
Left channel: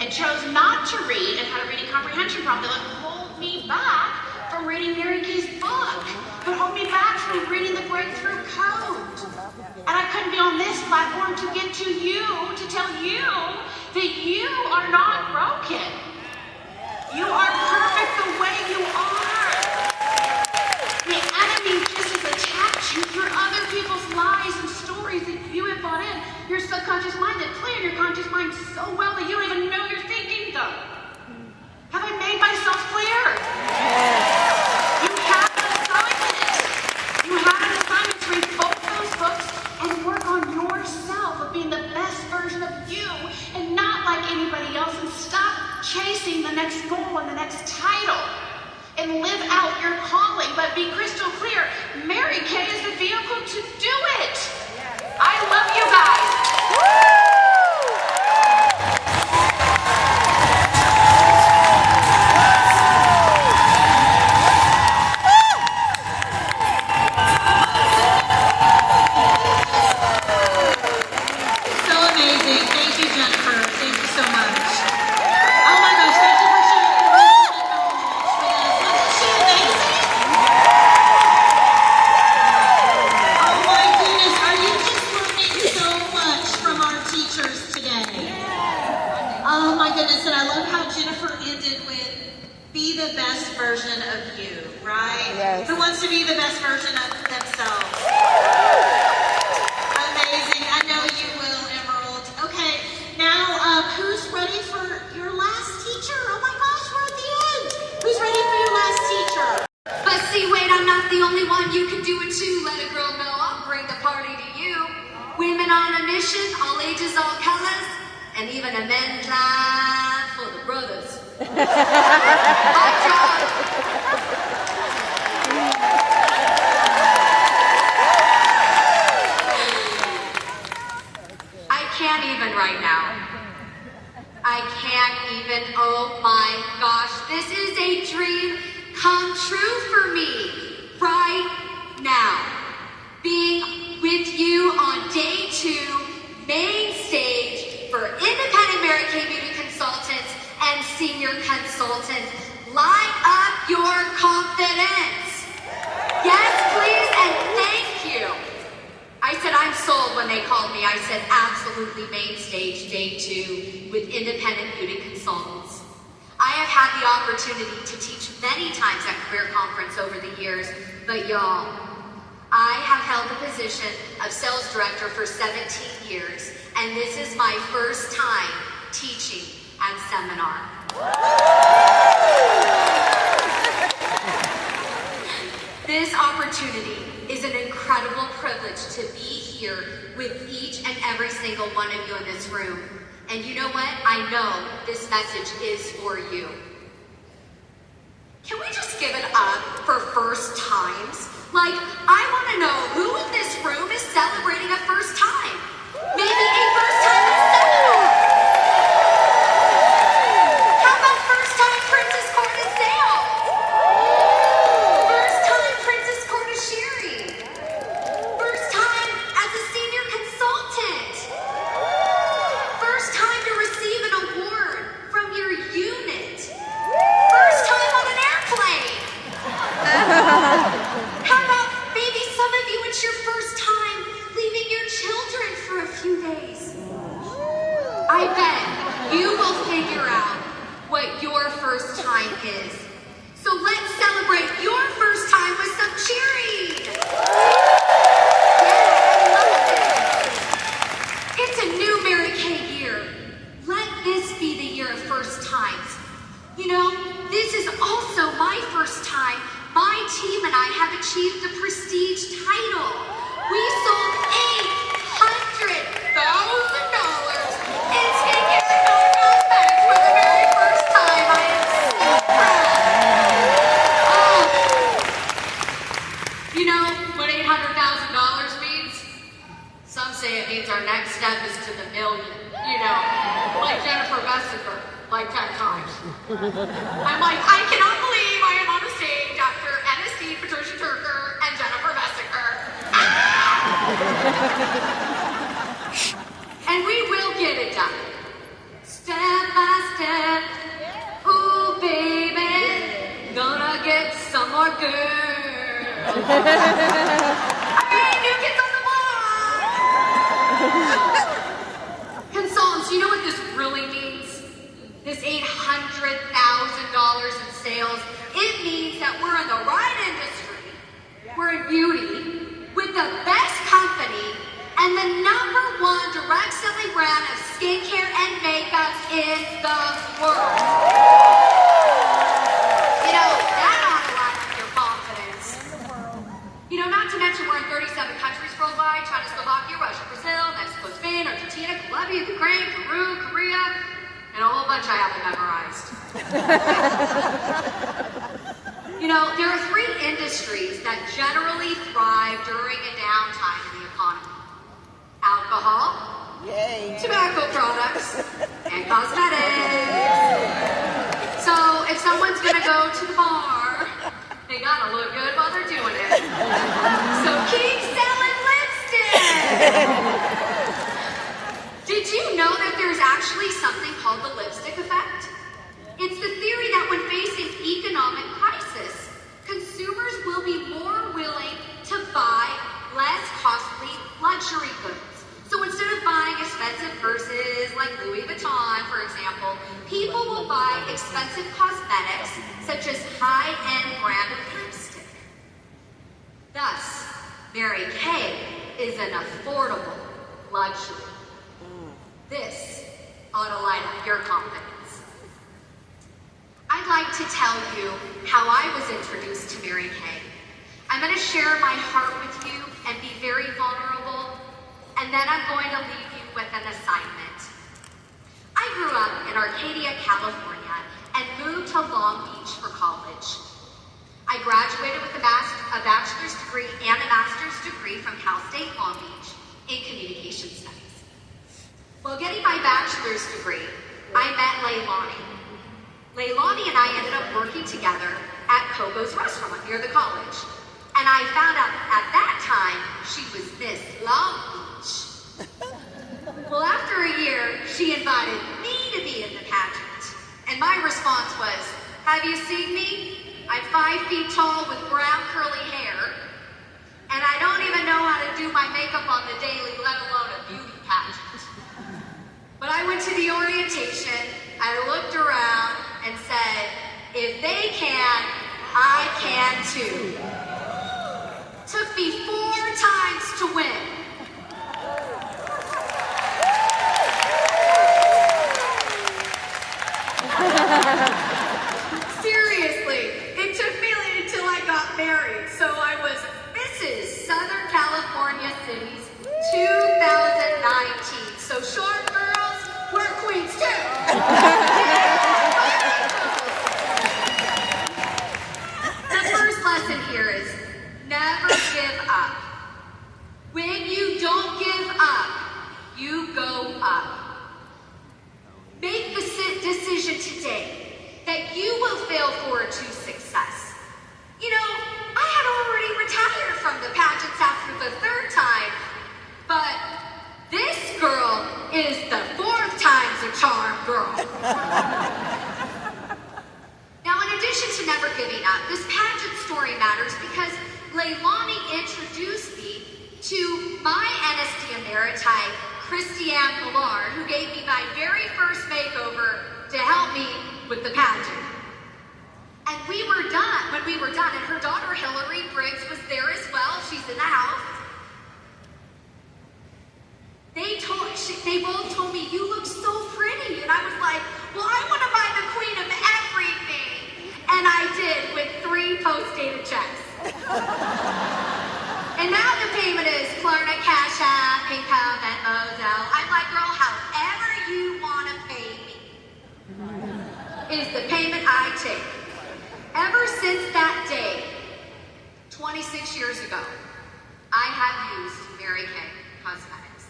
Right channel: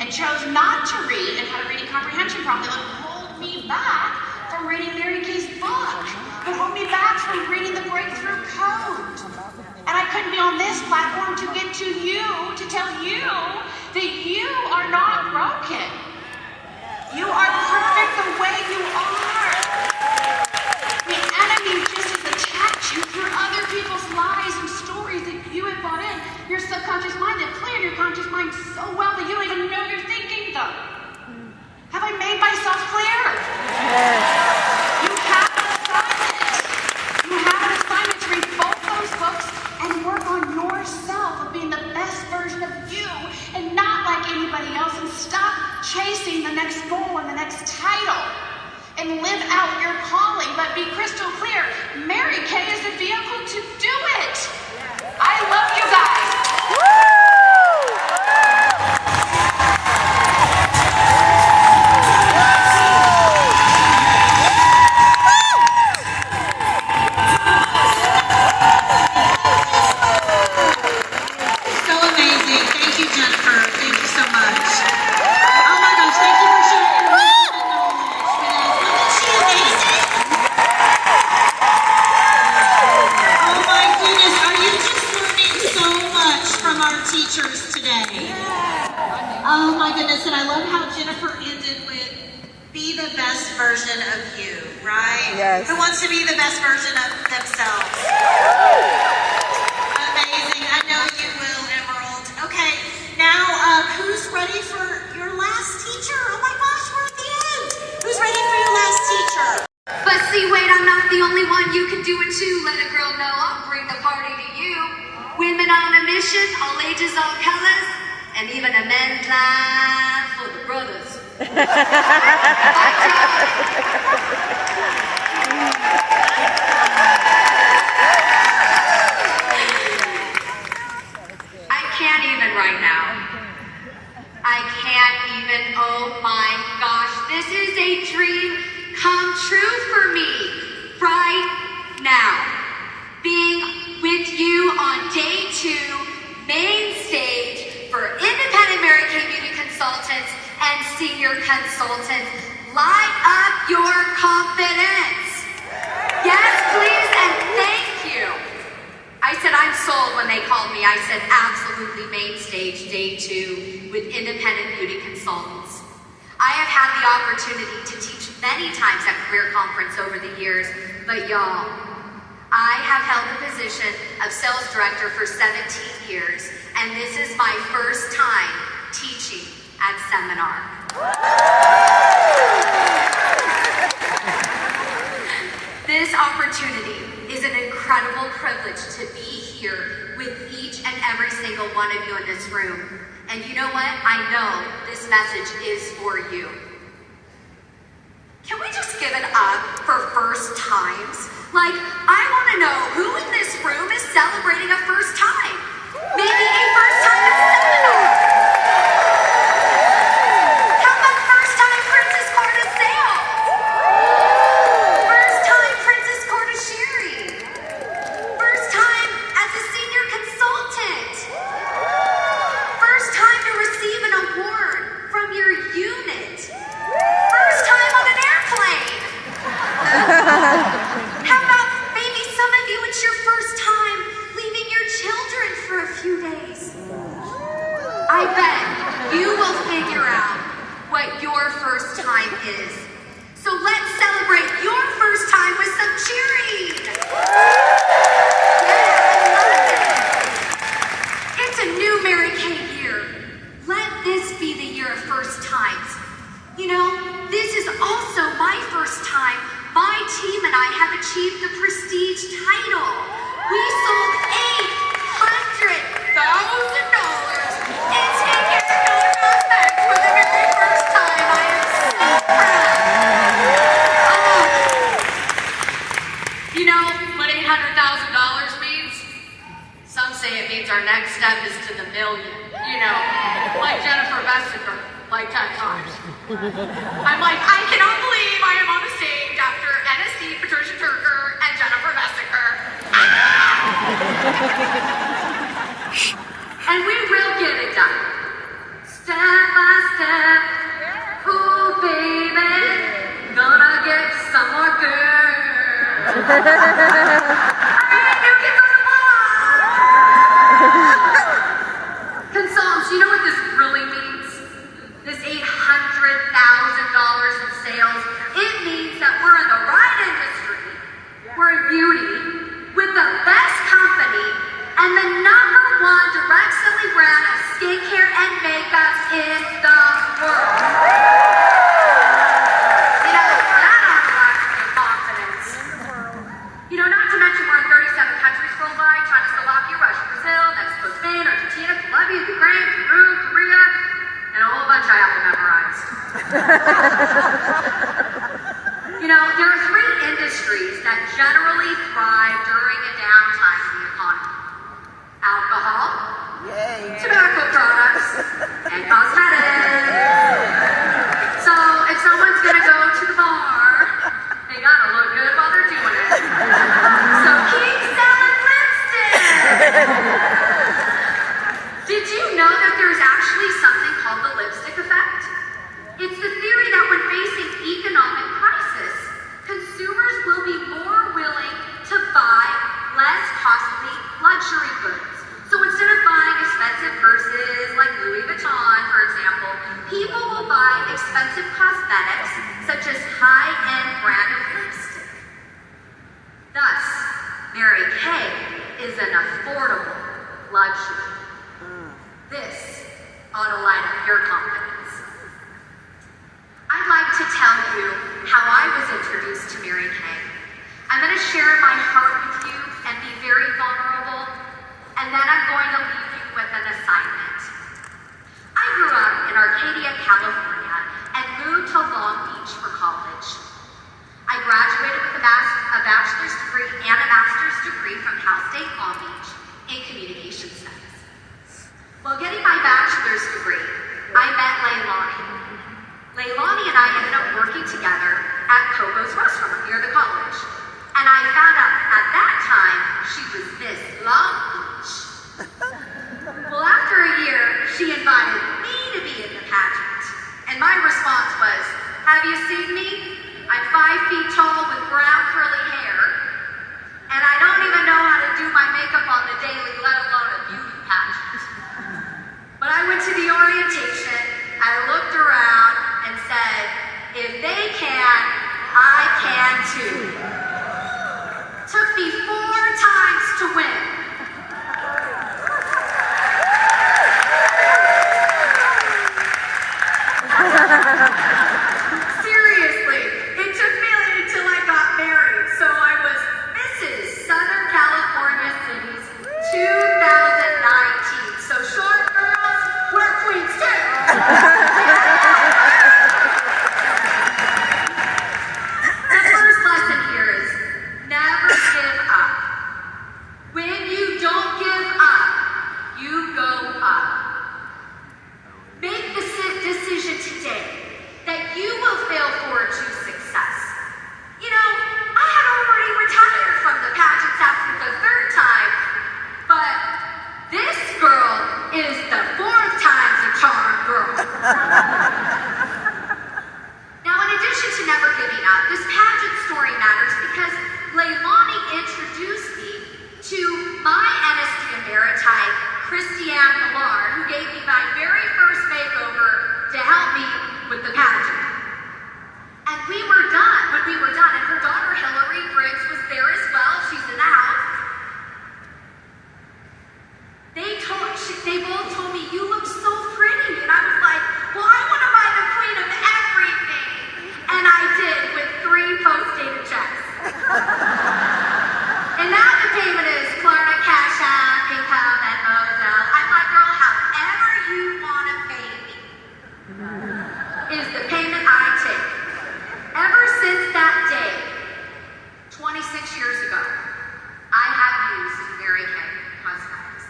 and chose not to read and had a reading comprehension problem, that would hold me back from reading Mary Kay's book, would hold me back from reading the Breakthrough Code. And I couldn't be on this platform to get to you, to tell you that you are not broken. You are perfect the way you are. The enemy just has attacked you through other people's lies and stories that you have bought in. Your subconscious mind that play in your conscious mind so well that you don't even know you're thinking them. Have I made myself clear? Yes. You have an assignment. You have an assignment to read both those books and work on yourself of being the best version of you and not like anybody else, and stop chasing the next goal and the next title and live out your calling. But be crystal clear, Mary Kay is the vehicle to do it. I love you guys. Woo! Version of you, right? Yes. Who wants to be the best version of themselves? Amazing. I know you will, Emerald. Okay, now who's ready for your last teacher? Oh my gosh, we're at the end. Who's ready for your last teacher? But see, wait, I'm not the only one. You can do it too. Let a girl know I'll bring the party to you. Women on a mission, all ages, all colors, and even a men's line for the brothers. I can't even right now. I can't even, oh my gosh, this is a dream come true for me right now. Being with you on day 2, main stage for Independent Mary Kay Beauty Consultants and Senior Consultants. Light up your confidence. Yes, please, and thank you. I said, I'm sold when they called me. I said, absolutely, main stage, day 2, with independent beauty consultants. I have had the opportunity to teach many times at Career Conference over the years, but y'all, I have held the position of sales director for 17 years, and this is my first time teaching at seminar. This opportunity is an incredible privilege to be here with each and every single one of you in this room. And you know what? I know this message is for you. Can we just give it up for first times? Like, I want to know who in this room is celebrating a first time? Maybe a first time at seminar. How about first time Princess Corda sales? First time Princess Corda sharing? First time as a senior consultant? First time to receive an award from your unit? First time on an airplane? How about maybe some of you, it's your first time leaving your children for a few days? I bet you will figure out what your first time is. So let's celebrate your first time with some cheering. It's a new Mary Kay year. Let this be the year of first times. You know, this is also my first time my team and I have achieved the prestige title. We sold $800,000 in Vacation Effect for the very first time. I am so proud. You know what $800,000 means? Some say it means our next step is to the million. You know, like Jennifer Vessiker, like 10 times. I'm like, I cannot believe I am on the stage after NSC, Patricia Turker, and Jennifer Vessiker. And we will get it done. Step by step, ooh baby, gonna get some more girl. Alright, new kids on the block. Consultants, you know what this really means? This $800,000 in sales, it means that we're in the right industry, we're in beauty, with the best company, and the #1 direct selling brand of skincare and makeup in the world. You know, that ought to lack your confidence. You know, not to mention we're in 37 countries worldwide: China, Slovakia, Russia, Brazil, Mexico, Spain, Argentina, Colombia, Ukraine, Peru, Korea, and a whole bunch I haven't memorized. You know, there are 3 industries that generally thrive during a downtime in the economy: alcohol, tobacco products, and cosmetics. So if someone's gonna go to the bar, they gotta look good while they're doing it. So keep selling lipstick! Did you know that there's actually something called the lipstick effect? It's the theory that when facing economic crisis, consumers will be more willing to buy less costly luxury goods. So instead of buying expensive purses like Louis Vuitton, for example, people will buy expensive cosmetics such as high-end branded lipstick. Thus, Mary Kay is an affordable luxury. This ought to light up your confidence. I'd like to tell you how I was introduced to Mary Kay. I'm going to share my heart with you and be very vulnerable, and then I'm going to leave you with an assignment. I grew up in Arcadia, California, and moved to Long Beach for college. I graduated with a bachelor's degree and a master's degree from Cal State Long Beach in communication studies. While getting my bachelor's degree, I met Leilani. Leilani and I ended up working together at Coco's restaurant near the college. And I found out at that time she was Miss Long Beach. Well, after a year, she invited me to be in the pageant. And my response was, have you seen me? I'm 5 feet tall with brown curly hair. And I don't even know how to to do my makeup on the daily, let alone a beauty pageant. But I went to the orientation, I looked around and said, if they can, I can too. Took me 4 times to win. Seriously, it took me until I got married. So I was Mrs. Southern California Cities 2019. So short girls, we're queens too. The first lesson here is never give up. When you don't give up, you go up. Make the decision today that you will fail forward to success. You know, I had already retired from the pageants after the 3rd time, but this girl is the 4th time's a charm girl. Now, in addition to never giving up, this pageant story matters because Leilani introduced me to my NSD Emeriti, Christiane Millar, who gave me my very first makeover to help me with the pageant. And when we were done, and her daughter Hillary Briggs was there as well, she's in the house. They both told me, you look so pretty. And I was like, well, I want to buy the queen of everything. And I did with 3 post-dated checks. And now the payment is Klarna, Cash App, PayPal, Venmo, Zelle. I'm like, girl, however you want to pay me is the payment I take. Ever since that day, 26 years ago, I have used Mary Kay Cosmetics.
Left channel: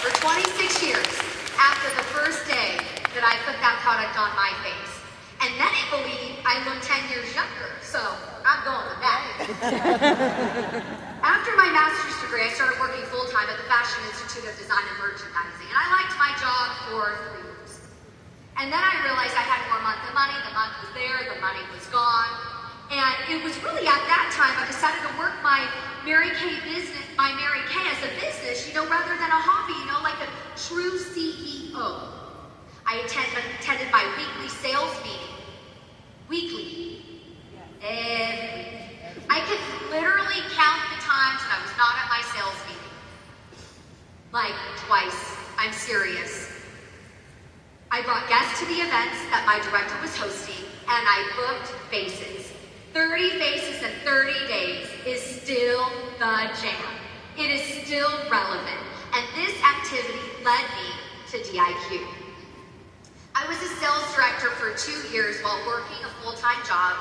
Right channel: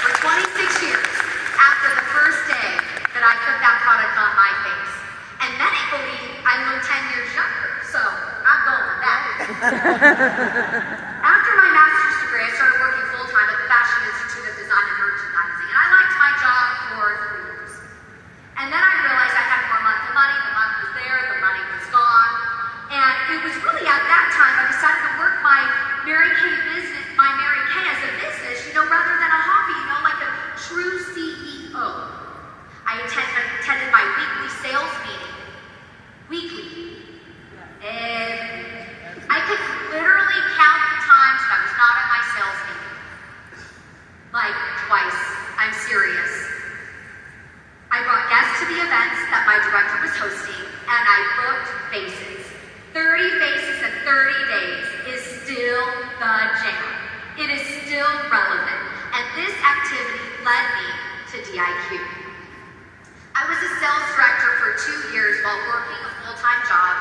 For 26 years, after the first day that I put that product on my face. And many believe I look 10 years younger, so I'm going with that. After my master's degree, I started working full-time at the Fashion Institute of Design and Merchandising, and I liked my job for 3 years. And then I realized I had more month than money. The month was there, the money was gone. And it was really at that time I decided to work my Mary Kay business, my Mary Kay as a business, rather than a hobby, like a true CEO. I attended my weekly sales meeting. Weekly. And I could literally count the times that I was not at my sales meeting. Like twice. I'm serious. I brought guests to the events that my director was hosting, and I booked faces. 30 faces in 30 days is still the jam. It is still relevant, and this activity led me to DIQ. I was a sales director for 2 years while working a full-time job,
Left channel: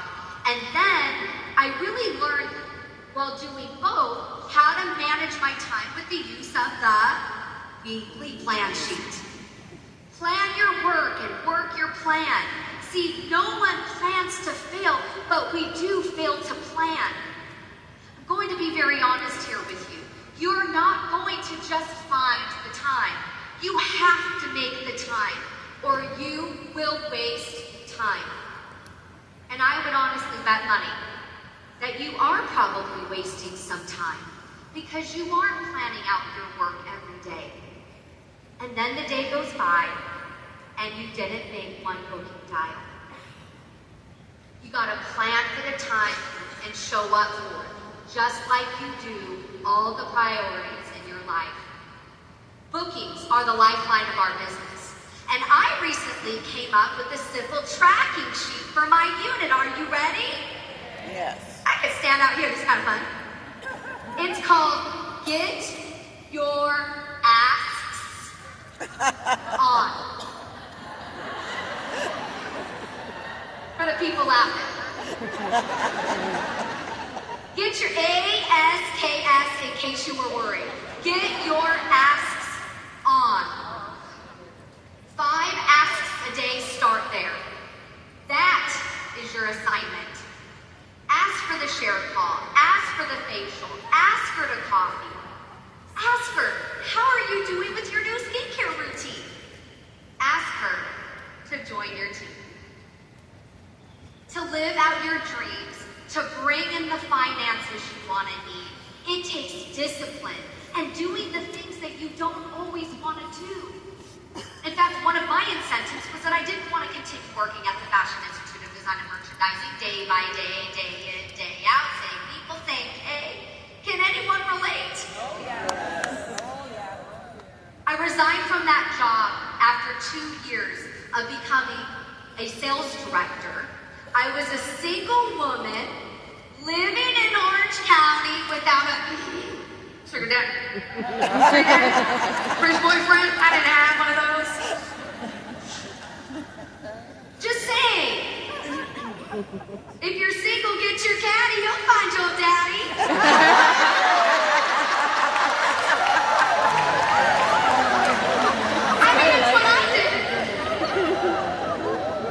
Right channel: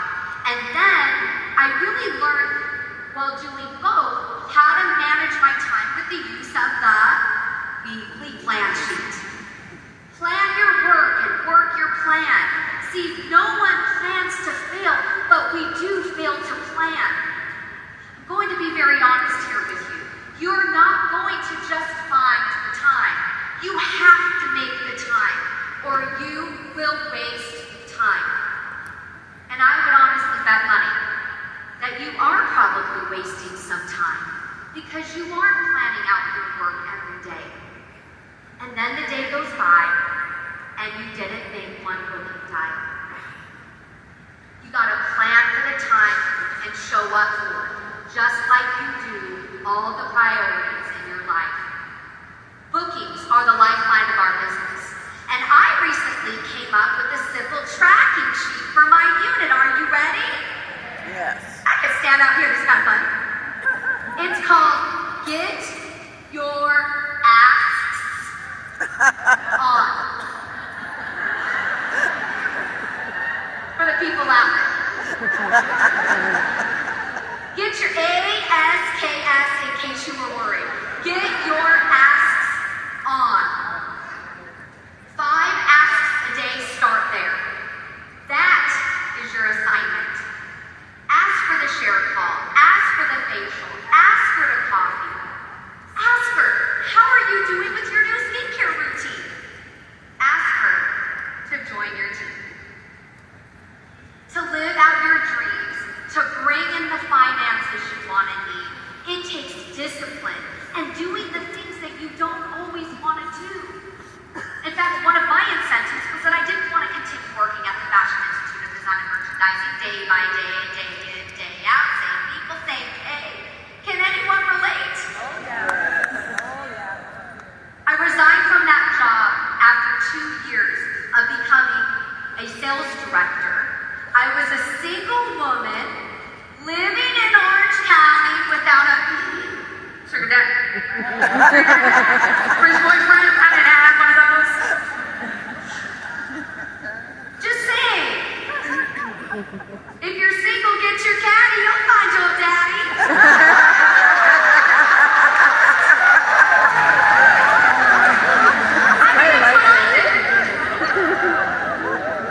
and then I really learned while doing both how to manage my time with the use of the weekly plan sheet. Plan your work and work your plan. See, no one plans to fail, but we do fail to plan. I'm going to be very honest here with you. You're not going to just find the time. You have to make the time, or you will waste time. And I would honestly bet money that you are probably wasting some time because you aren't planning out your work every day. And then the day goes by, and you didn't make one booking dial. You gotta plan for the time and show up for it, just like you do all the priorities in your life. Bookings are the lifeline of our business. And I recently came up with a simple tracking sheet for my unit. Are you ready? Yes. I could stand out here, it's kind of fun. It's called Get Your Asks On. For the people out there. Get your ASKS in case you were worried. Get your asks on. 5 asks a day start there. That is your assignment. Ask for the share call. Ask for the facial. Ask for the coffee. Ask for, how are you doing with your new skincare routine? Ask her to join your team. To live out your dreams, to bring in the finances you want and need. It takes discipline and doing the things that you don't always want to do. In fact, one of my incentives was that I didn't want to continue working at the Fashion Institute of Design and Merchandising day by day, day in, day out, same people, same pay. Can anyone relate? Oh yeah. I resigned from that job after 2 years of becoming a sales director. I was a single woman living in Orange County without a sugar daddy. French boyfriend, I didn't have one of those. Just saying. If you're single, get your caddy, you'll find your daddy.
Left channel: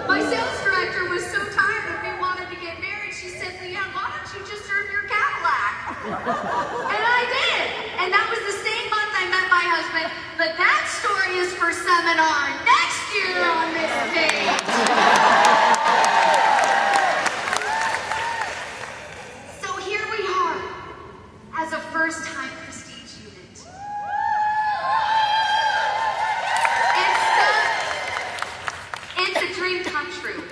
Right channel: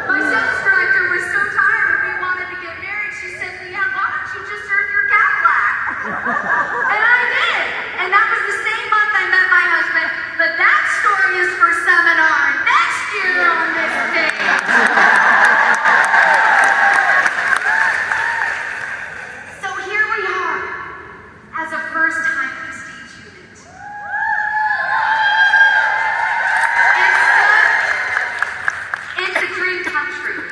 My sales director was so tired of me wanting to get married, she said, "Leanne, why don't you just earn your Cadillac?" And I did. And that was the same month I met my husband. But that story is for seminar next year on this stage. So here we are, as a first-time Prestige student. It's a dream come true.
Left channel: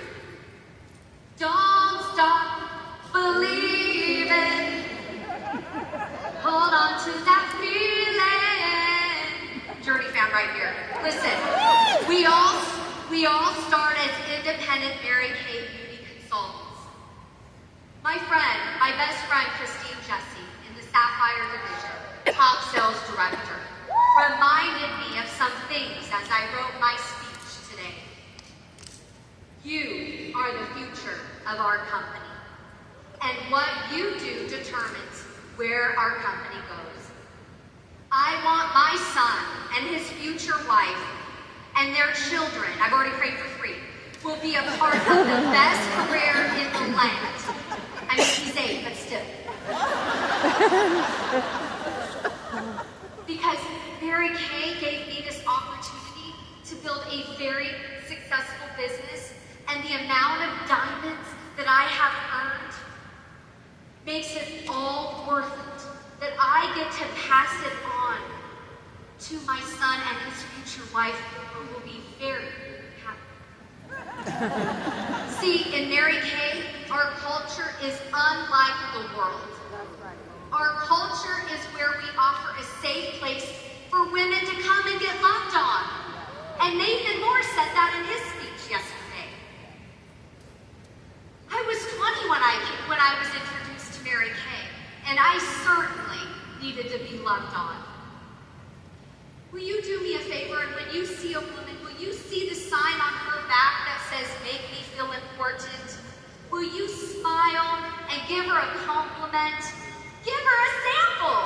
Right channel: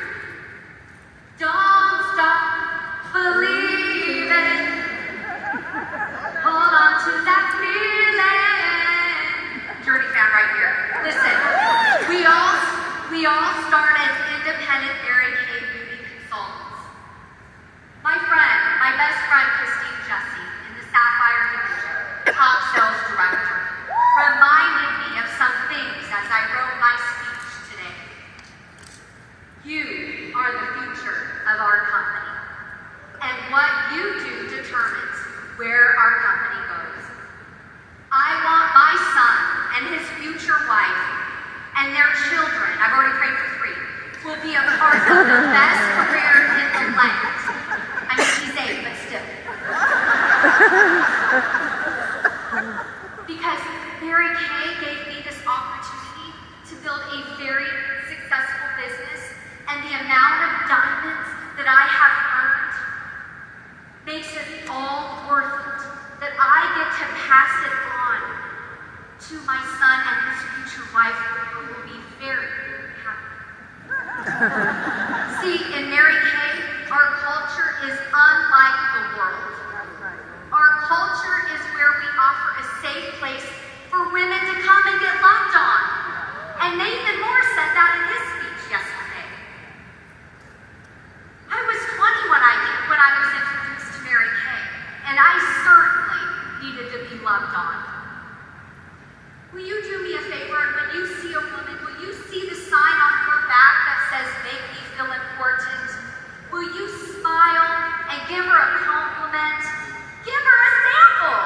Don't stop believing. Hold on to that feeling. Journey fan right here. Listen, we all start as independent Mary Kay beauty consultants. My best friend, Christine Jesse, in the Sapphire division, top sales director, reminded me of some things as I wrote my speech today. You are the future of our company, and what you do determines where our company goes. I want my son and his future wife and their children, I've already prayed for 3, will be a part of the best career in the land. I mean, she's 8, but still. Because Mary Kay gave me this opportunity to build a very successful business, and the amount of diamonds that I have earned makes it all worth it. That I get to pass it on to my son and his future wife, who will be very happy. See, in Mary Kay, our culture is unlike the world. Our culture is where we offer a safe place for women to come and get loved on. And Nathan Moore said that in his speech yesterday. I was 20 when I was introduced to Mary Kay, and I certainly needed to be loved on. Will you do me a favor, and when you see a woman, will you see the sign on her back that says, "Make me feel important"? Will you smile and give her a compliment? Give her a sample.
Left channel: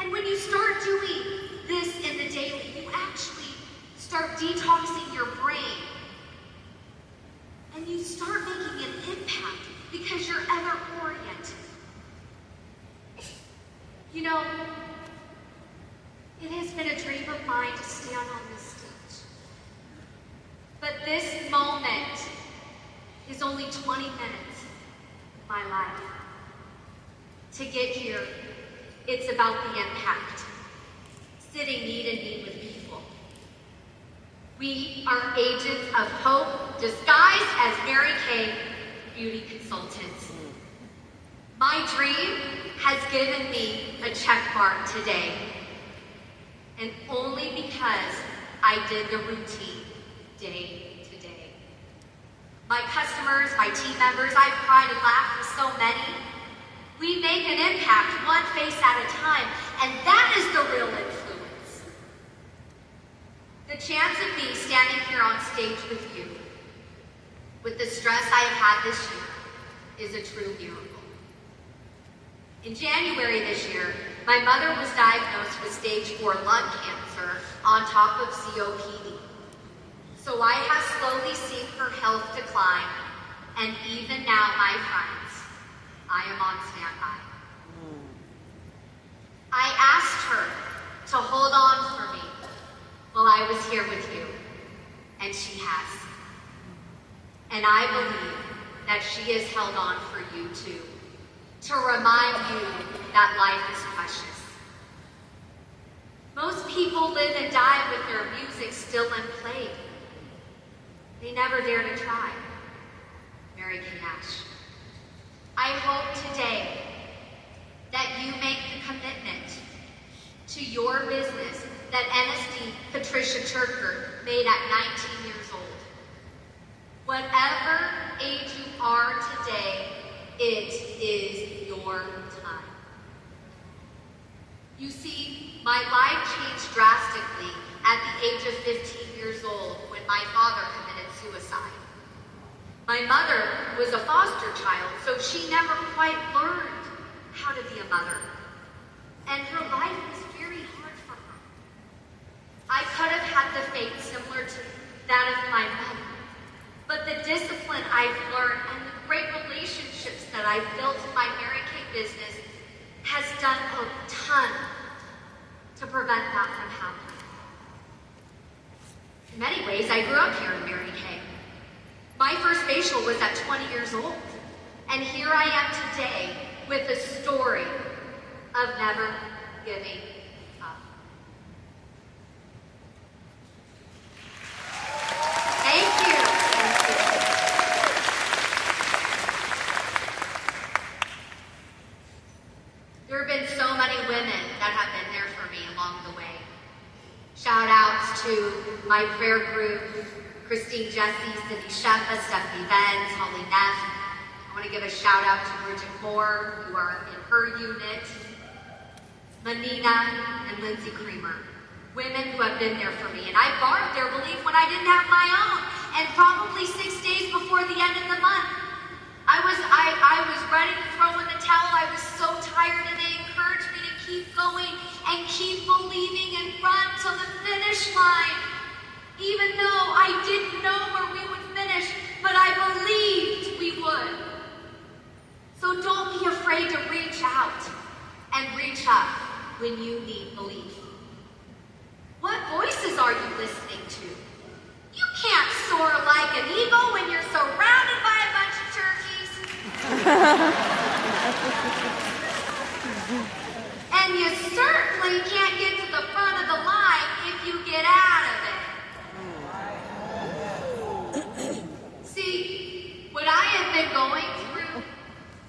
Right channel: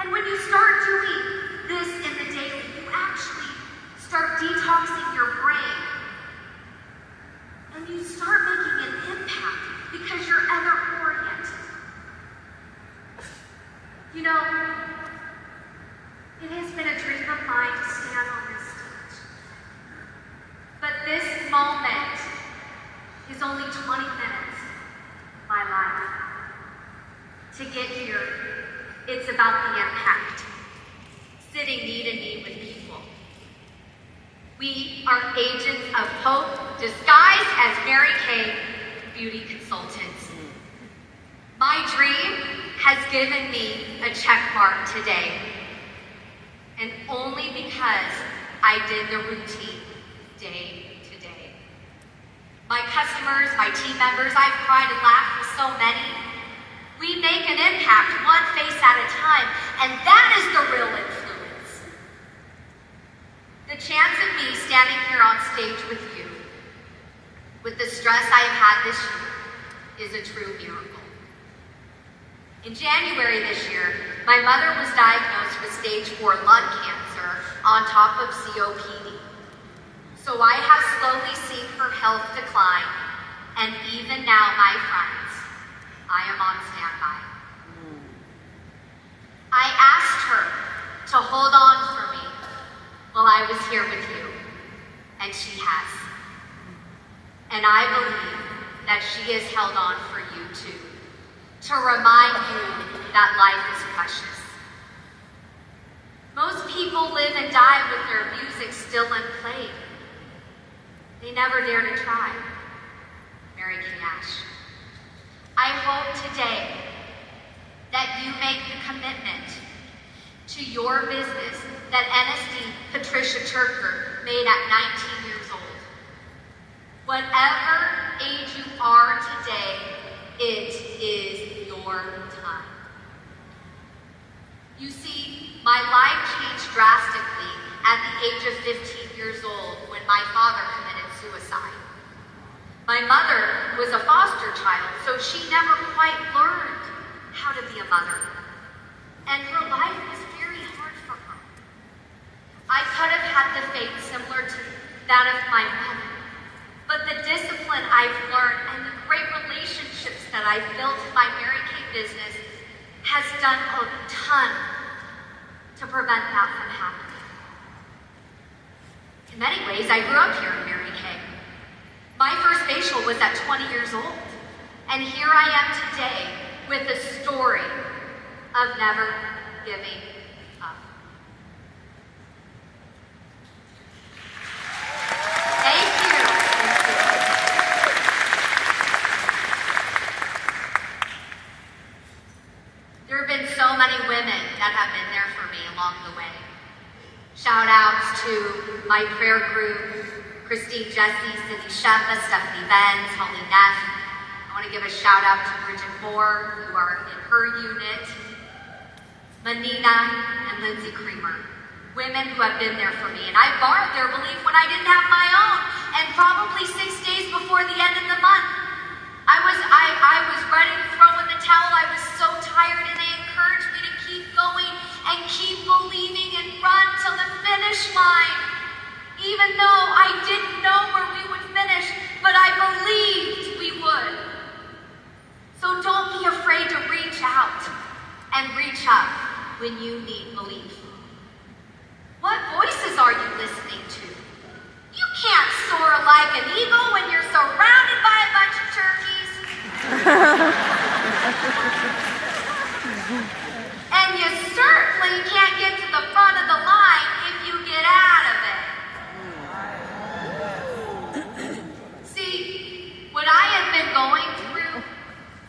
And when you start doing this in the daily, you actually start detoxing your brain. And you start making an impact because you're other-oriented. You know, it has been a dream of mine to stand on this stage. But this moment is only 20 minutes of my life. To get here, it's about the impact. Sitting knee to knee with people. We are agents of hope disguised as Mary Kay beauty consultants. My dream has given me a check mark today. And only because I did the routine day to day. My customers, my team members, I've cried and laughed with so many. We make an impact one face at a time, and that is the real influence. The chance of me standing here on stage with you, with the stress I have had this year, is a true miracle. In January this year, my mother was diagnosed with stage 4 lung cancer on top of COPD. So I have slowly seen her health decline, and even now, my friends, I am on standby. I asked her to hold on for me while I was here with you, and she has. And I believe that she has held on for you to remind you that life is precious. Most people live and die with their music still unplayed. They never dare to try. Mary Kay Ash. I hope today that you make the commitment to your business that NSD Patricia Turker made at 19 years old. Whatever age you are today, it is your time. You see, my life changed drastically at the age of 15 years old when my father committed suicide. My mother was a foster child, so she never quite learned how to be a mother. And her life was very hard for her. I could have had the fate similar to that of my mother, but the discipline I've learned and the great relationships that I've built in my Mary Kay business has done a ton to prevent that from happening. In many ways, I grew up here in Mary Kay. My first facial was at 20 years old, and here I am today with a story of never giving up. Thank you. There have been so many women that have been there for me along the way. Shout outs to my prayer group, Christine Jesse, Cindy Sheffa, Stephanie Benz, Holly Neff. I want to give a shout out to Bridget Moore, who are in her unit, Manina, and Lindsay Creamer. Women who have been there for me. And I borrowed their belief when I didn't have my own. And probably 6 days before the end of the month, I was ready to throw in the towel. I was so tired, and they encouraged me to keep going and keep believing and run till the finish line. Even though I didn't know where we would finish, but I believed we would. So don't be afraid to reach out and reach up when you need belief. What voices are you listening to? You can't soar like an eagle when you're surrounded by a bunch of turkeys. And you certainly can't get to the front of the line if you get out of it. See, what I have been going through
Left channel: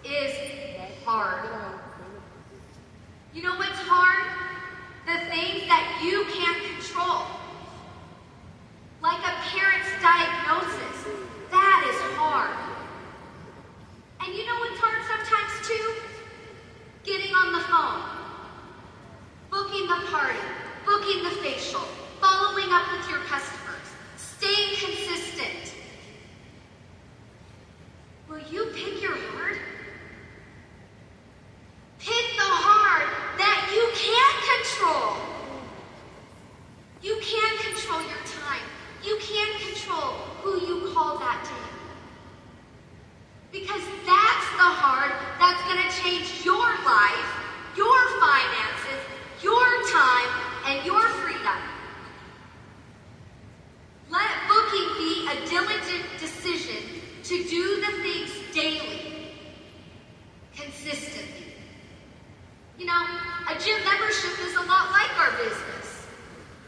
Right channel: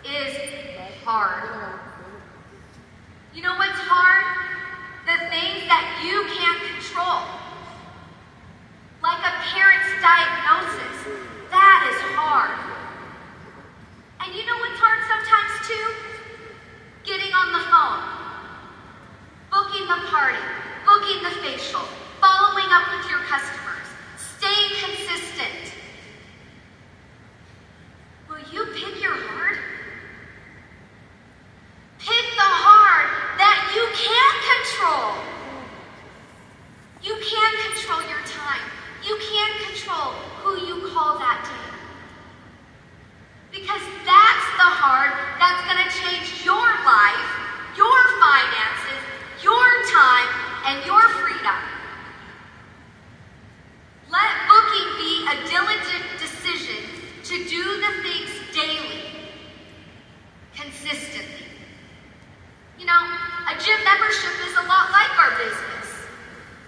is hard. You know what's hard? The things that you can't control. Like a parent's diagnosis. That is hard. And you know what's hard sometimes too? Getting on the phone. Booking the party. Booking the facial. Following up with your customers. Staying consistent. Will you pick your heart? Pick the heart that you can control. You can control your time. You can control who you call that day. Because that's the heart that's going to change your life, your finances, your time, and your freedom. Let booking be a diligent decision to do the things daily, consistently. You know, a gym membership is a lot like our business.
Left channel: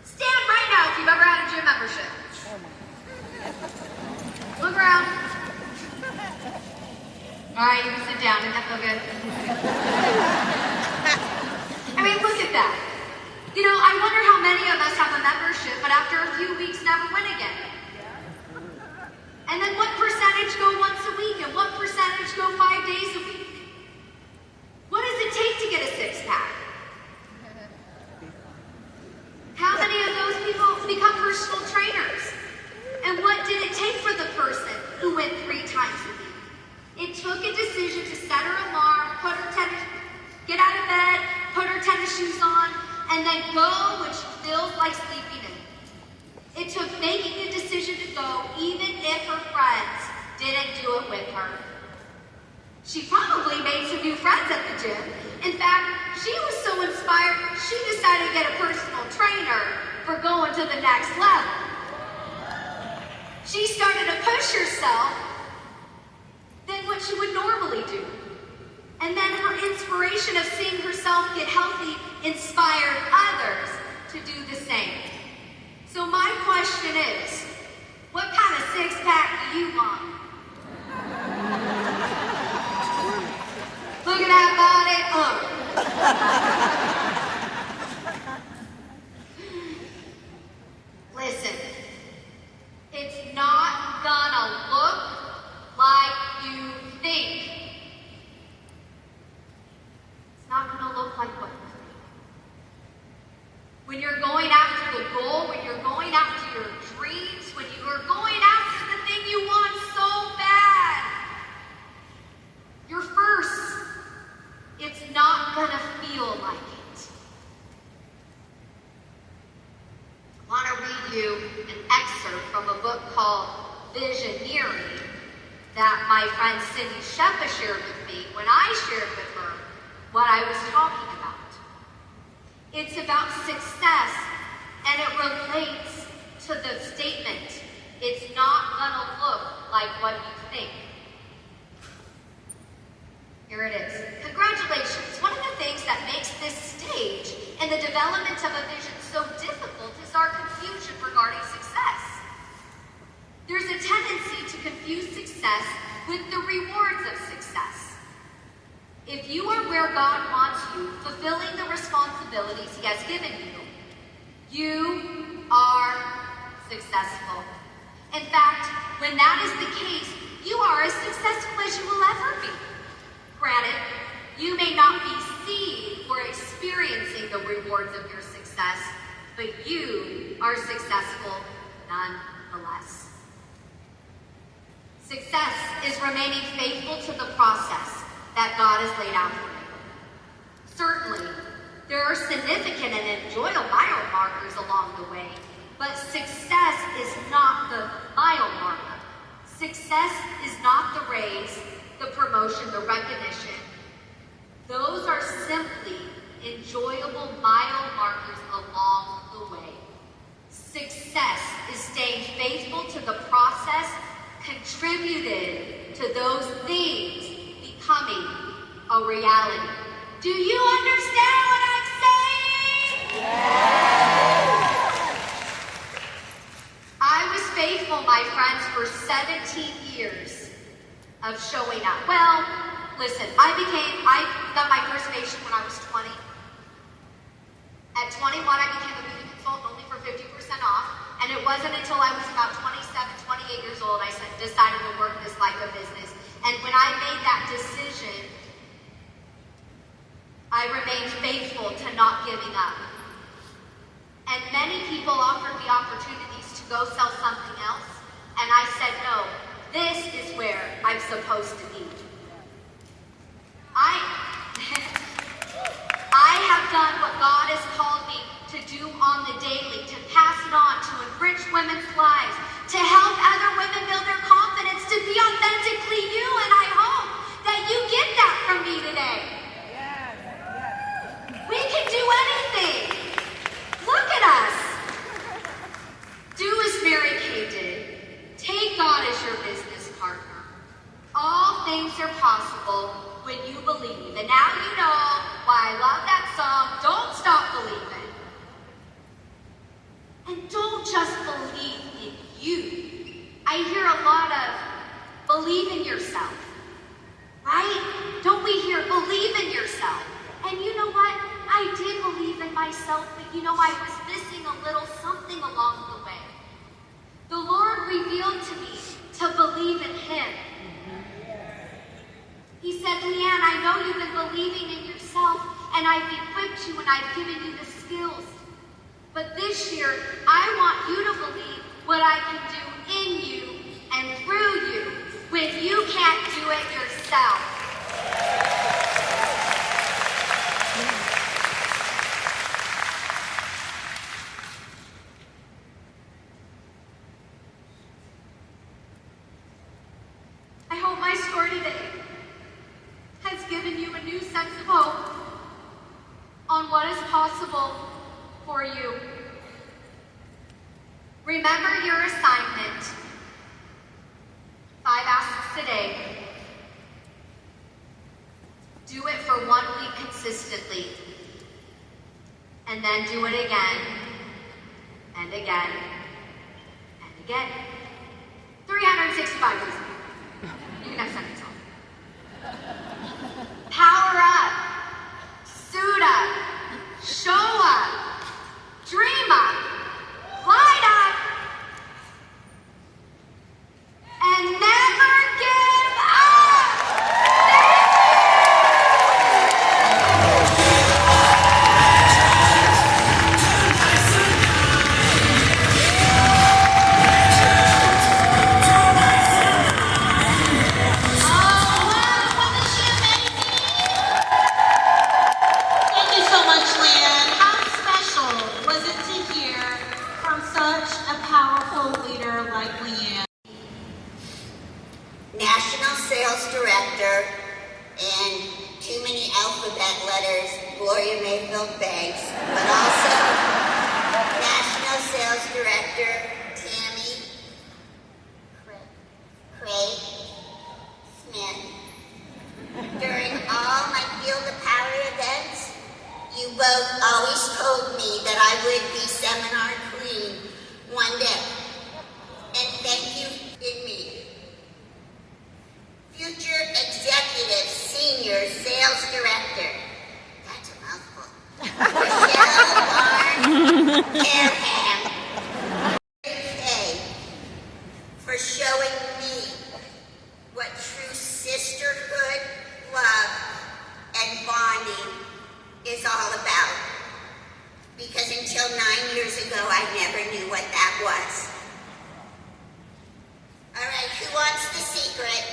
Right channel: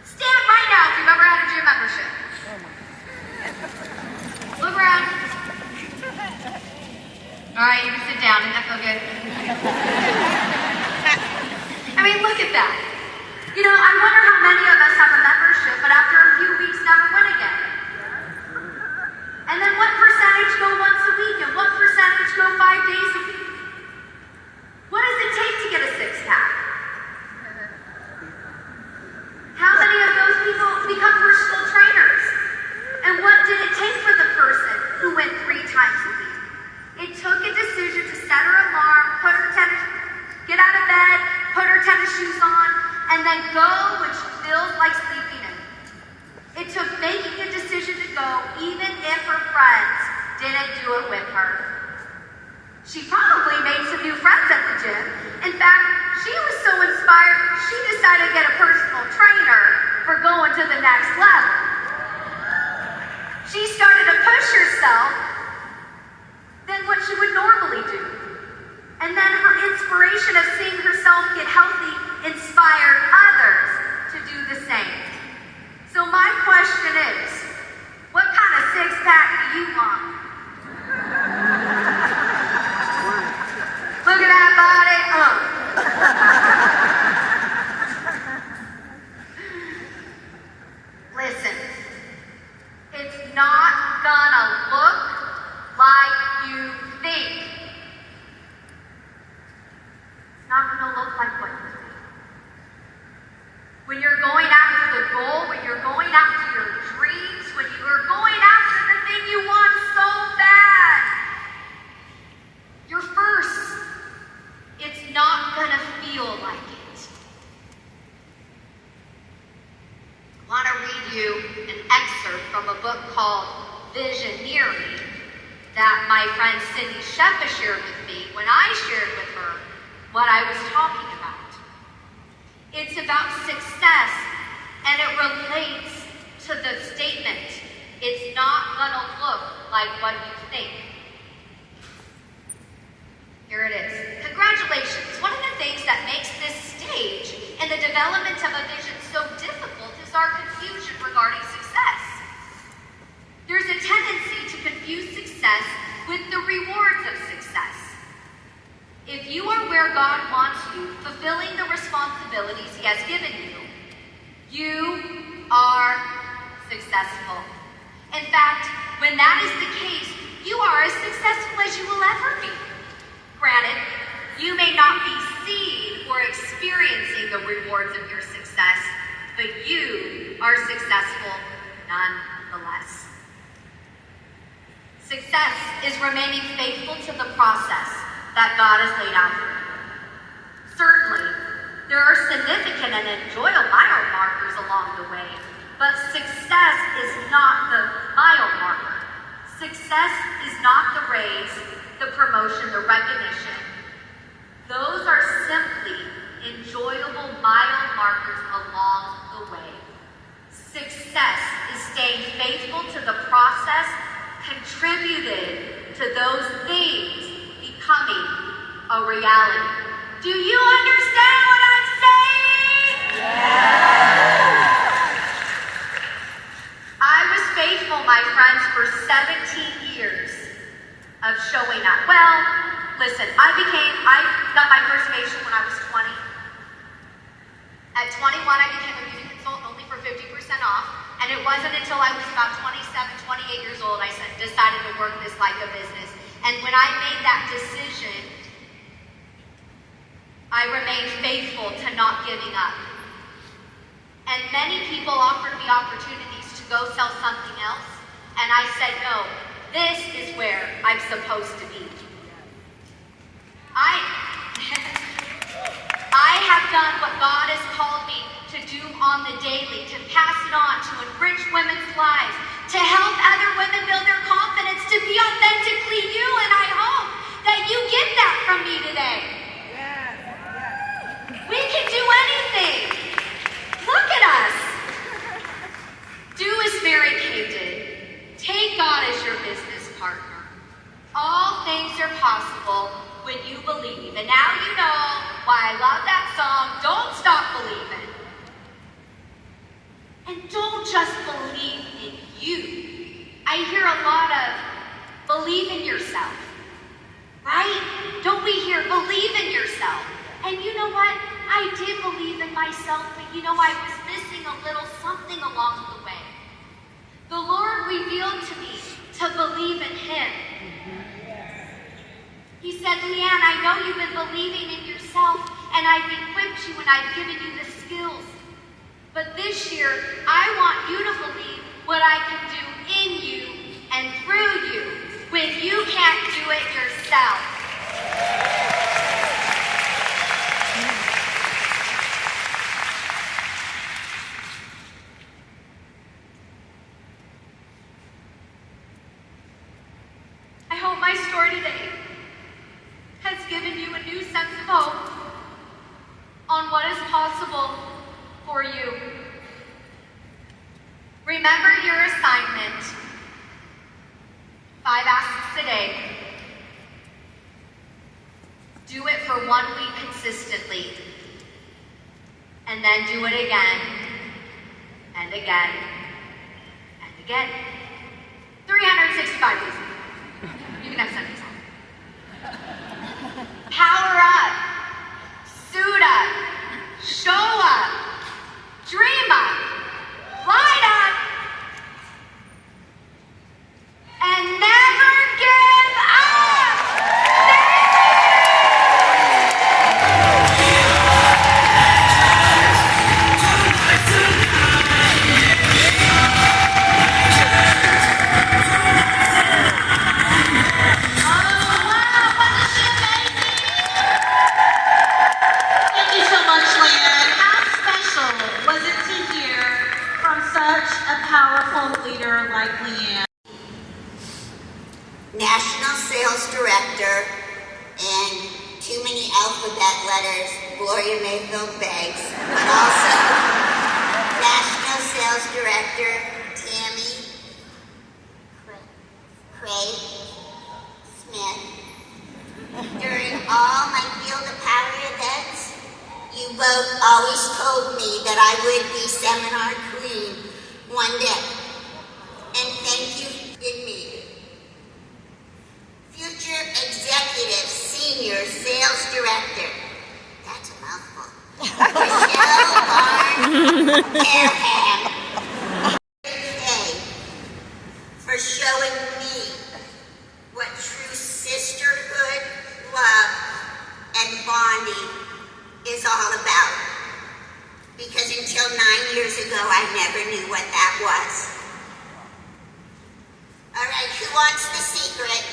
Stand right now if you've ever had a gym membership. Look around. All right, you can sit down. Doesn't that feel good? I mean, look at that. You know, I wonder how many of us have a membership, but after a few weeks never went again. And then what percentage go once a week, and what percentage go 5 days a week? What does it take to get a six-pack? How many of those people become personal trainers? And what did it take for the person who went 3 times a week? It took a decision to set her alarm, get out of bed, put her tennis shoes on, and then go when she feels like sleeping in. It took making a decision to go even if her friends didn't do it with her. She probably made some new friends at the gym. In fact, she was so inspired, she decided to get a personal trainer for going to the next level. She started to push herself. than what she would normally do. And then her inspiration of seeing herself get healthy inspired others to do the same. So my question is, what kind of six-pack do you want? Look at that body. Listen, it's not gonna look like you think. It's not gonna look like what you think. When you're going after the goal, when you're going after your dreams, when you are going after the thing you want so bad, you're first. It's not gonna feel like it. I want to read you an excerpt from a book called Visioneering that my friend Cindy Sheppa shared with me when I shared with her what I was talking about. It's about success, and it relates to the statement, it's not gonna look like what you think. Here it is. Congratulations. One of the things that makes this stage and the development of a vision so difficult is our confusion regarding success. There's a tendency to confuse success with the rewards of success. If you are where God wants you, fulfilling the responsibilities He has given you, you are successful. In fact, when that is the case, you are as successful as you will ever be. Granted, you may not be seeing or experiencing the rewards of your success, but you are successful nonetheless. Success is remaining faithful to the process that God has laid out for you. Certainly, there are significant and enjoyable mile markers along the way, but success is not the mile marker. Success is not the raise, the promotion, the recognition. Those are simply enjoyable mile markers along the way. Success is staying faithful to the process, contributed to those things becoming a reality. Do you understand what I'm saying? I was faithful, my friends, for 17 years of showing up. Well, listen, I got my first patient when I was 20. At 21, I became a beauty consultant only for 50% off. And it wasn't until I was about 27, 28 years old, I decided to work this like a business. And when I made that decision, I remained faithful to not giving up. And many people offered me opportunities to go sell something else. And I said, no, this is where I'm supposed to be. I have done what God has called me to do on the daily, to pass it on, to enrich women's lives, to help other women build their confidence, to be authentically you, and I hope that you get that from me today. We can do anything. Look at us. Do as Mary Kay did. Take God as your business partner. All things are possible when you believe. And now you know why I love that song, Don't Stop Believing. And don't just believe in you. I hear a lot of believe in yourself, right? Don't we hear believe in yourself? And you know what? I did believe in myself, but you know, I was missing a little something along the way. The Lord revealed to me to believe in Him. He said, Leanne, I know you've been believing in yourself, and I've equipped you and I've given you the skills. But this year, I want you to believe what I can do in you and through you when you can't do it yourself. I hope my story today has given you a new sense of hope on what is possible for you. Remember your assignment. 5 asks today. consistently. And then do it again, and again, and again. 365 days. You can have seconds off. Power up, suit up, show up, dream up, light up, and never give up! Thank you so much, Leanne. How special was it to hear from such a powerful leader like Leanne? National Sales Director, and too many alphabet letters, Gloria Mayfield Banks, but also National Sales Director, Tammy Craig Smith. During all my Field of Power events, you both always told me that I would be seminar queen one day. And thank you in me. Future Executive Senior Sales Director. That's a mouthful. Michelle Barn for showing me what true sisterhood, love, and bonding is all about. Because until 9 years ago, I never knew what that was. All right, who wants the secret?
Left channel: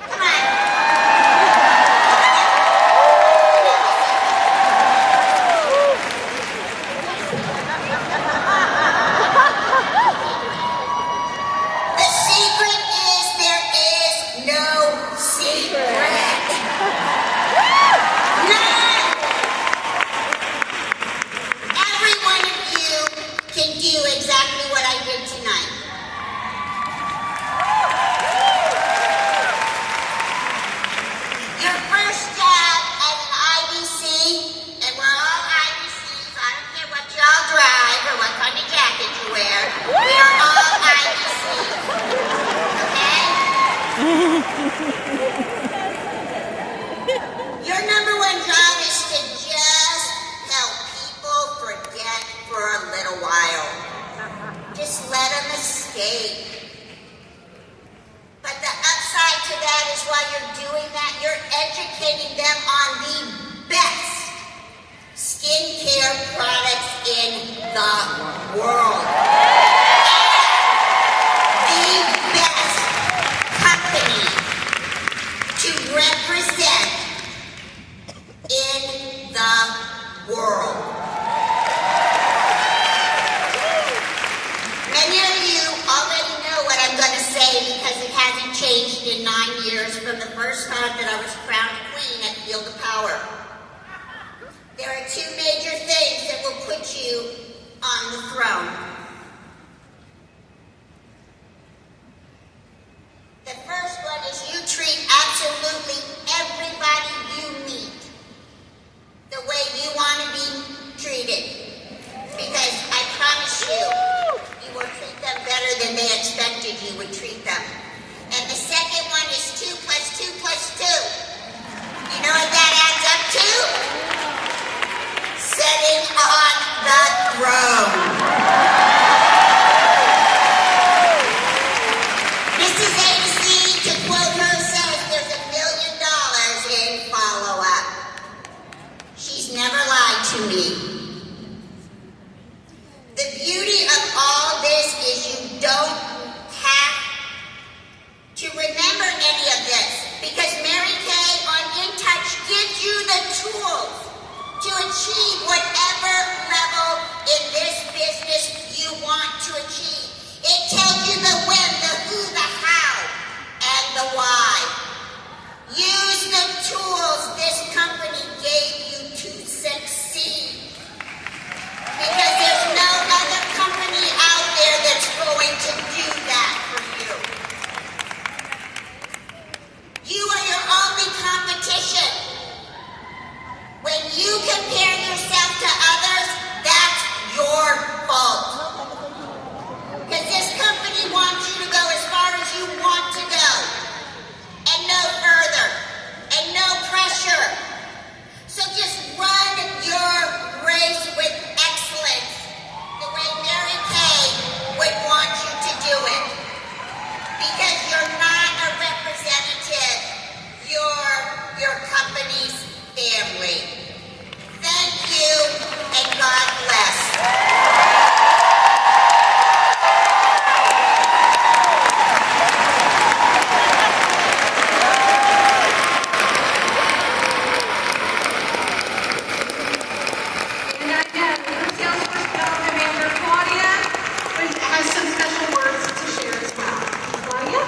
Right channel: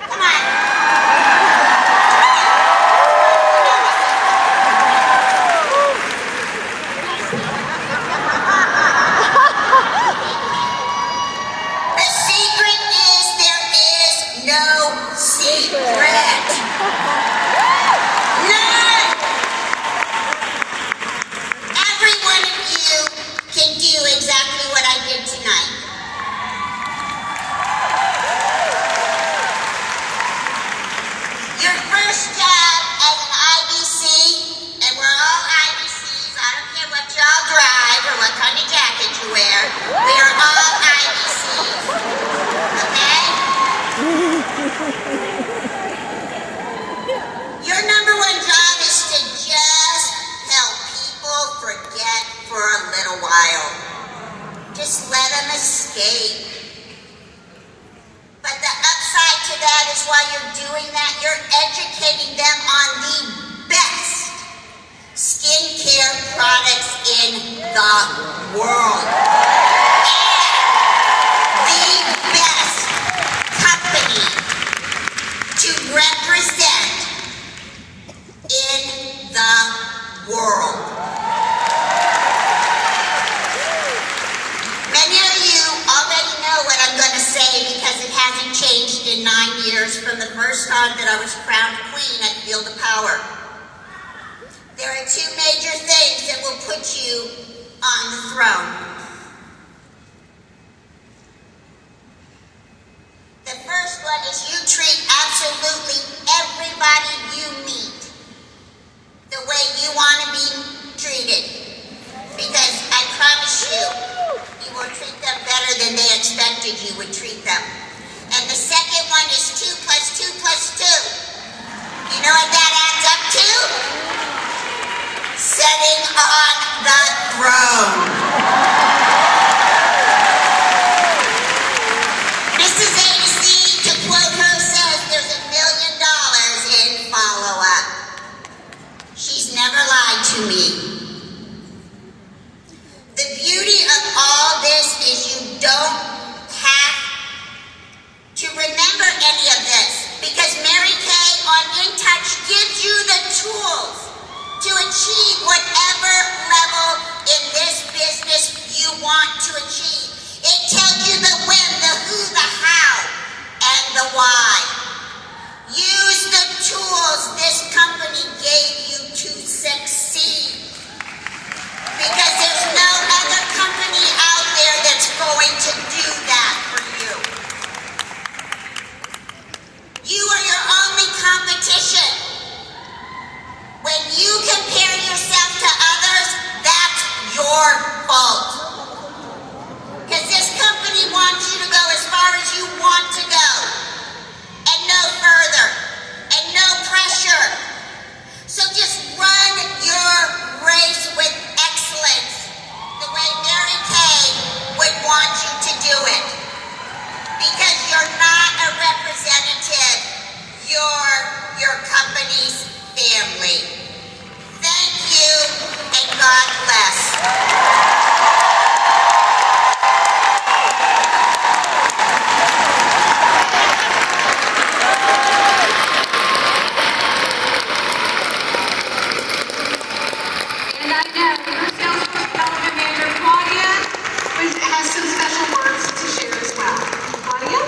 Come on. The secret is there is no secret. None. Every one of you can do exactly what I did tonight. Your first job as an IBC, and we're all IBCs, I don't care what y'all drive or what kind of jacket you wear, we are all IBCs, okay? Your number one job is to just help people forget for a little while. Just let them escape. But the upside to that is while you're doing that, you're educating them on the best skincare products in the world. The best company to represent in the world. Many of you already know what I'm going to say because it hasn't changed in 9 years from the first time that I was crowned queen at Field of Power. There are two major things that will put you on the throne. The first one is you treat absolutely everybody you meet the way you want to be treated. Because I promise you, you will treat them better than they expected you would treat them. And the second one is 2 + 2 + 2. You know what that adds up to? Sitting on the throne. Mrs. AC, to quote her, says there's $1 million in follow-up. She's never lied to me. The beauty of all this is you don't have to remember any of this because Mary Kay on InTouch gives you the tools to achieve whatever level in this business you want to achieve. It tells you the when, the who, the how, and the why. Use the tools this company gave you to succeed. Because there's no other company out there that's going to do that for you. You are your only competition. When you're your company's family. Thank you, and God bless. And I know your Salesforce Development Manager, Claudia, has some special words to share as well. Claudia?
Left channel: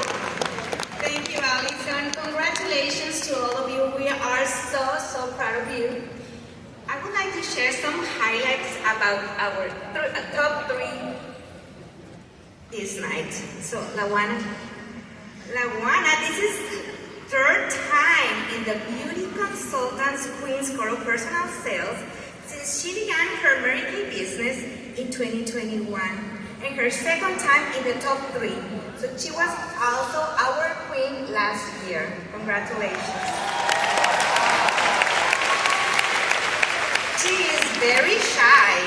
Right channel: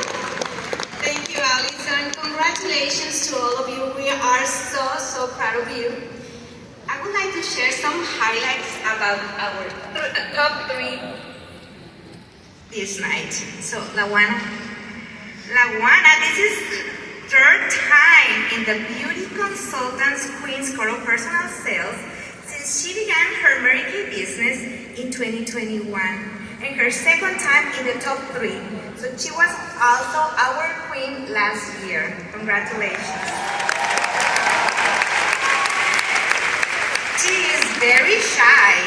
Thank you, Alison. Congratulations to all of you. We are so proud of you. I would like to share some highlights about our top 3 this night. So, Lawana, this is 3rd time in the Beauty Consultants Queen's Core of Personal Sales since she began her Mary Kay business in 2021, and her 2nd time in the top 3. So she was also our queen last year. Congratulations. She is very shy,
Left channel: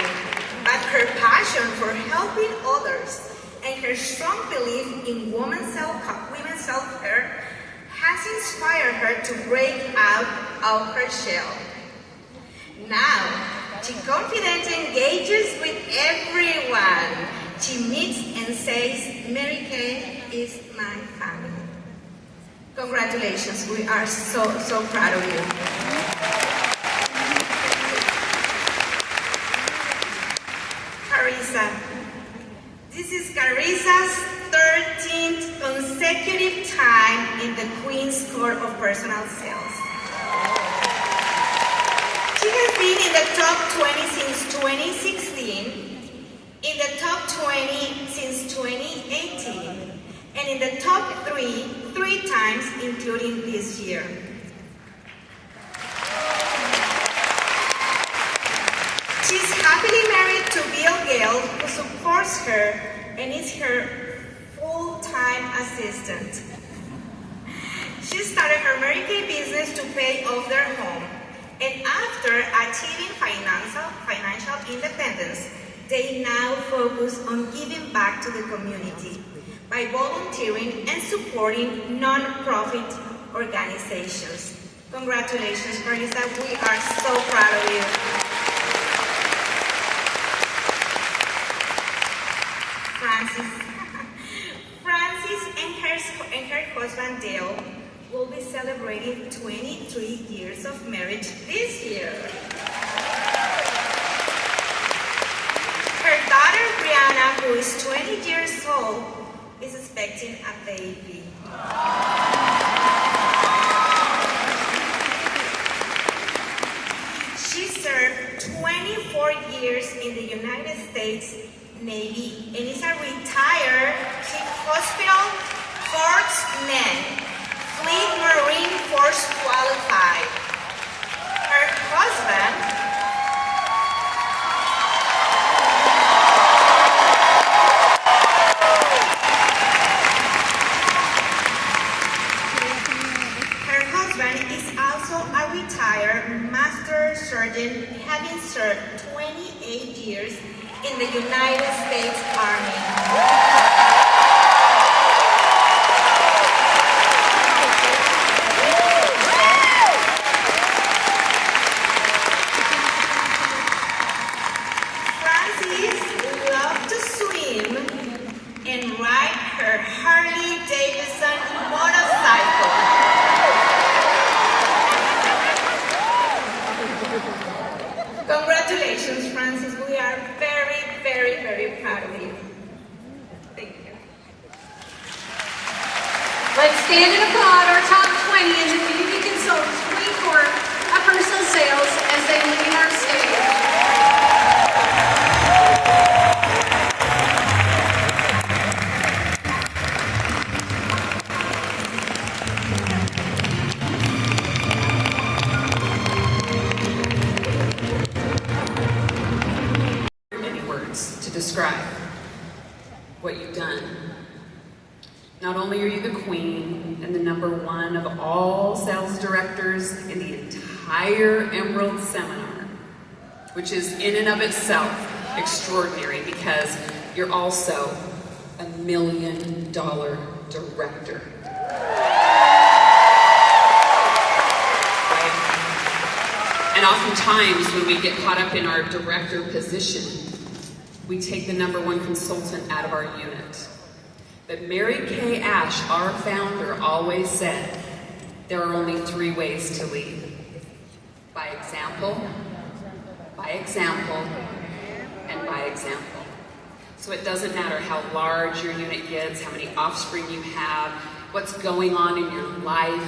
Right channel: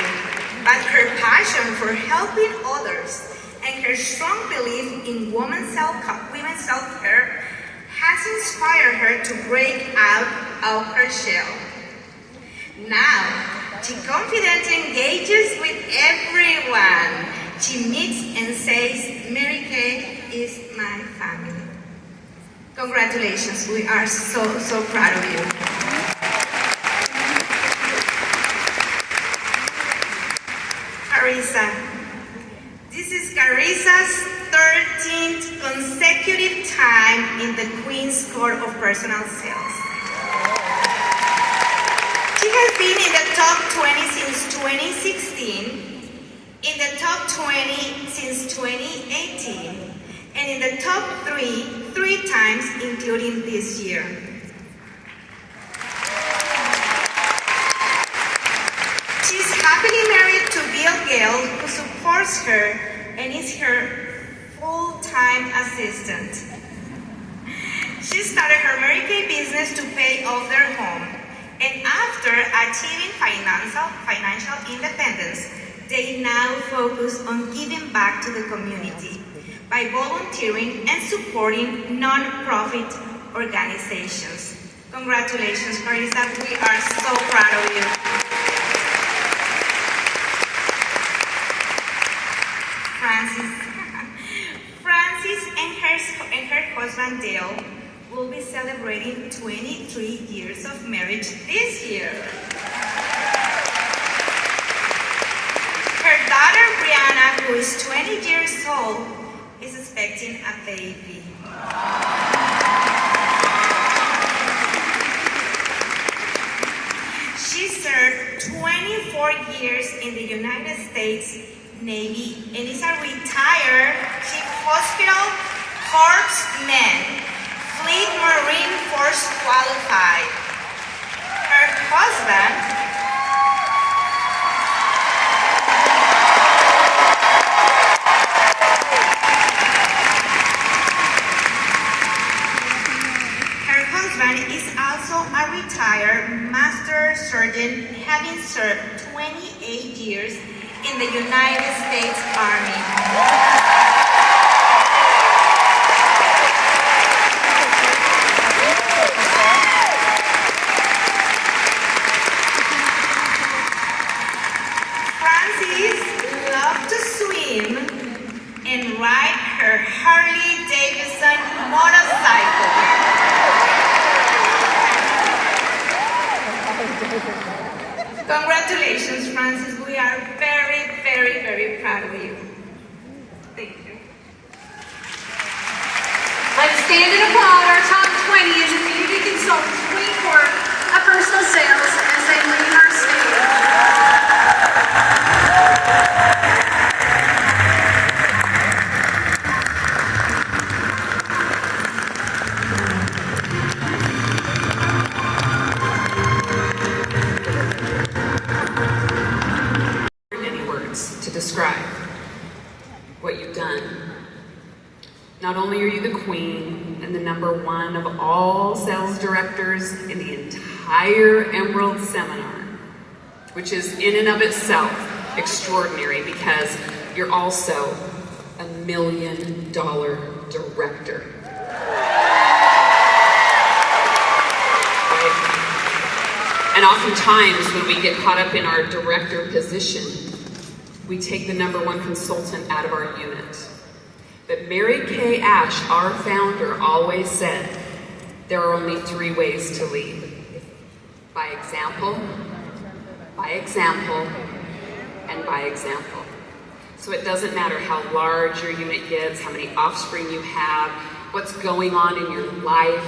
but her passion for helping others and her strong belief in women's self-care has inspired her to break out of her shell. Now, she confidently engages with everyone. She meets and says, Mary Kay is my family. Congratulations, we are so proud of you. Carissa. This is Carissa's 13th consecutive time in the Queen's Court of Personal Sales. She has been in the top 20 since 2016, in the top 20 since 2018, and in the top 3 times, including this year. She's happily married to Bill Gale, who supports her and is her full-time assistant. She started her Mary Kay business to pay off their home, and after achieving financial independence, they now focus on giving back to the community by volunteering and supporting non-profit organizations. Congratulations, Carissa. We are so proud of you. Francis and her husband Dale will be celebrating 23 years of marriage this year. Her daughter Brianna, who is 20 years old, is expecting a baby. She served 24 years in the United States Navy and is a retired Chief Hospital Corpsman, Fleet Marine Force qualified. Her husband, is also a retired Master Sergeant, having served 28 years in the United States Army. And ride her Harley Davidson motorcycle. Congratulations, Francis. We are very, very, very proud of you. Thank you. Let's stand and applaud our top 20 in the Beauty Consultants Queen Court of Personal Sales as they lead our stage. To describe what you've done. Not only are you the queen and the #1 of all sales directors in the entire Emerald Seminar, which is in and of itself extraordinary because you're also $1 million director. And oftentimes when we get caught up in our director position, we take the #1 consultant out of our unit. But Mary Kay Ash, our founder, always said, there are only 3 ways to lead. By example, and by example. So it doesn't matter how large your unit gets, how many offspring you have, what's going on in your life,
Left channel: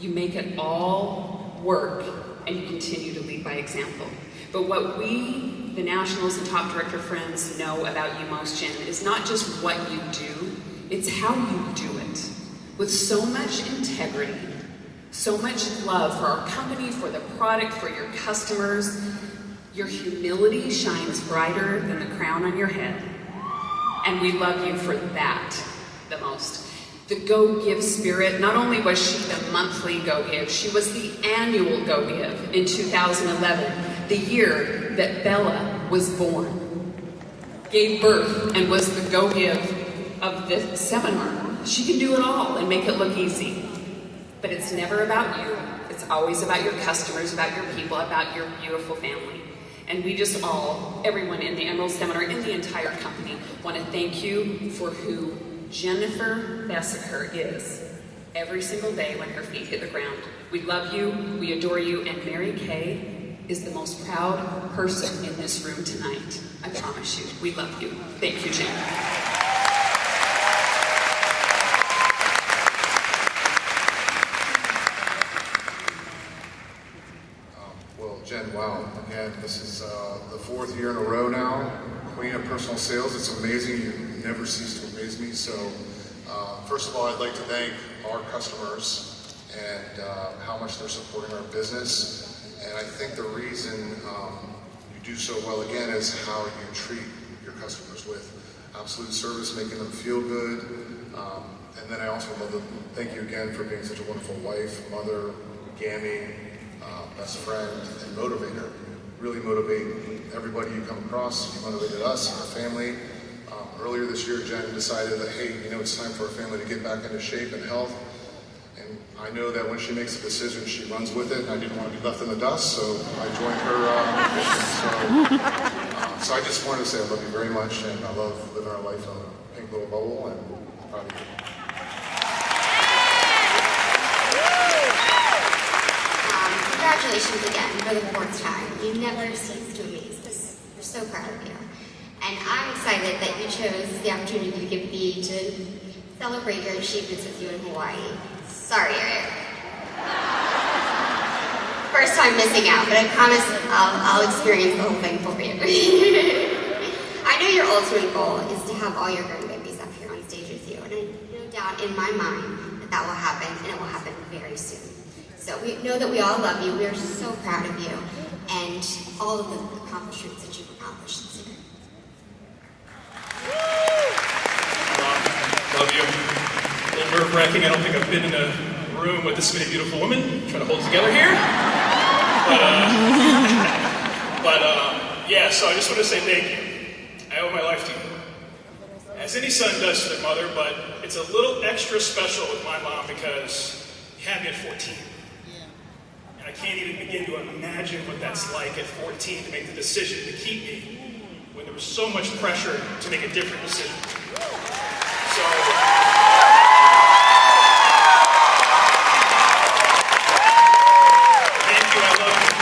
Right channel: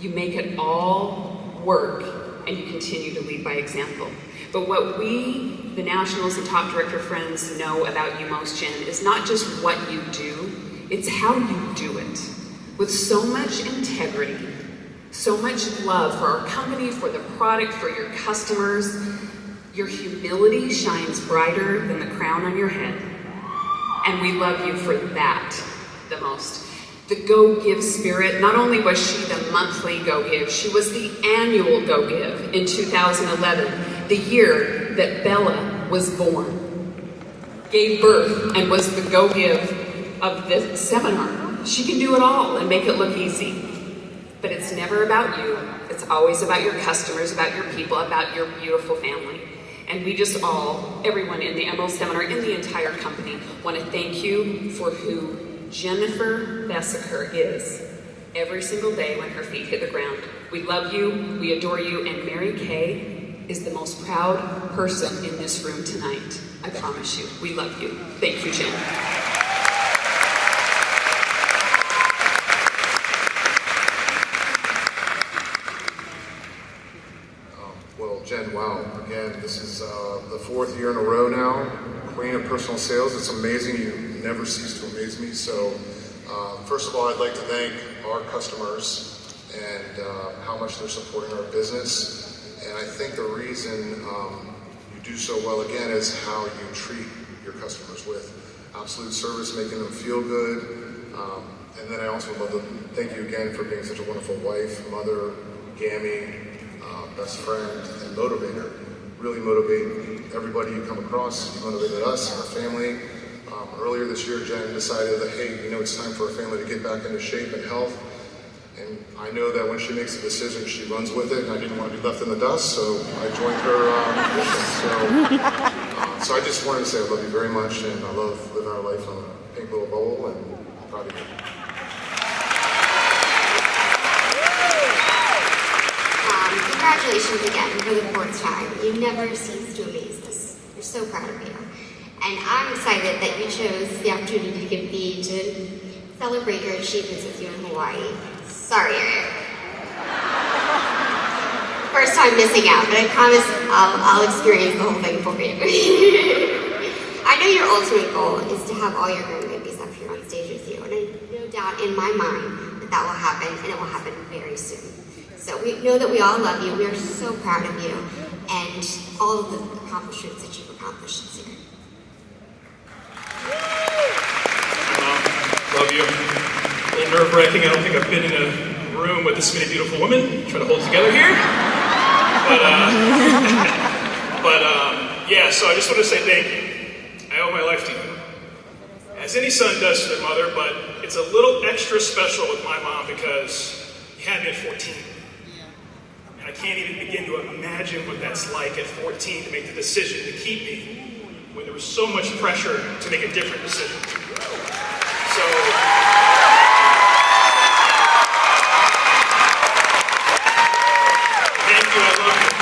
you make it all work and you continue to lead by example. But what we, the Nationals and Top Director friends, know about you most, Jen, is not just what you do, it's how you do it. With so much integrity, so much love for our company, for the product, for your customers. Your humility shines brighter than the crown on your head. And we love you for that the most. The Go Give spirit, not only was she the monthly Go Give, she was the annual Go Give in 2011, the year that Bella was born. Gave birth and was the Go Give of the seminar. She can do it all and make it look easy. But it's never about you. It's always about your customers, about your people, about your beautiful family. And we just all, everyone in the Emerald Seminar, in the entire company, want to thank you for who Jennifer Bessaker is every single day when her feet hit the ground. We love you, we adore you, and Mary Kay is the most proud person in this room tonight. I promise you. We love you. Thank you, Jen. Well, Jen, wow. Again, this is the 4th year in a row now. Queen of personal sales. It's amazing. You never cease to amaze me. So, first of all, I'd like to thank our customers and how much they're supporting our business. And I think the reason you do so well, again, is how you treat your customers with absolute service, making them feel good. And then I also love to thank you again for being such a wonderful wife, mother, gammy, best friend, and motivator. Really motivate everybody you come across. You motivated us and our family. Earlier this year, Jen decided that, hey, it's time for our family to get back into shape and health. And I know that when she makes a decision, she runs with it, and I didn't want to be left in the dust, so I joined her. So I just wanted to say I love you very much, and I love living our life in a pink little bowl, and I'm proud of you. Congratulations again for the 4th time. You never cease to amaze us. We're so proud of you. And I'm excited that you chose the opportunity to give B to celebrate your achievements with you in Hawaii. Sorry, Eric. First time missing out, but I promise I'll experience the whole thing for you. I know your ultimate goal is to have all your grandbabies up here on stage with you, and I have no doubt in my mind that will happen, and it will happen very soon. So we know that we all love you. We are so proud of you and all of the accomplishments that you've accomplished this year. Love you. A little nerve-wracking. I don't think I've been in a room with this many beautiful women trying to hold it together here. Yeah, so I just want to say thank you. I owe my life to you. As any son does to their mother, but it's a little extra special with my mom because you had me at 14. I can't even begin to imagine what that's like at 14 to make the decision to keep me when there was so much pressure to make a different decision. So, thank you, I love you.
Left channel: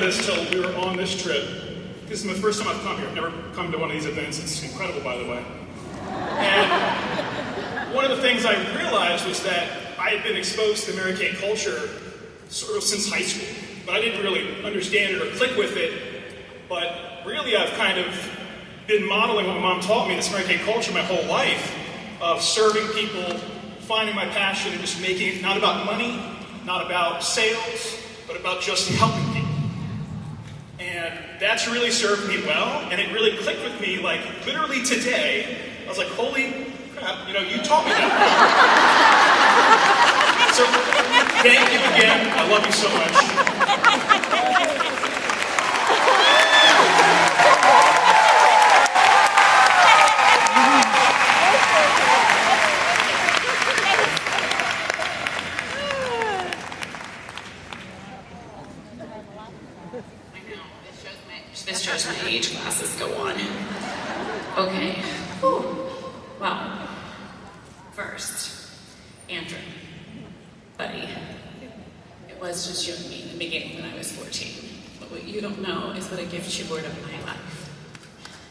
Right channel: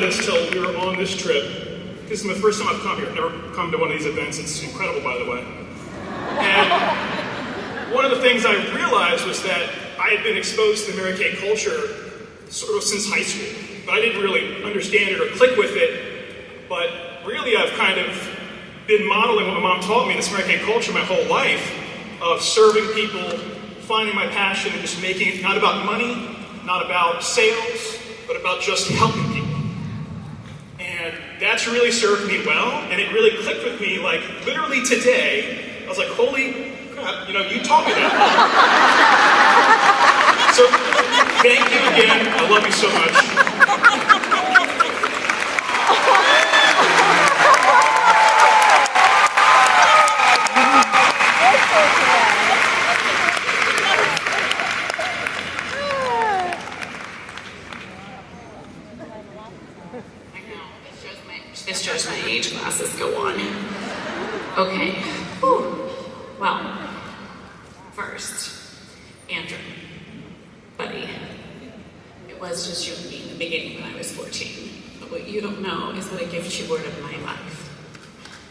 Until we were on this trip. This is my first time I've come here. I've never come to one of these events. It's incredible, by the way. And one of the things I realized was that I had been exposed to the Mary Kay culture sort of since high school, but I didn't really understand it or click with it. But really, I've kind of been modeling what my mom taught me, this Mary Kay culture, my whole life, of serving people, finding my passion, and just making it not about money, not about sales, but about just helping people. And that's really served me well, and it really clicked with me, like, literally today, I was like, holy crap, you taught me that. So, thank you again. I love you so much. This shows my age glasses go on. Okay. Whew. Well, first, Andrew, buddy, it was just you and me in the beginning when I was 14. But what you don't know is what a gift you were to my life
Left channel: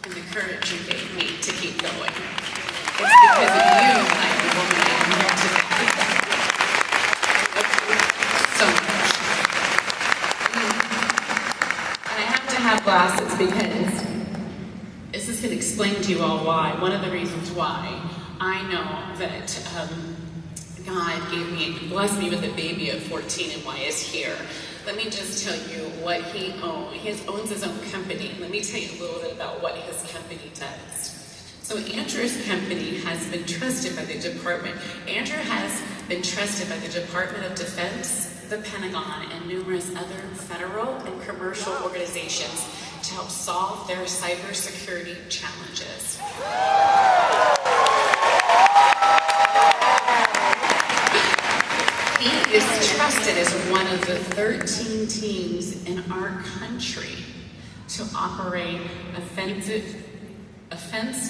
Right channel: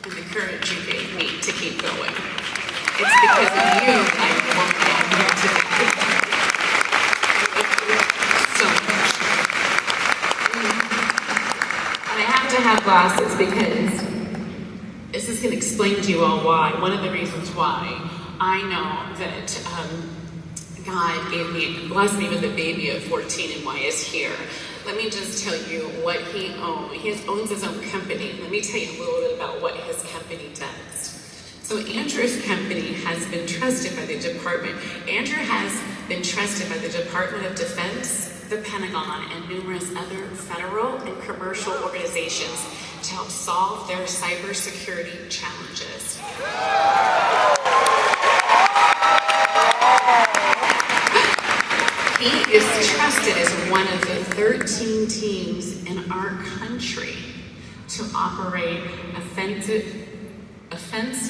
and the courage you gave me to keep going. It's because of you that I am woman I am here today. So much. I have to have glasses because this is going to explain to you all why. One of the reasons why I know that God blessed me with a baby at 14 and why he's here. Let me just tell you what he owns. He owns his own company. Let me tell you a little bit about what his company does. So Andrew's company has been trusted by the department. Andrew has been trusted by the Department of Defense, the Pentagon, and numerous other federal and commercial organizations to help solve their cybersecurity challenges. He is trusted as one of the 13 teams in our country to operate offense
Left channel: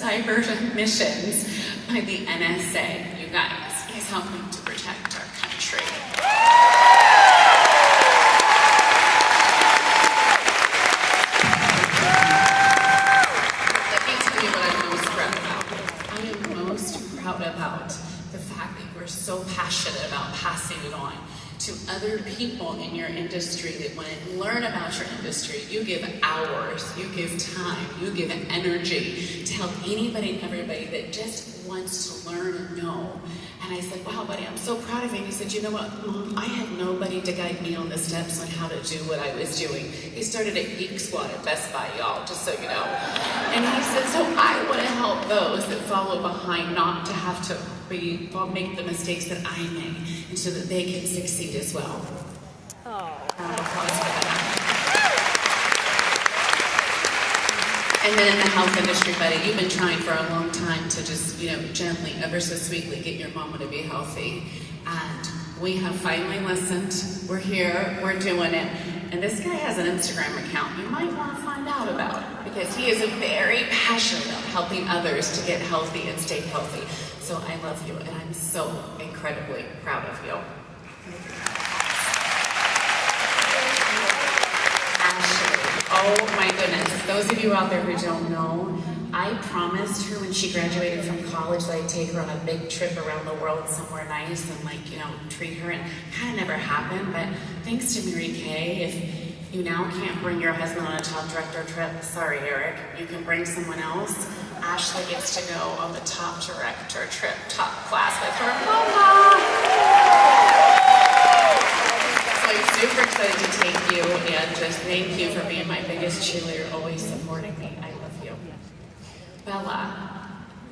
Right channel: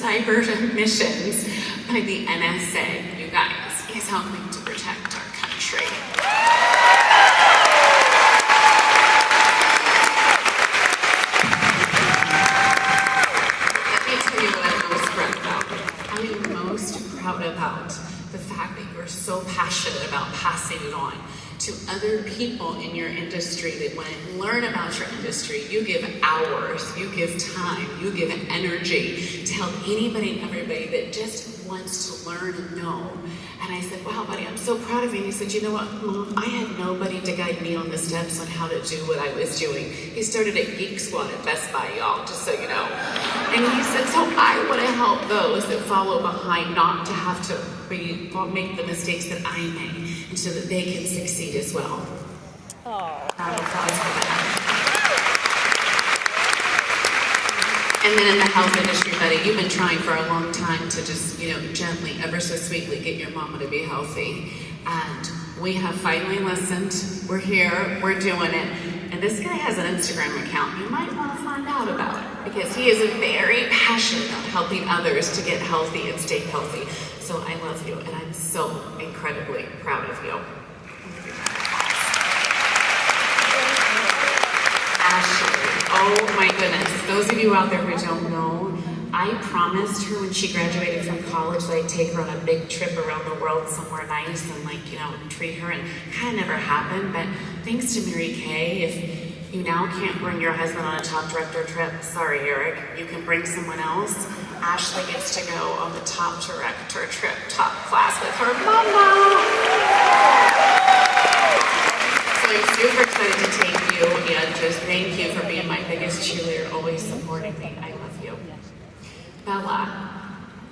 cyber missions by the NSA. You guys, he's helping to protect our country. About the fact that you're so passionate about passing it on to other people in your industry that want to learn about your industry. You give hours, you give time, you give energy to help anybody and everybody that just wants to learn and know. And I said, wow, buddy, I'm so proud of you. And he said, you know what, Mom, I had nobody to guide me on the steps on how to do what I was doing. He started at Geek Squad at Best Buy, y'all, just so you know. And he said, so I want to help those that follow behind not to have to make the mistakes that I made, and so that they can succeed as well. And then in the health industry, buddy, you've been trying for a long time to just, gently, ever so sweetly get your mama to be healthy. And we have finally listened. We're here, we're doing it. And this guy has an Instagram account you might want to find out about, because he is very passionate about helping others to get healthy and stay healthy. So I love you, and I'm so incredibly proud of you. Ashley, oh my goodness. Those of you out there who don't know, I promised her when she graduated from college that I'd take her on a big trip around the world somewhere nice and treat her, and it kind of never happened, but thanks to Mary Kay, if you now can't bring your husband on a top director trip, sorry Eric, you can bring someone else. Ashley gets to go on the top director trip, top class with her mama. So I'm super excited to take you, and just thank you for being my biggest cheerleader, always supporting me. I love you. Bella,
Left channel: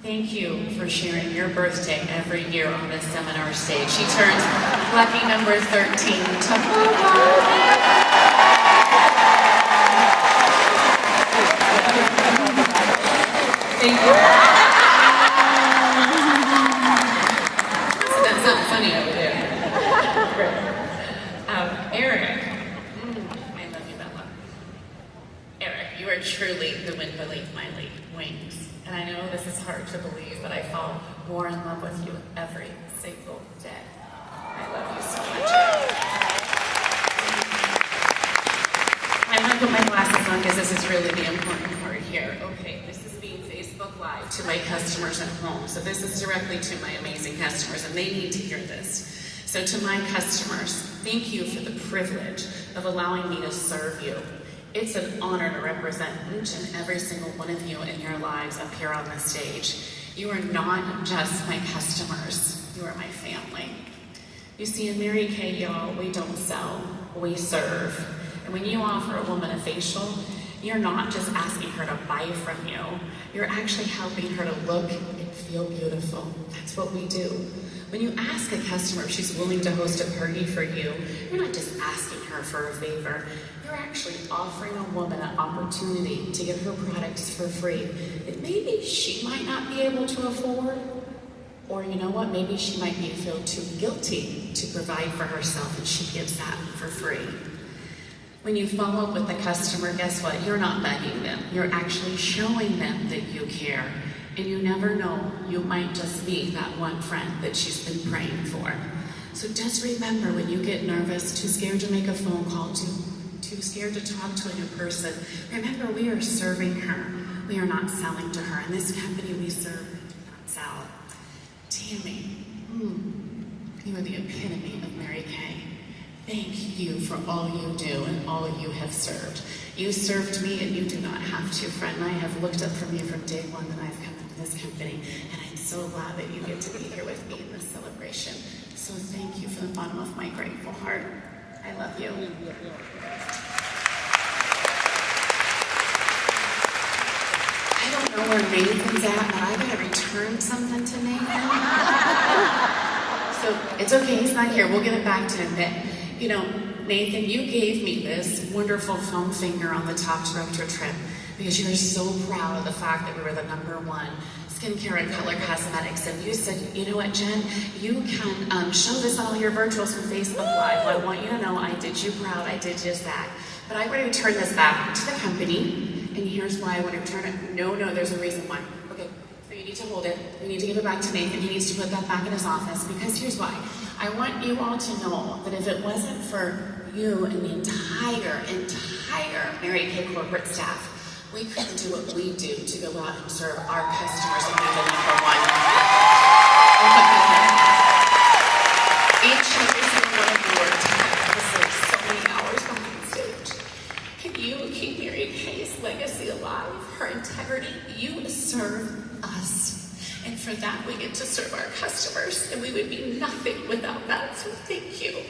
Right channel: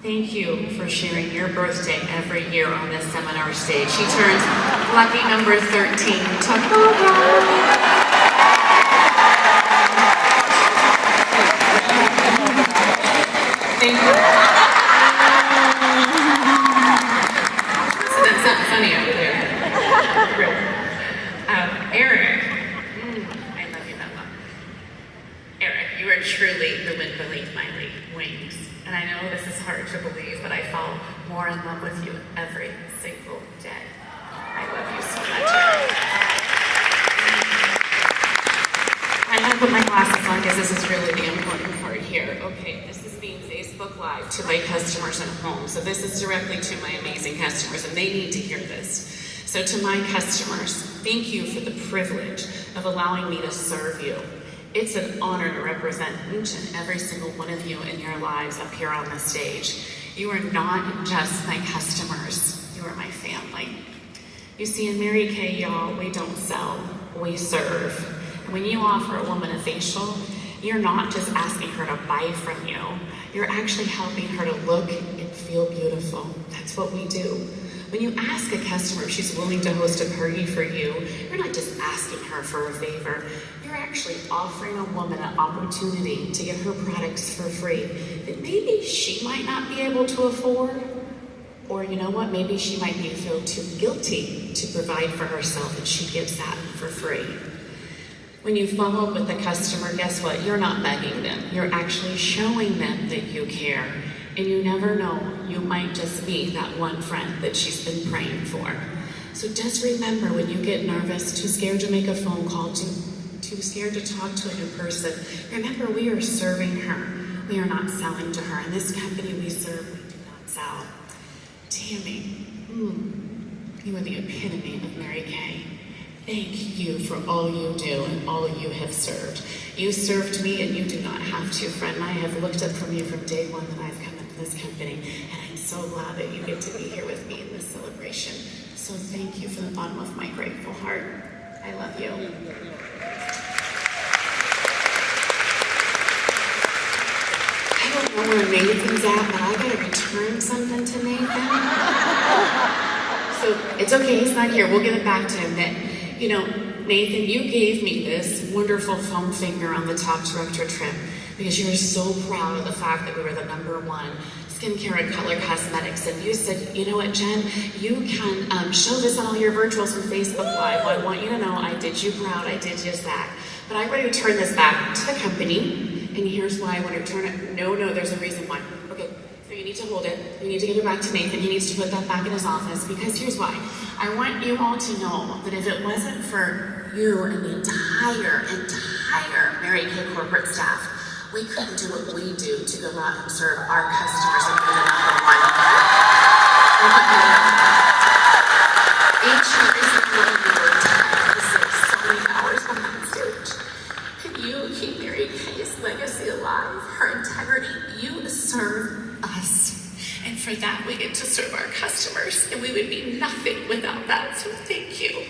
thank you for sharing your birthday every year on this seminar stage. She turns lucky number 13. Thank you. So that's not funny over there. Eric, I love you, Bella. Eric, you are truly the wind beneath my wings. And I know this is hard to believe, but I fall more in love with you every single day. I love you so much, Eric. I have to put my glasses on because this is really the important part here. Okay, this is being Facebook Live to my customers at home. So this is directly to my amazing customers, and they need to hear this. So to my customers, thank you for the privilege of allowing me to serve you. It's an honor to represent each and every single one of you in your lives up here on the stage. You are not just my customers, you are my family. You see, in Mary Kay, y'all, we don't sell, we serve. And when you offer a woman a facial, you're not just asking her to buy from you, you're actually helping her to look and feel beautiful. That's what we do. when you ask a customer if she's willing to host a party for you, you're not just asking her for a favor. You're actually offering a woman an opportunity to get her products for free that maybe she might not be able to afford. Or you know what, maybe she might feel too guilty to provide for herself and she gives that for free. When you follow up with the customer, guess what? You're not begging them. You're actually showing them that you care. And you never know, you might just be that one friend that she's been praying for. So just remember, when you get nervous, too scared to make a phone call, too scared to talk to her in person, remember we are serving her. We are not selling to her. In this company we serve, we do not sell. Tammy, you are the epitome of Mary Kay. Thank you for all you do and all you have served. You served me and you do not have to, friend. I have looked up from you from day one that I've come into this company, and I'm so glad that you get to be here with me in this celebration. So thank you from the bottom of my grateful heart. I love you. I don't know where Nathan's at, but I gotta return something to Nathan. So it's okay, he's not here. We'll give it back to him. But, you know, Nathan, you gave me this wonderful foam finger on the top director trim because you were so proud of the fact that we were the #1 skincare and color cosmetics. And you said, you know what, Jen, you can show this on all your virtuals and Facebook Live. Well, I want you to know I did you proud. I did just that. But I want to return this back to the company. And here's why I want to return it. No, there's a reason why. Okay, so you need to hold it. You need to give it back to Nathan. He needs to put that back in his office because here's why. I want you all to know that if it wasn't for you and the entire Mary Kay corporate staff, we couldn't do what we do to go out and serve our customers and be the #1. Each and every one of you are tirelessly so many hours behind stage. Can you keep Mary Kay's legacy alive, her integrity? You serve us. And for that, we get to serve our customers, and we would be nothing without that. So thank you.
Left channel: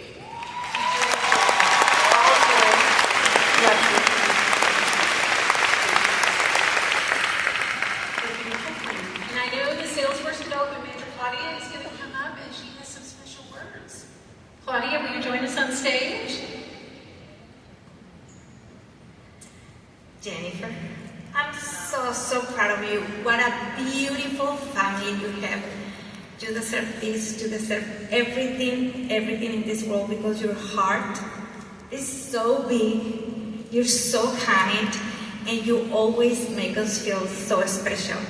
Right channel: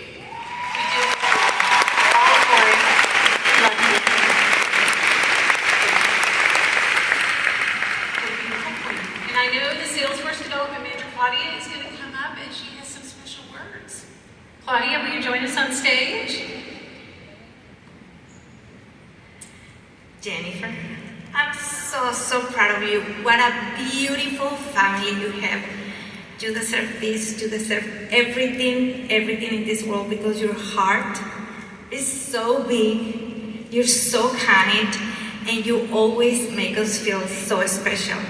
And I know the Salesforce Development Manager, Claudia, is going to come up and she has some special words. Claudia, will you join us on stage? Jennifer, I'm so proud of you. What a beautiful family you have. You deserve this. You deserve everything in this world because your heart is so big. You're so kind, and you always make us feel so special.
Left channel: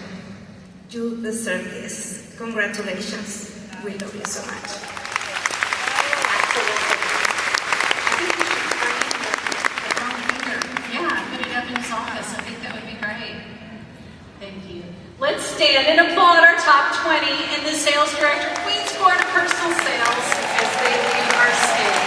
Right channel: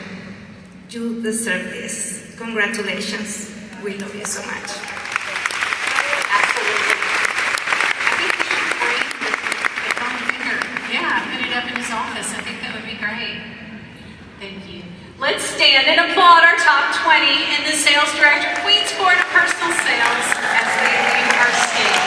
You deserve this. Congratulations. We love you so much. Office. I think that would be great. Thank you. Let's stand and applaud our top 20 and the sales director, Queen's Court of Personal Sales, as they leave our stage.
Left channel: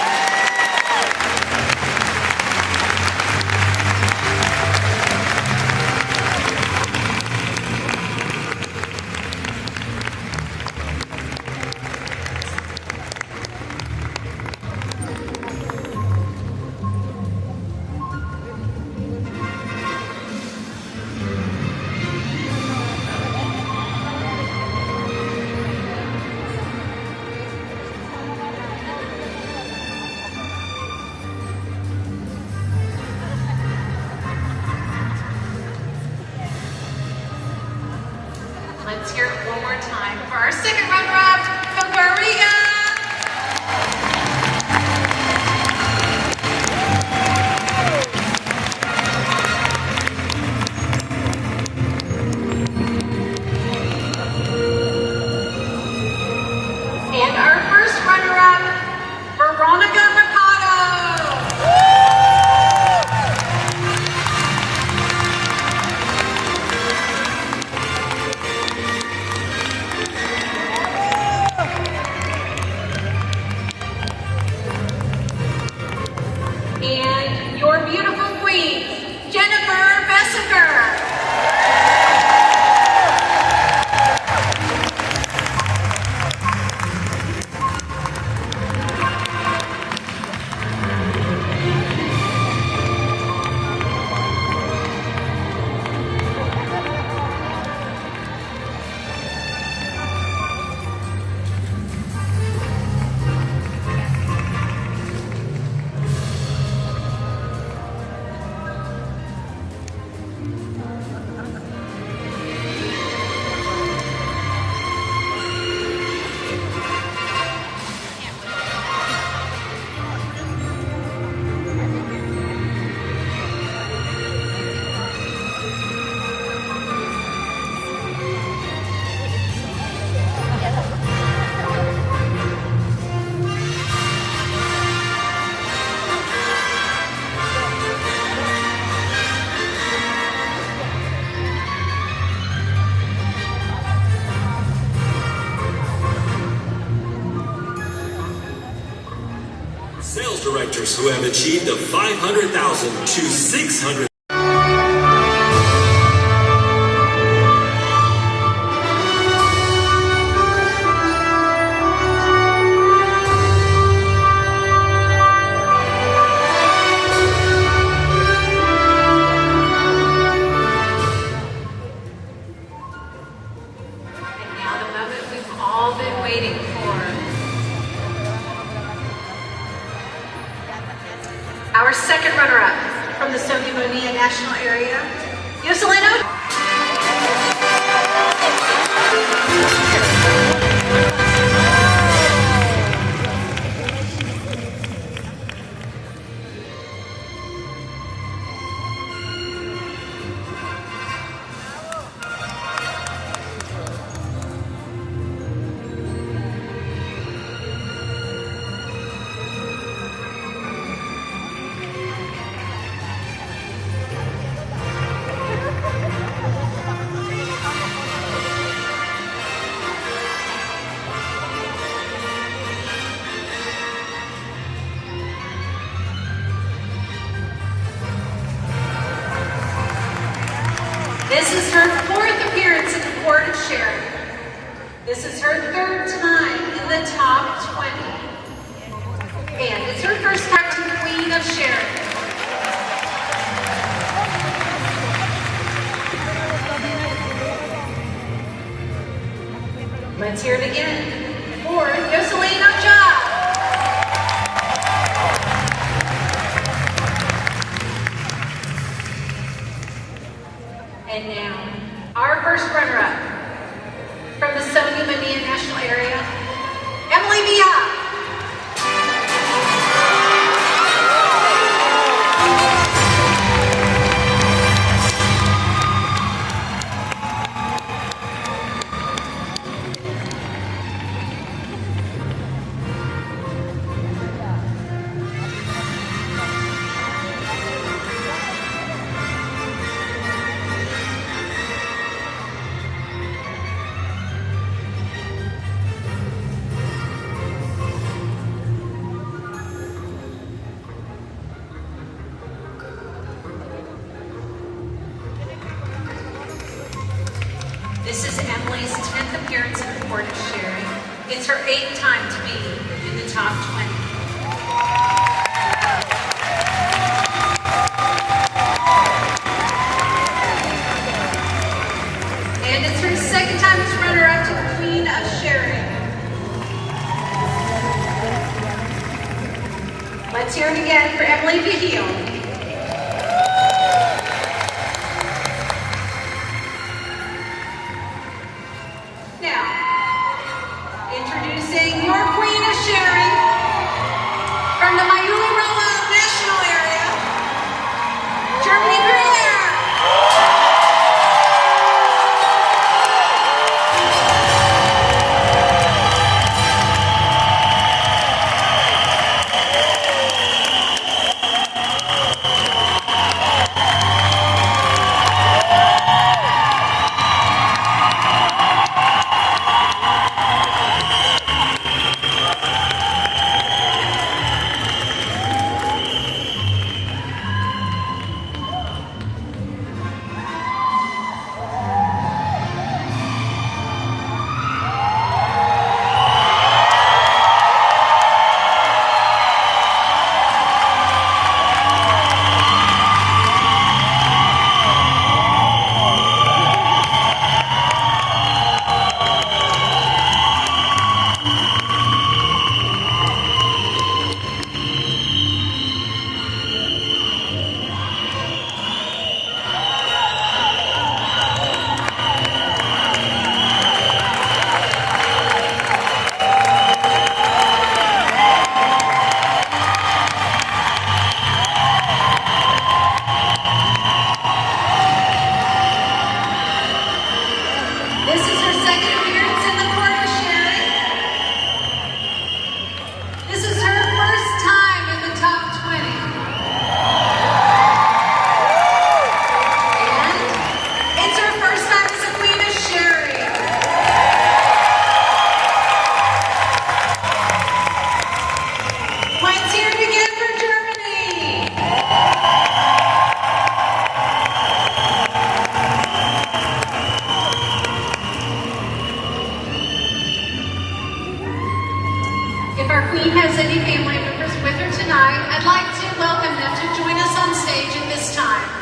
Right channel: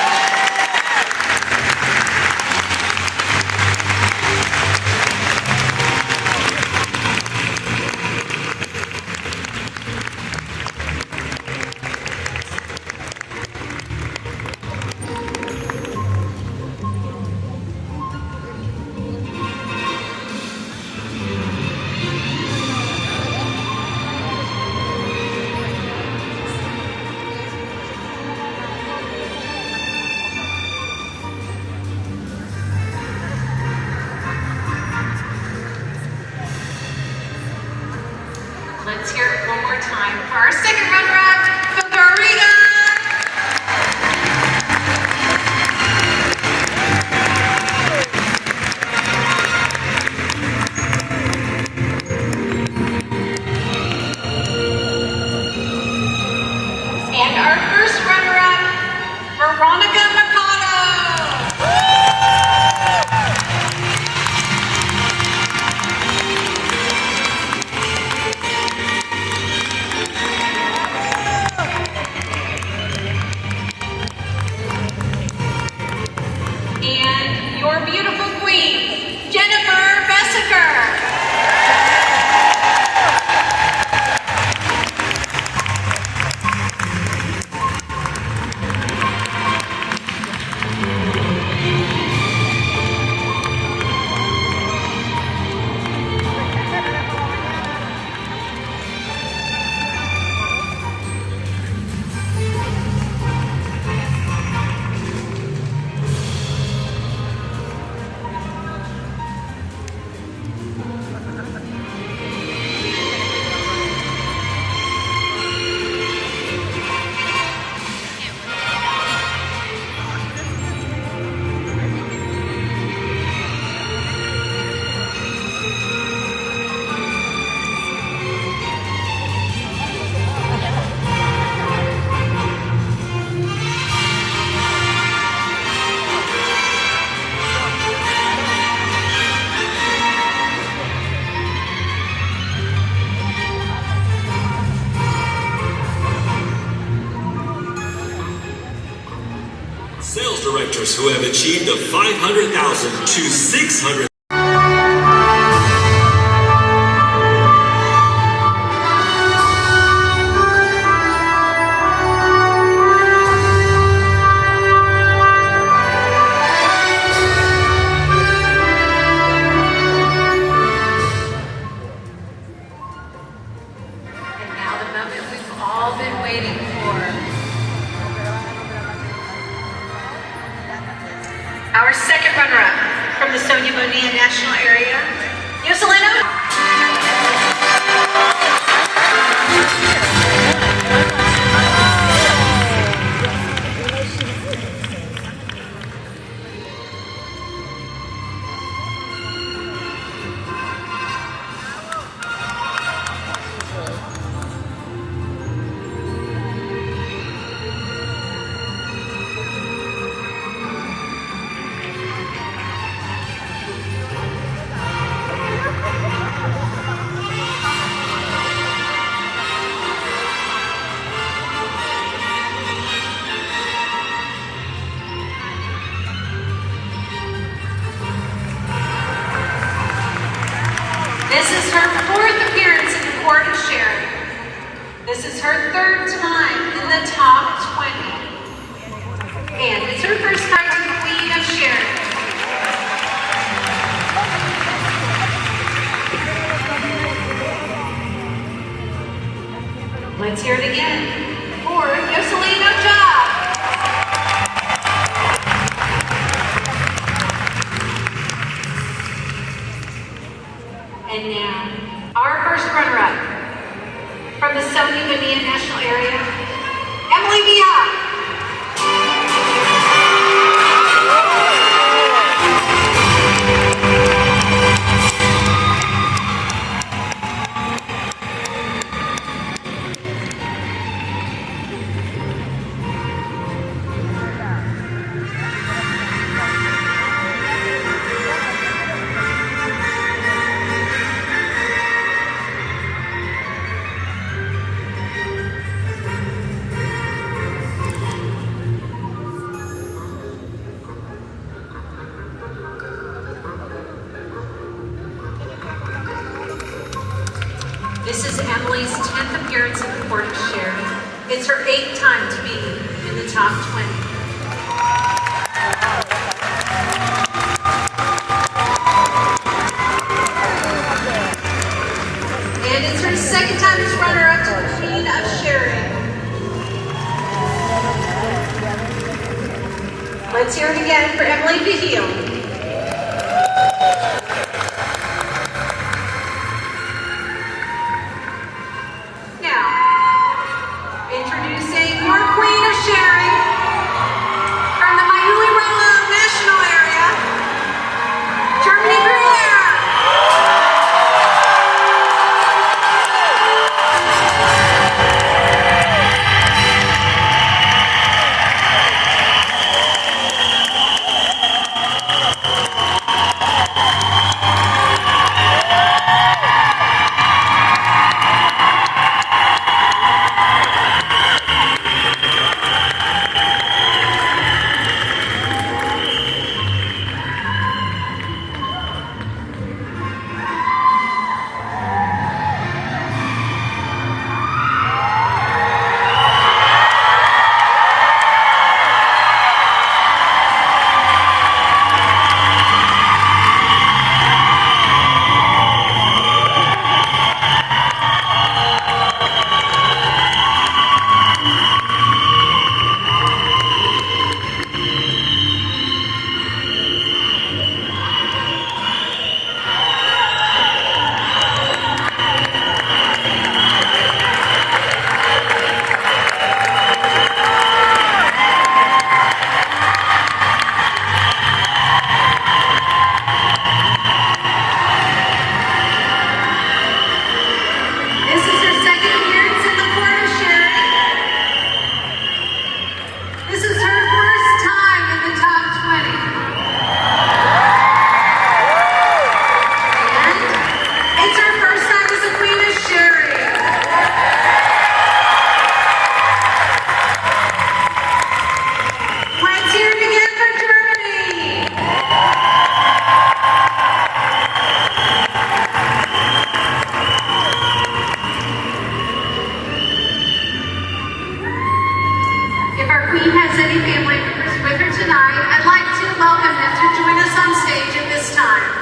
Let's hear it one more time for our second runner-up, Fabariga. And our first runner-up, Veronica Mercado. runners who have achieved a 500,000 to 600. Our second runner-up from the Sonia Bonilla National Area, Yoselino. This is her fourth appearance in the Court of Sharing. This is her third time in the top 20. And it's her first time to the Queen of Sharing. Let's hear it again for Yoselino Job. And now, our first runner-up from the Sonia Bonilla National Area, Emily Villa. This is Emily's 10th appearance in the Court of Sharing. It's her 8th time to be in the top 20. And it's her second time as runner-up to the Queen of Sharing. Let's hear it again for Emily Vigil. Introducing your Queen of Sharing from the Mayuli-Rolo National Area, Jeremy Greer. our queen has any family members with her tonight, I'd like to welcome them to join us on stage at this time.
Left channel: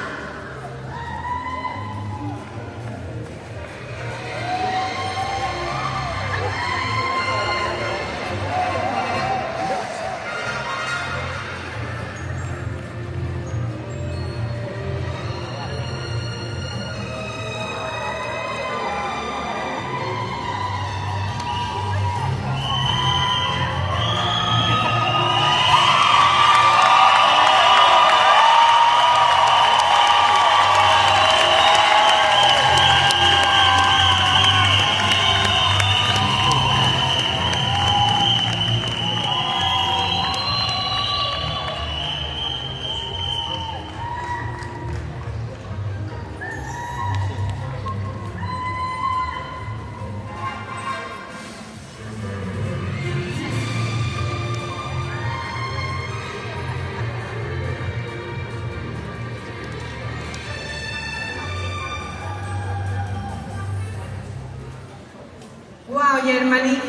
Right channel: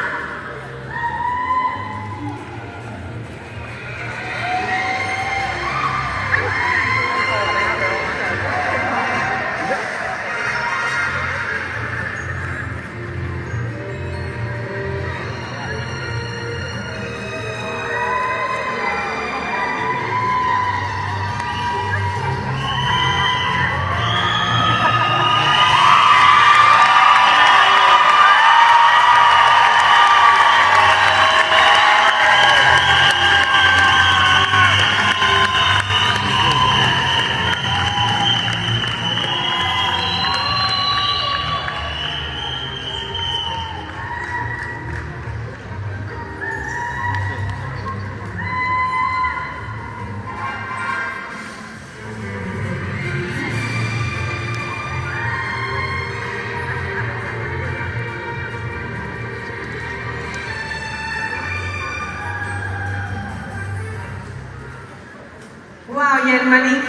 Wow, Germany.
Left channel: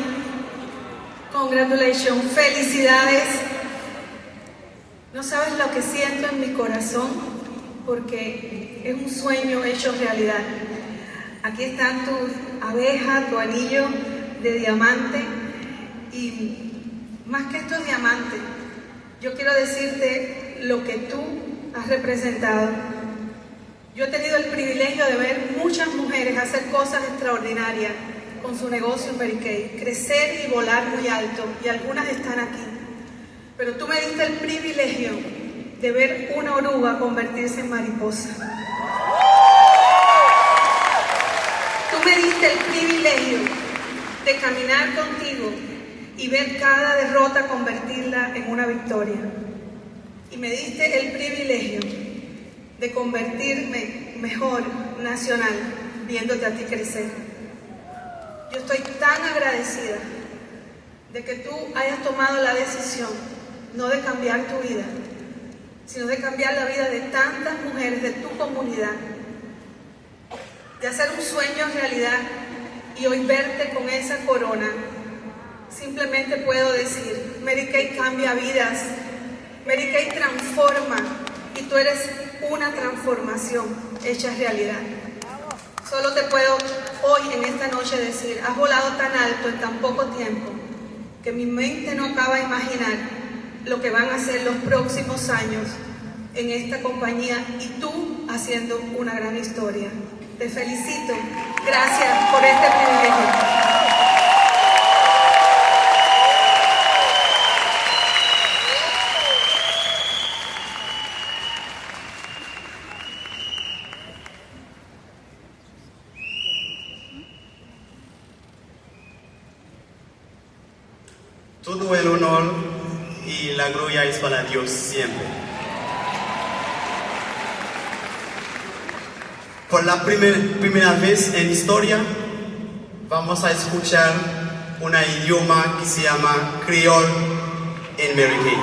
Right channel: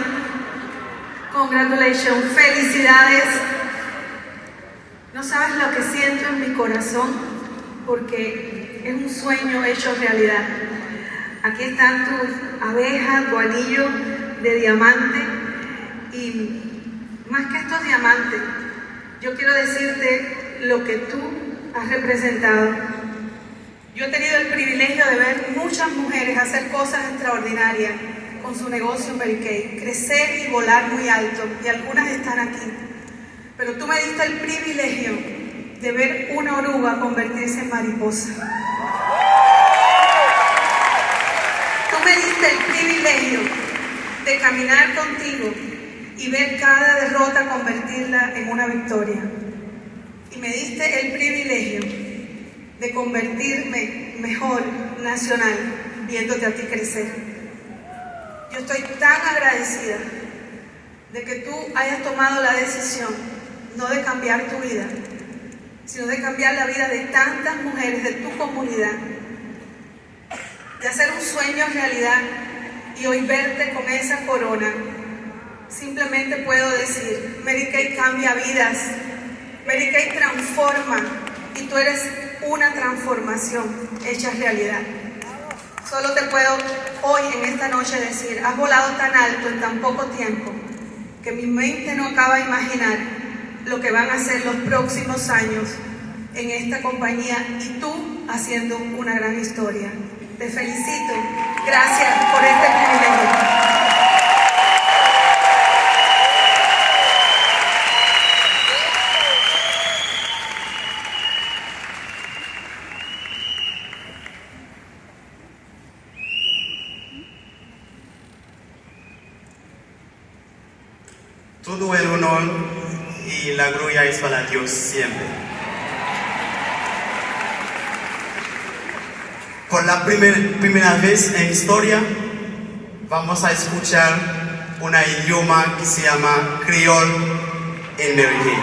Congratulations, felicidades. No sabes lo que siento en mi corazón porque es un sueño hecho realidad. Aquí están tus abejas, tu anillo de diamante y más que estos diamantes, yo quiero decirte lo que tú has representado. Yo he tenido el privilegio de ver muchas mujeres hacer cosas extraordinarias con su negocio Mary Kay, crecer y volar muy alto, y algunas están aquí. Pero tú me diste el privilegio de ver una oruga convertirse en mariposa. Tú me diste el privilegio de caminar contigo y ver cada derrota convertirla en una victoria. Y me diste el privilegio de convertirme mejor nacional viéndote a ti crecer. Yo estoy tan agradecida de que tú hayas tomado la decisión no de cambiar tu vida, sino de cambiar la vida de tantas mujeres de tu comunidad, de hacer un sueño realidad y hoy verte con esa corona. Simplemente puedo decir, Mary Kay cambia vidas, Mary Kay transforma y tú eres una transformación hecha realidad. Solo te puedo hoy en esta noche decir, has volado tan alto en tan poco tiempo que mi mente no acaba de imaginar lo que van a ser los próximos años en esta compañía y tú haciendo una gran historia. Te felicito. Gracias por este privilegio. Todo el honor y la gloria es para Dios siempre. Por la primera vez en historia vamos a escuchar un idioma que se llama Creole en Mary Kay.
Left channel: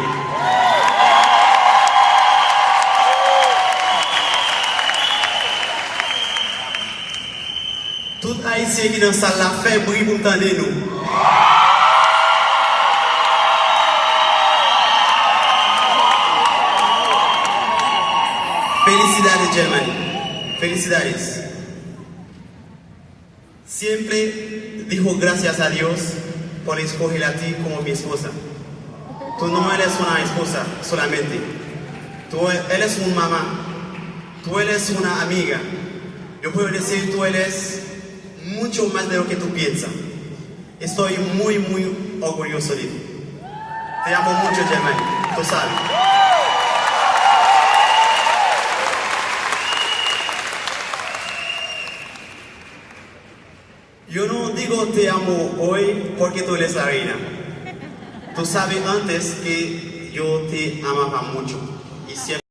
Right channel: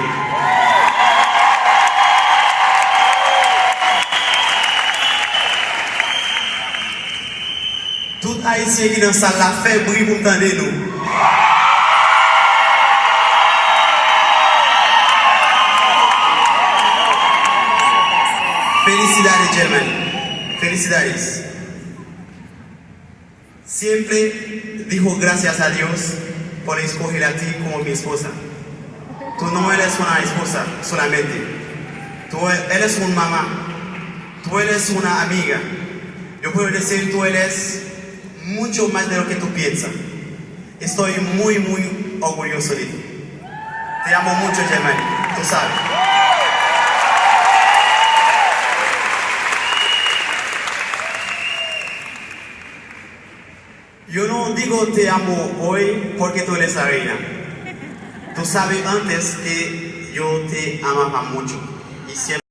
Tout haïtien qui dans salle la fait bruit pour entendre nous. Felicidades, Germany. Felicidades. Siempre dijo gracias a Dios por escoger a ti como mi esposa. Tú no eres una esposa solamente. Tú eres una mamá. Tú eres una amiga. Yo puedo decir tú eres mucho más de lo que tú piensas. Estoy muy, muy orgulloso de ti. Te amo mucho, Germany. Tú sabes. Yo no digo te amo hoy porque tú eres la reina. Tú sabes antes que yo te amaba mucho y siempre